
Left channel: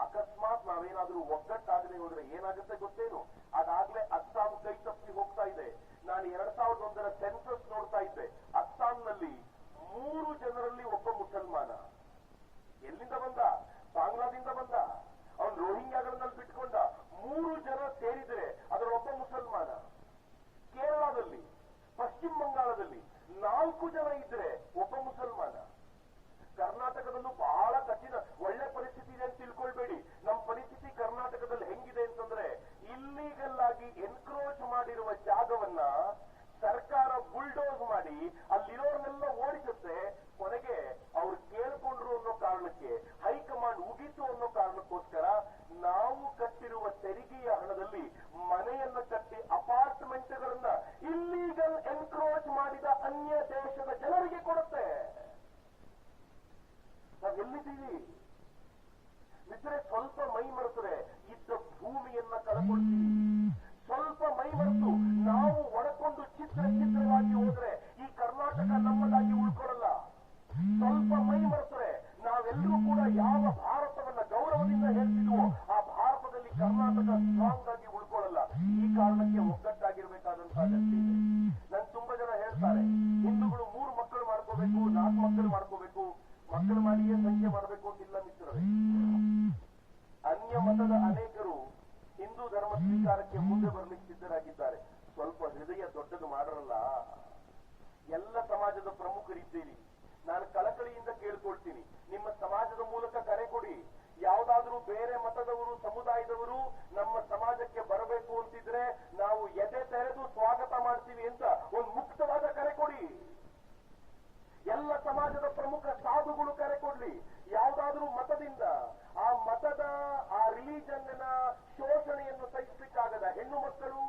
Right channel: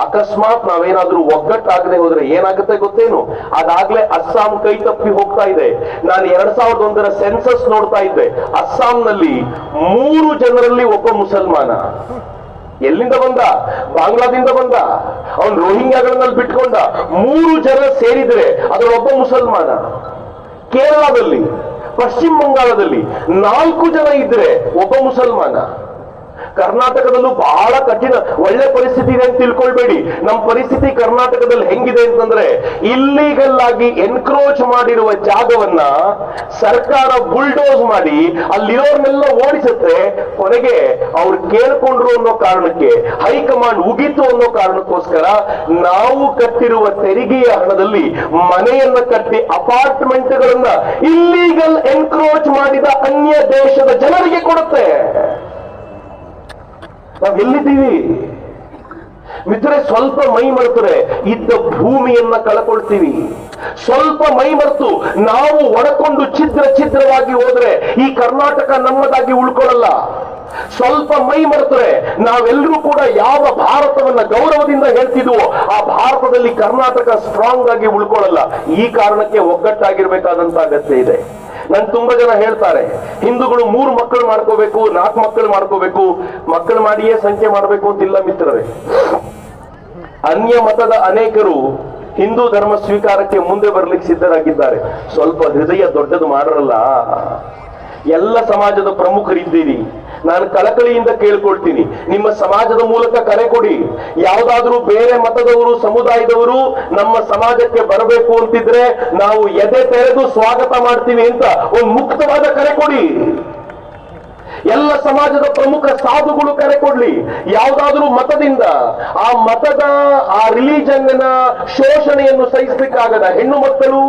ಅಕಸ್ಮಾತ್ ನಾವೇನಾದ್ರೂ ಒಗ್ಗಟ್ಟಾಗದೆ ಹೋದ್ರೆ ಏನಾಗುತ್ತೆ ಗೊತ್ತೇನು? ಅದಾಗ್ಲೇ ಅಸ್ಸಾಂ ಕೈ ತಪ್ಪಿ ಹೋಗ್ತಾ ಇದೆ. ನಾನು 2001ರ ಸೆನ್ಸಸ್ ನೋಡ್ತಾ ಇದ್ದೆ. ಅಸ್ಸಾಂನಲ್ಲಿ 3 ಜನರಲ್ಲಿ ಒಬ್ಬ ಮುಸಲ್ಮಾನ. ಎಲ್ಲಿಂದ ಬಂದ? ಬಾಂಗ್ಲಾದಿಂದ ಬಂದ. ಅವನು ರೋಹಿಂಗ್ಯಾಗಳಲ್ಲಿ ಬಿಟ್ಕೊಂಡ. 3 ಜನ ಸೇರಿದ್ರೆ ಅದರೊಬ್ಬ ಮುಸಲ್ಮಾನ. ಕೇರಳದಲ್ಲಿ, ಪಶ್ಚಿಮ ಬಂಗಾಳದಲ್ಲಿ 4 ಜನ ಇದ್ರೆ ಒಬ್ಬ ಮುಸಲ್ಮಾನ. ಕರ್ನಾಟಕದಲ್ಲೂ ಬಹಳ ಕಠಿಣ ಒಳ್ಳೆ ಪರಿಸ್ಥಿತಿ ಇದೆ ಅಂತ ತಿಳ್ಕೊಳ್ಬೇಡಿ. ನಮ್ಮ ಪರಿಸ್ಥಿತಿ ಕರ್ನಾಟಕದಲ್ಲಿ ಹೆಂಗಿದೆ ಅಂತಂದ್ರೆ, ಇಲ್ಲೀಗಲ್ ಆಗಿ ಎನ್ಕ್ರೋಚ್ ಮಾಡಿರುವ ಜಾಗವನ್ನ ಸರ್ಕಾರ ಬುಲ್ಡೋಸ್ ಮಾಡಿ ಅಲ್ಲಿರೋರ್ನೆಲ್ಲ ಓಡಿಸುತ್ತೆ. ಕೊನೆಗೆ ಅವ್ರು ಕೇಳ್ಕೊಂಡ್ರು ಅನ್ನೋ ಕಾರಣಕ್ಕೆ, ಹೈಕಮಾಂಡ್ ಉಗಿತು ಅನ್ನೋ ಕಾರಣಕ್ಕೋಸ್ಕರ ನಾವು ಕಟ್ಟಿರುವ ತೆರಿಗೆಯ ಹಣದಲ್ಲಿ ಮನೆಯನ್ನ ಕಟ್ಟಿ ಅಪಾರ್ಟ್ಮೆಂಟ್ಗಳನ್ನ ಇಲ್ಲೀಗಲ್ ಎನ್ಕ್ರೋಚ್ ಮಾಡಿದ ಅನ್ಯ ದೇಶದ ಜನರಿಗೆ ಕೊಡುತ್ತೆ. ನಾವ್ ಎಲ್ಲಿದ್ದೀವಿ ಮಿತ್ರರೆ? ಸ್ವಲ್ಪ ಮೈ ಮರೆತರೆ ಇದ್ದ ಭೂಮಿಯನ್ನ ಕಳ್ಕೊಳ್ತೀವಿ. ಸ್ವಲ್ಪ ಮೈ ಮರೆತು ನಾವು ಒಡಕೊಂಡು ಛಿದ್ರವಾಗಿ ಹೋದ್ರೆ ಈ ಕರ್ನಾಟಕ ನಮ್ಮದಾಗಿ ಉಳ್ಕೊಳ್ಳಲ್ಲ. ಸ್ವಲ್ಪ ಮೈ ಮರೆತರೆ ನಾವೆಲ್ಲರೂ ಕೂಡ ಯಾವ ಭಾರತವನ್ನ ಗೌರವದಿಂದ ಹೇಳ್ತಿದ್ವೋ ಆ ಭಾರತದಲ್ಲಿ ಕರ್ನಾಟಕ ಸ್ಟ್ರಾಂಗ್ ಆಗಿ ಉಳ್ಕೊಳ್ಳಲ್ಲ. ಈ ಕಾರಣಕ್ಕೆ ಒಗ್ಗಟ್ಟಾಗಿರ್ಬೇಕಾದಂತ ಅಗತ್ಯ ಇದೆ. ನನ್ ತುಂಬಾ ಜನ ಹೇಳ್ತಾರೆ, ಹಿಂದೂಗಳು 3 ಮಕ್ಕಳು ಮಾಡ್ಕೋಬೇಕು, 4 ಮಕ್ಕಳು ಮಾಡ್ಕೋಬೇಕು, ಮಕ್ಕಳು ಮಾಡಿಯೇ ಸಂಖ್ಯೆ ಮಾಡಬೇಕು ಅಂತಿಲ್ಲ ಮಿತ್ರರೇ. ಅನ್ಯ ಮತದ ಅನೇಕರು ಹಿಂದೂ ಧರ್ಮ ಸ್ವೀಕಾರಕ್ಕೆ ಮುಂದೆ ಬರ್ಲಿಕ್ಕೆ ಸಿದ್ಧರಾಗಿದ್ದಾರೆ. ಸ್ವಲ್ಪ ಹೃದಯ ದೊಡ್ಡದು ಮಾಡರಲ್ಲ. ಎಲ್ಲ ಸಮಾಜದ ಪ್ರಮುಖರಿದ್ದೀರಿ. ನಾನು ಕಳಕಳಿಯಿಂದ ಕೇಳ್ಕೊಳ್ತೀನಿ, ನಿಮ್ಮ ಸಮಾಜದ ಮೂಲಕ ಕರೆ ಕೊಡಿ. ಯಾವುದಾದ್ರೂ ಬೇರೆ ಮತದವರು, ಸಮುದಾಯದವರು ನಮ್ಮ ಸಮಾಜಕ್ಕೆ ಬರಬೇಕು ಅಂತಿದ್ರೆ ನಾವು ಎದೆ ತೆರೆದು ಸ್ವಾಗತ ಮಾಡ್ತೀವಿ ಅಂತ ಒಂದು ಮುಕ್ತವಾದ ಕರೆ ಕೊಡಿ. ಎಲ್ಲ ಸಮಾಜದ ಪ್ರಮುಖ ಸಾಧುಗಳು ಕರೆ ಕೊಡ್ಲಿ. ಯಾವುದಾದ್ರೂ ಮತದಿಂದ ಆ ಮತದ ಆ ರಿಲಿಜನ್ ಶೋಷಣೆಯನ್ನು ಸಹಿಸ್ಲಿಕ್ಕಾಗದ ಹೆಣ್ಣು ಮಕ್ಕಳು,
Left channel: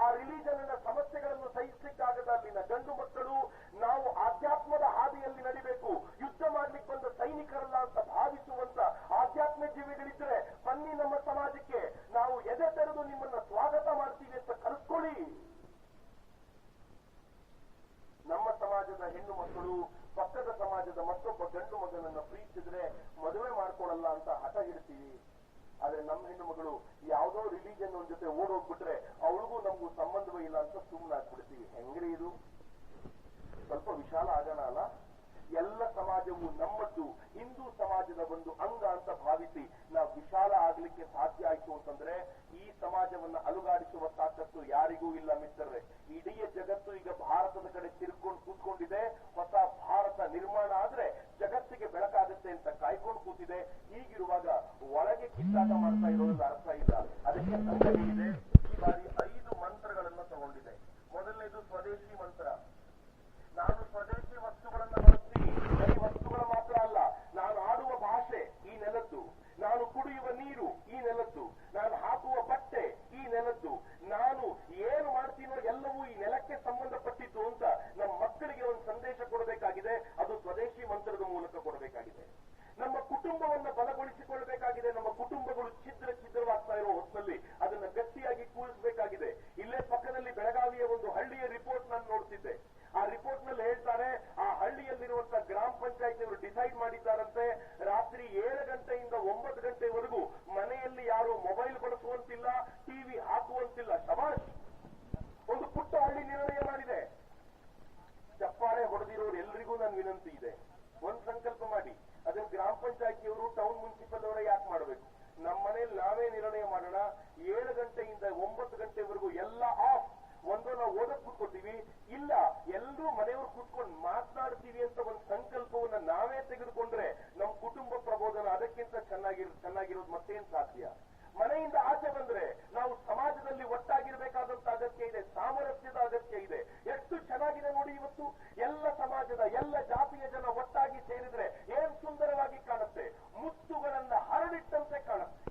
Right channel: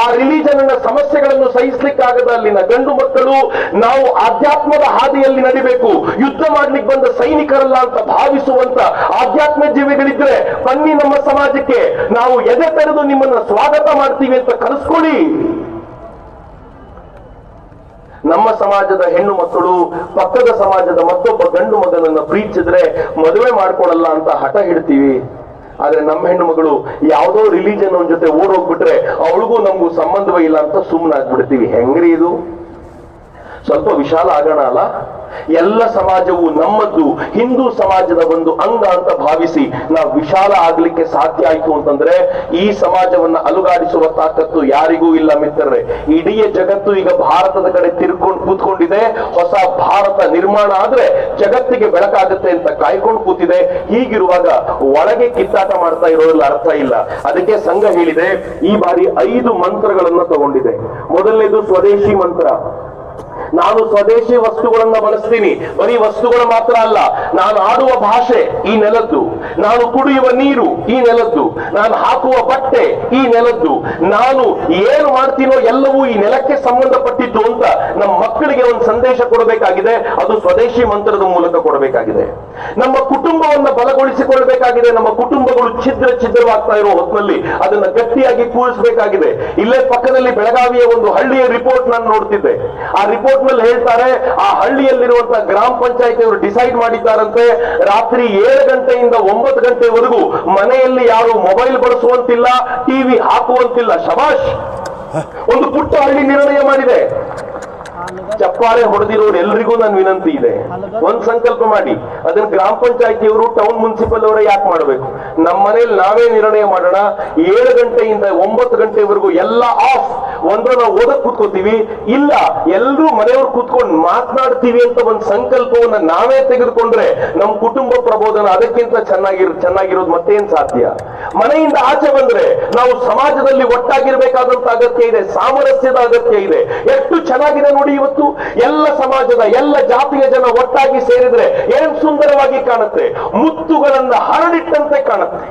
ಆ ರಿಲಿಜನ್ ಸಮಸ್ಯೆಗಳನ್ನು ಸಹಿಸ್ಲಿಕ್ಕಾಗದ ಅಲ್ಲಿನ ಗಂಡು ಮಕ್ಕಳು, ನಾವು ಆಧ್ಯಾತ್ಮದ ಹಾದಿಯಲ್ಲಿ ನಡಿಬೇಕು, ಯುದ್ಧ ಮಾಡ್ಲಿಕ್ಕೆ ಬಂದ ಸೈನಿಕರಲ್ಲ ಅಂತ ಭಾವಿಸುವಂತ ಆಧ್ಯಾತ್ಮ ಜೀವಿಗಳಿದ್ರೆ ಬನ್ನಿ ನಮ್ಮ ಸಮಾಜಕ್ಕೆ, ನಾವು ಎದೆ ತೆರೆದು ನಿಮ್ಮನ್ನ ಸ್ವಾಗತ ಮಾಡ್ತೀವಿ ಅಂತ ಕರೆಸ್ಕೊಳ್ಳಿ. ನಮ್ಮ ಸಮಾಜದ ಹೆಣ್ಣು ಮಕ್ಕಳು ಪಕ್ಕದ ಸಮಾಜದ ಮತ್ತೊಬ್ಬ ಗಂಡು ಮಗನನ್ನ ಪ್ರೀತಿಸಿದ್ರೆ ಮದುವೆ ಮಾಡ್ಕೊಡಲ್ಲ ಅಂತ ಹಠ ಹಿಡ್ತೀವಿ. ಆದ್ರೆ ನಮ್ಮ ಹೆಣ್ಣು ಮಗಳು ಯಾವುದೋ ರಿಲಿಜನ್ ಜೊತೆ ಓಡೋಗ್ಬಿಟ್ರೆ ಅವಳಿಗೂ ನಮಗೂ ಸಂಬಂಧವೇ ಇಲ್ಲ ಅಂತ ಸುಮ್ಮನಾಗ್ಬಿಡ್ತೀವಿ. ಹೆಂಗ್ರಿ ಇದು? ಸ್ವಲ್ಪ ವಿಶಾಲ ಆಗೋಣ ಅಲ್ಲ? ಎಲ್ಲ ಸಮಾಜವು ನಮ್ಮದ್ದು, ಹಿಂದೂ ಸಮಾಜದ ಒಂದು ಅಂಗ ಅಂತ ಭಾವಿಸಿ ನಾವು ವಿಶಾಲ ಆಗ್ಲಿಕ್ಕೆ ಸಾಧ್ಯ ಆಯ್ತು ಅಂತಂದ್ರೆ ಈ ಸಮಾಜವನ್ನ ಅಲುಗಾಡಿಸುವ ತಾಕತ್ತು ಯಾರಿಗೂ ಇಲ್ಲ ಮಿತ್ರರೇ. ಇಡೀ ಜಗತ್ತು ಈಗ ಭಾರತದ ಕಡೆ ತಿರ್ಕೊಂಡು ಕೂತ್ಕೊಂಡಿದೆ. ಹೊಸ ಭಾರತ ನಿರ್ಮಾಣ ಆದ್ರೆ ಜಗತ್ತಿಗೆ ಬೆಳಕಾಗುತ್ತೆ ಅಂತ ಕಾಯ್ಕೊಂಡು ಕೂತಿದೆ. ಹೀಗಿರುವಾಗ ಒಳಗೆ ಕಿತ್ತಾಟ ಮಾಡ್ತಾ ಇರೋದ್ರಲ್ಲಿ ಅರ್ಥ ಇಲ್ಲ. ಅದಕ್ಕೆ ಸಂಘ ಹೇಳಿದೆ, ಈ ಬಾರಿ 5 ಮಂತ್ರಗಳನ್ನ ತಗೊಂಡಿದೆ. ಮೊದಲನೇದು ಸ್ವದೇಶಿ ಮಂತ್ರ. ನಾನು ಸ್ವದೇಶಿ ವಸ್ತುಗಳನ್ನ ಬಳಸ್ತೀನಿ. ಬರೀ ವಸ್ತುಗಳು ಮಾತ್ರ ಅಲ್ಲ, ನಾನು ಆಡುವ ಭಾಷೆ ಈ ನೆಲದ್ದು, ನಾನು ಕುಡಿಯುವ ನೀರು ಈ ನೆಲದ್ದು, ನಾನು ಹಾಕುವ ಬಟ್ಟೆ ಈ ನೆಲದ್ದು, ನಾನು ಏನು ಮಾಡ್ತೀನೋ ಎಲ್ಲವೂ ಈ ನೆಲಕ್ಕೆ ಸಂಬಂಧಪಟ್ಟಿದ್ದು ಅಂತ ನಮ್ಮ ಮಕ್ಕಳಿಗೆ ಒಂದು ಸಂದೇಶ ಕೊಡಬೇಕಾಗಿದೆ. ಅದು ಸ್ವದೇಶಿ ಮಂತ್ರದ ಮೂಲಕ ಕೊಡಬೇಕಾಗಿದೆ. ನಮ್ಮ ಕುಟುಂಬವನ್ನ ಬಲಗೊಳಿಸಿಕೊಳ್ಳಬೇಕಾಗಿದೆ. ನಮ್ಮ ಕುಟುಂಬಗಳು ಛಿದ್ರವಾಗ್ತಾ ಇರೋ ಹೊತ್ತಿನಲ್ಲಿ ಅದನ್ನ ಗಟ್ಟಿಯಾಗಿ ಕೂರಿಸಬೇಕಾಗಿದೆ. ಇಲ್ಲೇ ಪಕ್ಕದಲ್ಲಿ ಬೆಳಗಾವಿಯ ಒಂದು ಹಳ್ಳಿಯ ರಿಪೋರ್ಟ್ ನಾನು ನೋಡ್ತಿದ್ದೆ. ಆ ರಿಪೋರ್ಟ್ ನಲ್ಲಿ ಹೇಳ್ತಾರೆ, ಆ ಹಳ್ಳಿಯಲ್ಲಿರುವಂತಹ ಗ್ರಾಮ ಪಂಚಾಯತಿ ಅವರು ಡಿಸೈಡ್ ಮಾಡಿದ್ದಾರಂತೆ, ರಾತ್ರಿ 7 ಗಂಟೆಯಿಂದ 9 ಗಂಟೆವರೆಗೂ ಮನೆಯಲ್ಲಿ ಯಾರು ಮೊಬೈಲ್ ಬಳಸುವಂತಿಲ್ಲ, ಟಿವಿ ಹಾಕುವಂತಿಲ್ಲ. ಶಬಾಷ್, ಒಂದು ಪುಟ್ಟ ಹಳ್ಳಿ ನಿರ್ಣಯ ಮಾಡಿದೆ. ಚಪ್ಪಾಳೆ ಹೊಡೆದಿರೋರು ಎಲ್ರಿಗೂ ನನ್ನ ವಿನಂತಿ ಇದೆ, ಒಂದ್ ಸಂಕಲ್ಪ ಮಾಡಿ. ಅದನ್ನ ಗ್ರಾಮ ಪಂಚಾಯತಿಯವರು, ಟೌನ್ ಮುನ್ಸಿಪಲ್ ಅವರೇ ಯಾಕೆ ಮಾಡಬೇಕು? ನಮ್ಮ ಮನೇಲಿ ನಾವೇ ನಿರ್ಣಯ ಮಾಡೋಣ. 7 ಗಂಟೆಯಿಂದ 9 ಗಂಟೆವರೆಗೂ ಎಲ್ಲ ಆಫ್. ಒಂದು ನಾವು ಓದಕ್ ಕೂತ್ಕೋತೀವಿ, ಇಲ್ಲ ಎಲ್ಲರೂ ಮನೆಯವ್ರು ಕೂತ್ಕೊಂಡು ಮಾತನಾಡ್ತೀವಿ ಅಂತ ಒಂದು ಸಂಕಲ್ಪವನ್ನ ನಾವೇ ತೆಗೆದುಕೊಂಡ್ರೆ ನಮ್ಮ ಕುಟುಂಬ ಪ್ರಬೋಧನ ಅದಕ್ಕಿಂತ ಚೆನ್ನಾಗಿರೋದು ಮತ್ತೇನ್ ಸಾಧ್ಯ? ಮನೆಯಿಂದ ಆಚೆ ಬಂದ್ರೆ ನಾವು ಸಮಾಜದಲ್ಲಿ ಒಟ್ಟಾಗಿರ್ಬೇಕಾದಂತ ಅಗತ್ಯ ಇದೆ, ಸಾಮರಸ್ಯದ ಅಗತ್ಯ ಇದೆ. ಎಷ್ಟು ಚೆನ್ನಾಗಿದೆ ನೋಡಿ ಇವತ್ತು. ಎಲ್ಲ ಸಮಾಜದ ಎಲ್ಲ ಜಾತಿಯ ಜನ ಒಟ್ಟಾಗಿ ಸೇರಿದ್ರೆ ಏನ್ ಸುಂದರವಾಗಿ ಕಾಣುತ್ತೆ, ಮುತ್ತುಗಳನ್ನ ಹರಡಿಟ್ಟಂತೆ ಕಾಣುತ್ತೆ.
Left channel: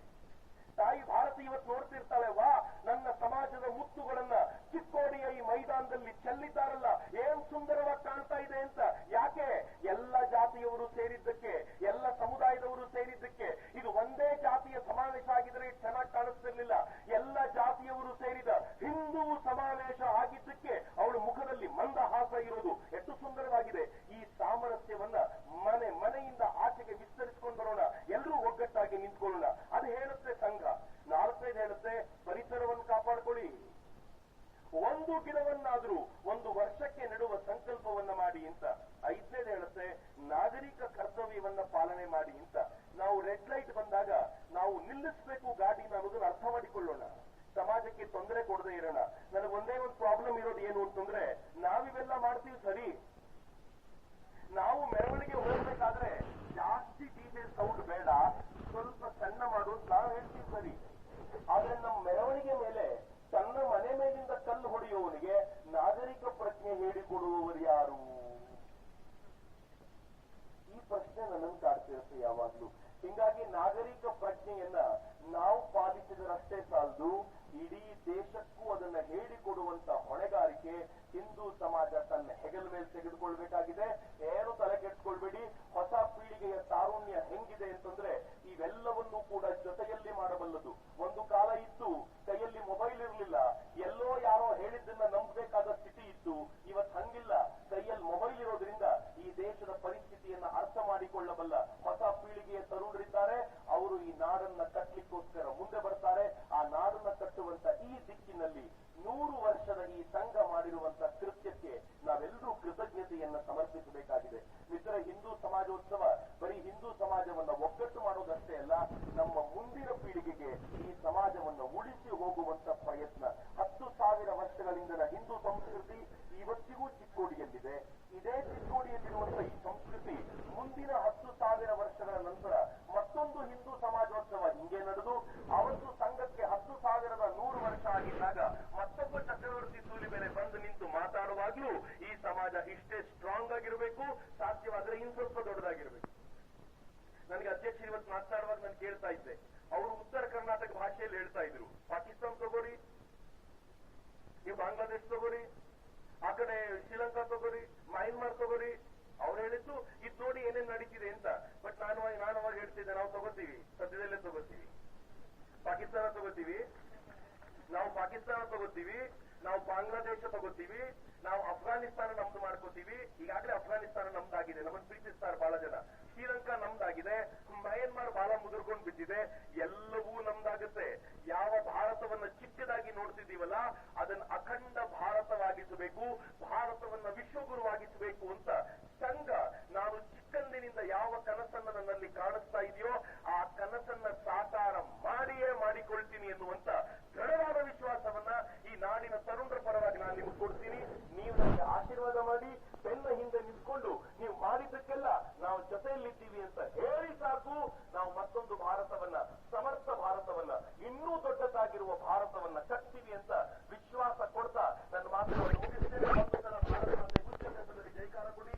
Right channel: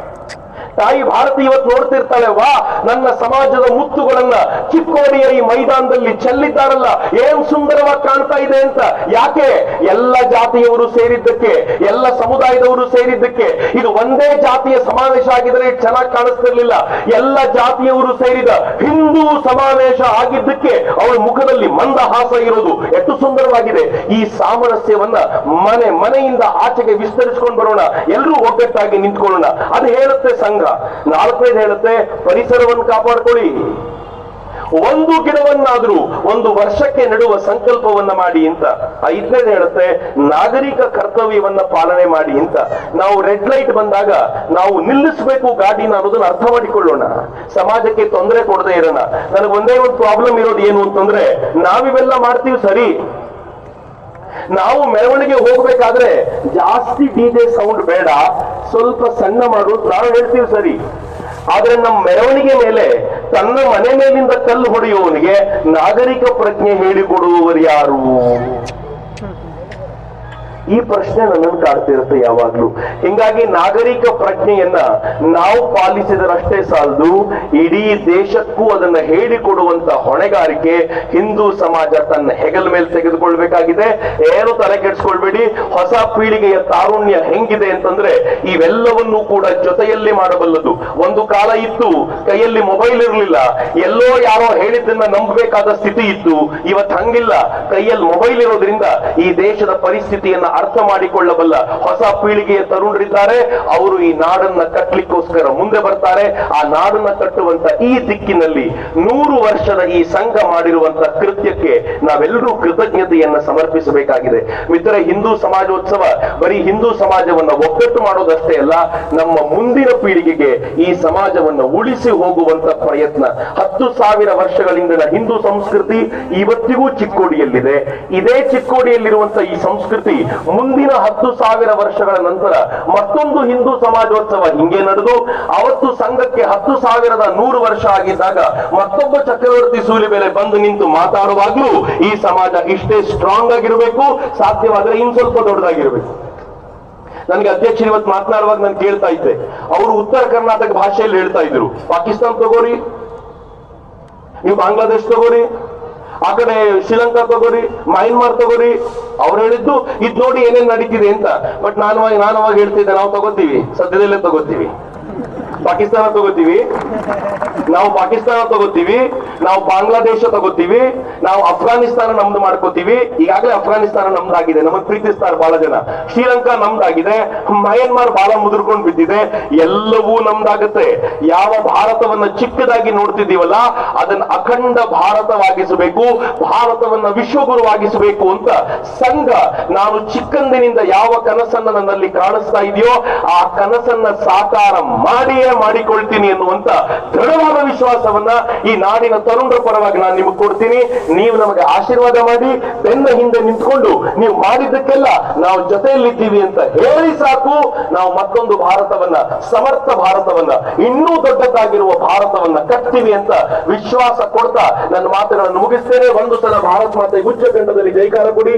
ತಾಯಿ ಭಾರತಿ ಇವತ್ತು ನೋಡ್ತಿರ್ತಾಳೆ, ವಾ ನನ್ನ ಸಮಾಜದ ಮುತ್ತುಗಳನ್ನ ಚಿಕ್ಕೋಡಿಯ ಈ ಮೈದಾನದಲ್ಲಿ ಚೆಲ್ಲಿದ್ದಾರಲ್ಲ, ಏನ್ ಸುಂದರವಾಗಿ ಕಾಣ್ತಾ ಇದೆ ಅಂತ. ಯಾಕೆ? ಎಲ್ಲ ಜಾತಿಯವರು ಸೇರಿದ್ದಕ್ಕೆ, ಎಲ್ಲ ಸಮುದಾಯದವರು ಸೇರಿದ್ದಕ್ಕೆ. ಇದು ಒಂದೇ ಜಾತಿಯ ಸಮಾವೇಶ ಆಗಿದ್ರೆ ಚೆನ್ನಾಗಿ ಕಾಣಿಸ್ತಿರ್ಲಿಲ್ಲ. ಎಲ್ಲ ಜಾತಿಯವರು ಸೇರಿದ ಹಿಂದೂ ಸಮಾವೇಶ ಆಗಿದ್ದಕ್ಕೆ ಅವಳ ಮುಖದಲ್ಲಿ ಮಂದಹಾಸ ಇರೋದು ಎಷ್ಟು ಸುಂದರವಾಗಿದೆ. ಈ ಸಾಮರಸ್ಯವನ್ನ ಮನೆಯಿಂದ ಆಚೆಗೆ ವಿಸ್ತರಿಸಿಕೊಂಡು ಬರೋಣ, ಎಲ್ಲರೂ ಒಗ್ಗಟ್ಟಾಗಿ ನಿಂತ್ಕೊಳ್ಳೋಣ. ಅದು ಹೇಳುತ್ತೆ ಸಂಘ. 4ನೇದು ಹೇಳುತ್ತೆ, ಪರಿಸರವನ್ನು ಕಾಪಾಡ್ಕೊಳ್ಳಿ. ಒಂದು ಗಿಡವನ್ನಾದ್ರೂ 1 ವರ್ಷಕ್ಕೆ ನೆಡುವ ಸಂಕಲ್ಪವನ್ನ ಮಾಡಿ ಅಂತ. 5ನೇದು ಹೇಳುತ್ತೆ, ನಾಗರಿಕ ಕರ್ತವ್ಯವನ್ನ ಪಾಲನೆ ಮಾಡಿ ಅಂತ. ನಾವು ರೆಡ್ ಲೈಟ್ ಬಂದಾಗ ನಾವು ನಿಲ್ಲಿಸಬೇಕು ಗಾಡಿನ ಅನ್ನೋದನ್ನ ಅರ್ಥ ಮಾಡಿಕೊಳ್ಳೋಣ. ಸಮಾಜಕ್ಕೆ ತೊಂದರೆ ಕೊಡದೆ ಇರೋಣ. ನನಗೆ ಒಂದೇ ಒಂದು ಪ್ರಾಬ್ಲಮ್ ಇರೋದು ಏನು ಅಂತಂದ್ರೆ, ನಾವಿವೆಲ್ಲ ಮಾಡ್ತೀವಿ ಸರಿ, ನಾವು ಮೆರವಣಿಗೆ ಹೋಗ್ಬೇಕಾದ್ರೆ ಜಾಸ್ತಿ ಡಿಜೆ ಸೌಂಡ್ ಬೇಡ, ಸ್ವಲ್ಪ ಸಣ್ಣ ಮಾಡು ನಾವು ಹೇಳ್ತೀವಿ ಸರಿ. ಆದ್ರೆ ನಮ್ಮ ಮೆರವಣಿಗೆ ಮೇಲೆ ತನ್ನ ಮನೆ ಮೇಲಿಂದ ಕಲ್ಲು ಹೊಡೆಯುವವನಿಗೆ ನಾಗರಿಕ ಪ್ರಜ್ಞೆ ಹೇಳಿಕೊಡುವವರು ಯಾರು? ಈ ಪ್ರಶ್ನೆ ನನ್ನನ್ನು ಕಾಡ್ತಿರುತ್ತೆ ಯಾವಾಗ್ಲೂ. ಹಿಂಗಾಗಿ ನಾಗರಿಕ ಪ್ರಜ್ಞೆಯನ್ನ ನಾವು ಪಾಲಿಸಿದರಷ್ಟೇ ಸಾಲದು, ಇಡೀ ದೇಶಕ್ಕೂ ಅದನ್ನ ಹೇಳಿಕೊಡುವಂತ ಹೊಣೆಗಾರಿಕೆ ಹಿಂದೂ ಸಮಾಜ ತನ್ನ ಹೆಗಲ ಮೇಲೆ ತೆಗೆದುಕೊಳ್ಬೇಕಾಗಿದೆ. ಏನು ತಲೆ ಕೆಡಿಸ್ಕೊಳ್ಬೇಡಿ. ಹೊಸ ಪೀಳಿಗೆಯ ತಾರುಣ್ಯ ಹೆಂಗಿದೆ ಅಂತಂದ್ರೆ ಇವೆಲ್ಲವನ್ನೂ ಕೂಡ ಜೊತೆಯಲ್ಲಿ ಮಾಡಬಲ್ಲದು. ಒಂದು ಕಾಲ ಇತ್ತು, ಕೈಯಲ್ಲಿ ಮೊಬೈಲ್ ಇರಲಿಲ್ಲ, ಎಲ್ಲೋ ಯಾರೋ ಹೇಳಿದ್ದನ್ನ ನಂಬಬೇಕಾದ ಸ್ಥಿತಿ ಇತ್ತು. ಇವತ್ತು ಹಂಗಿಲ್ಲ. ಕೈಯಲ್ಲಿ ಮೊಬೈಲ್ ಇರೋದ್ರಿಂದ ಈ ದೇಶದ ಪರಿಸ್ಥಿತಿಯನ್ನ ಅರ್ಥ ಮಾಡಿಕೊಳ್ಳಬಲ್ಲ ಹೊಸ ಪೀಳಿಗೆಯ ತರುಣರಿದ್ದಾರೆ. ಅವರು ಈ ನಾಡನ್ನ ಕಟ್ಟಲಿಕ್ಕೋಸ್ಕರ ಮುಂದೆ ಬರ್ತಾರೆ. ಆ ನಾಡನ್ನ ಕಟ್ಟುವಂತ ಈ ದಿಕ್ಕಿನಲ್ಲಿ 100 ವರ್ಷದ ಈ ಸಂಘ ಮಾಡಿರುವಂತ ಕೃತ್ಯಕ್ಕೆ ನಾವೆಲ್ಲರೂ ಕೃತಜ್ಞತೆಯನ್ನ ಸಮರ್ಪಿಸಬೇಕಾಗಿದೆ. ಮಿತ್ರ, ಹಿಂದೂ ಸಮಾಜೋತ್ಸವ ಬರೀ ಹಿಂದೂ ಸಮಾಜವನ್ನ ಒಗ್ಗಟ್ಟು ಮಾಡೋದಷ್ಟೇ ಅಲ್ಲ, ನಮ್ಮ ಮುಂದಿನ ಪೀಳಿಗೆಗೆ ಈ ಸಮಾಜವನ್ನ ಉಳಿಸಿ ಹೋಗುವಂತ ಪ್ರಯತ್ನ. 10,000 ವರ್ಷಗಳಿಂದ ಹಿಂದೂ ಸಂಸ್ಕೃತಿ ಇವತ್ತಿಗೂ ಚಿಕ್ಕೋಡಿಯಲ್ಲಿದೆ. ಇದೇ ಚಿಕ್ಕೋಡಿಯಲ್ಲಿರುವಂತ ಈ ಸಂಸ್ಕೃತಿ ಮುಂದಿನ 10,000 ವರ್ಷಗಳ ನಂತರ ಮತ್ತೊಂದು ಹಿಂದೂ ಸಮಾಜೋತ್ಸವ ಹಿಂಗೆ ನಡೆದು ಅವತ್ತು ಸಂಘಕ್ಕೆ 10,100 ವರ್ಷ ಆಗಿದ್ದಾಗ ಮತ್ತೊಬ್ಬ ಚಕ್ರವರ್ತಿ ಸೂಲಿ ಮೇಲೆ ಬಂದು ನಿಂತು ಮಾತಾಡುವಾಗ್ಲೂ ಈ ಸಮಾಜ ಇಷ್ಟೇ ಸ್ಟ್ರಾಂಗ್ ಆಗಿರಬೇಕು, ಸಾಧ್ಯವಾದ್ರೆ ಇನ್ ಸ್ವಲ್ಪ ದೊಡ್ಡದಾಗಿರ್ಬೇಕು. ನನಗೆ ಅಧ್ಯಕ್ಷರು ಇವತ್ತು ಮಾತನಾಡುವಾಗ ನಾನು ಕೇಳ್ತಾ ಇದ್ದೆ, ಅವರು ಉತ್ತರ ಕರ್ನಾಟಕ ಭಾಷೆಯಲ್ಲಿ ಹೇಳ್ತಾ ಇದ್ರು, ಪಾಕಿಸ್ತಾನ ತಗೋರಿ, ನೀವು ಬಾಂಗ್ಲಾದೇಶ ತಗೋರಿ, ಆ ಕಡೆ ಶ್ರೀಲಂಕಾ ತಗೋರಿ, ಮಯನ್ಮಾರ್ ತಗೋರಿ. ಅವ್ರು ಹೇಳಿದ್ದು ಇದ್ ನೋಡಿ ಏನೇನ್ ನಡೀತಿದೆ ಅಂತ. ಬಟ್ ನಾನು ಅವಾಗ ಹೇಳ್ತಿದ್ದೆ, ನಾವು ತಗೋತೀವಿ, ಸದ್ಯದಲ್ಲೇ ತಗೋತೀವಿ, ಪಾಕಿಸ್ತಾನ ತಗೋತೀವಿ, ನಾವು ಪಾಕಿಸ್ತಾನ ತಗೋತೀವಿ, ನಾವು ಬಾಂಗ್ಲಾದೇಶ ತಗೋತೀವಿ, ನಾವು ಅಫ್ಘಾನಿಸ್ತಾನ ನಮ್ದು ಮಾಡ್ಕೋತೀವಿ. ಈಗಾಗಲೇ ಅಫ್ಘಾನಿಸ್ತಾನ ನಮ್ದಾಗಿದೆ, ನಮಗ್ ಪ್ರೀತಿಸ್ತಾರೆ ಬಹಳ ಜನ. ಶ್ರೀಲಂಕಾ ನಮ್ದಾಗಿದೆ, ಮಯನ್ಮಾರ್ ಬಹಳ ಮುದುರ್ಕೊಂಡು ಬಿದ್ದಿದೆ. ಎಲ್ಲವೂ ನಮ್ದಾಗುತ್ತೆ. ಯಾವ ಭಾರತವನ್ನ ಚಿಕ್ಕದಾಗಿ ನೋಡ್ತಿದ್ದೀವಲ್ಲ ಅದನ್ನ ಅಖಂಡ ಭಾರತವಾಗಿಸಬೇಕು, ಭಾರತವನ್ನ ವಿಶ್ವಗುರುವಾಗಿಸಬೇಕು ಅಂತ ಸಂಘ ನಾನು ಚಿಕ್ಕಂದಿನಿಂದ ಯಾವ ಕನಸನ್ನ ನನ್ನಲ್ಲಿ ಕಾಣಿಸ್ತಾ ಇದೆಯೋ ಆ ಕನಸನ್ನ ಸಾಕಾರ ಮಾಡಿಯೇ ಮಾಡಿಕೊಳ್ತೀನಿ ಎನ್ನುವಂತ ದೃಢವಾದ ವಿಶ್ವಾಸವನ್ನ ಈ ನಾಡಿನ ತರುಣರ ಪರವಾಗಿ ನಾನು ನಿಮಗೆ ಕೊಡ್ತೀನಿ. ನೀವು ನಮಗೆ ಆಶೀರ್ವಾದ ಮಾಡಿ ಬೆನ್ನ ಹಿಂದೆ ನಿಂತ್ಕೊಂಡು ನೀವು ಮಾಡಿದ್ದಕ್ಕೆಲ್ಲ ನಾವು ಜೊತೆಯಲ್ಲಿದ್ದೀವಿ ಅಂತ ಹೇಳಿ ಸಾಕು. ನಾವು ಮತ್ತೊಂದು ಭಾರತವನ್ನ, ಸಮರ್ಥ ಭಾರತವನ್ನ, ಇನ್ನೂ ದೊಡ್ಡದಾಗಿರುವ ಭಾರತವನ್ನ ಕಟ್ತೀವಿ ಅಂತ ವಿಶ್ವಾಸ ಕೊಡ್ತಾ ನನ್ನ ಮಾತುಗಳನ್ನು ಮುಗಿಸ್ತೇನೆ. ಒಂದು ಸಲ ಭಾರತ ಮಾತೆ ಉಚ್ಚ ಕಂಠದಲ್ಲಿ ಜೈಕಾರ ಕೊಡಿ.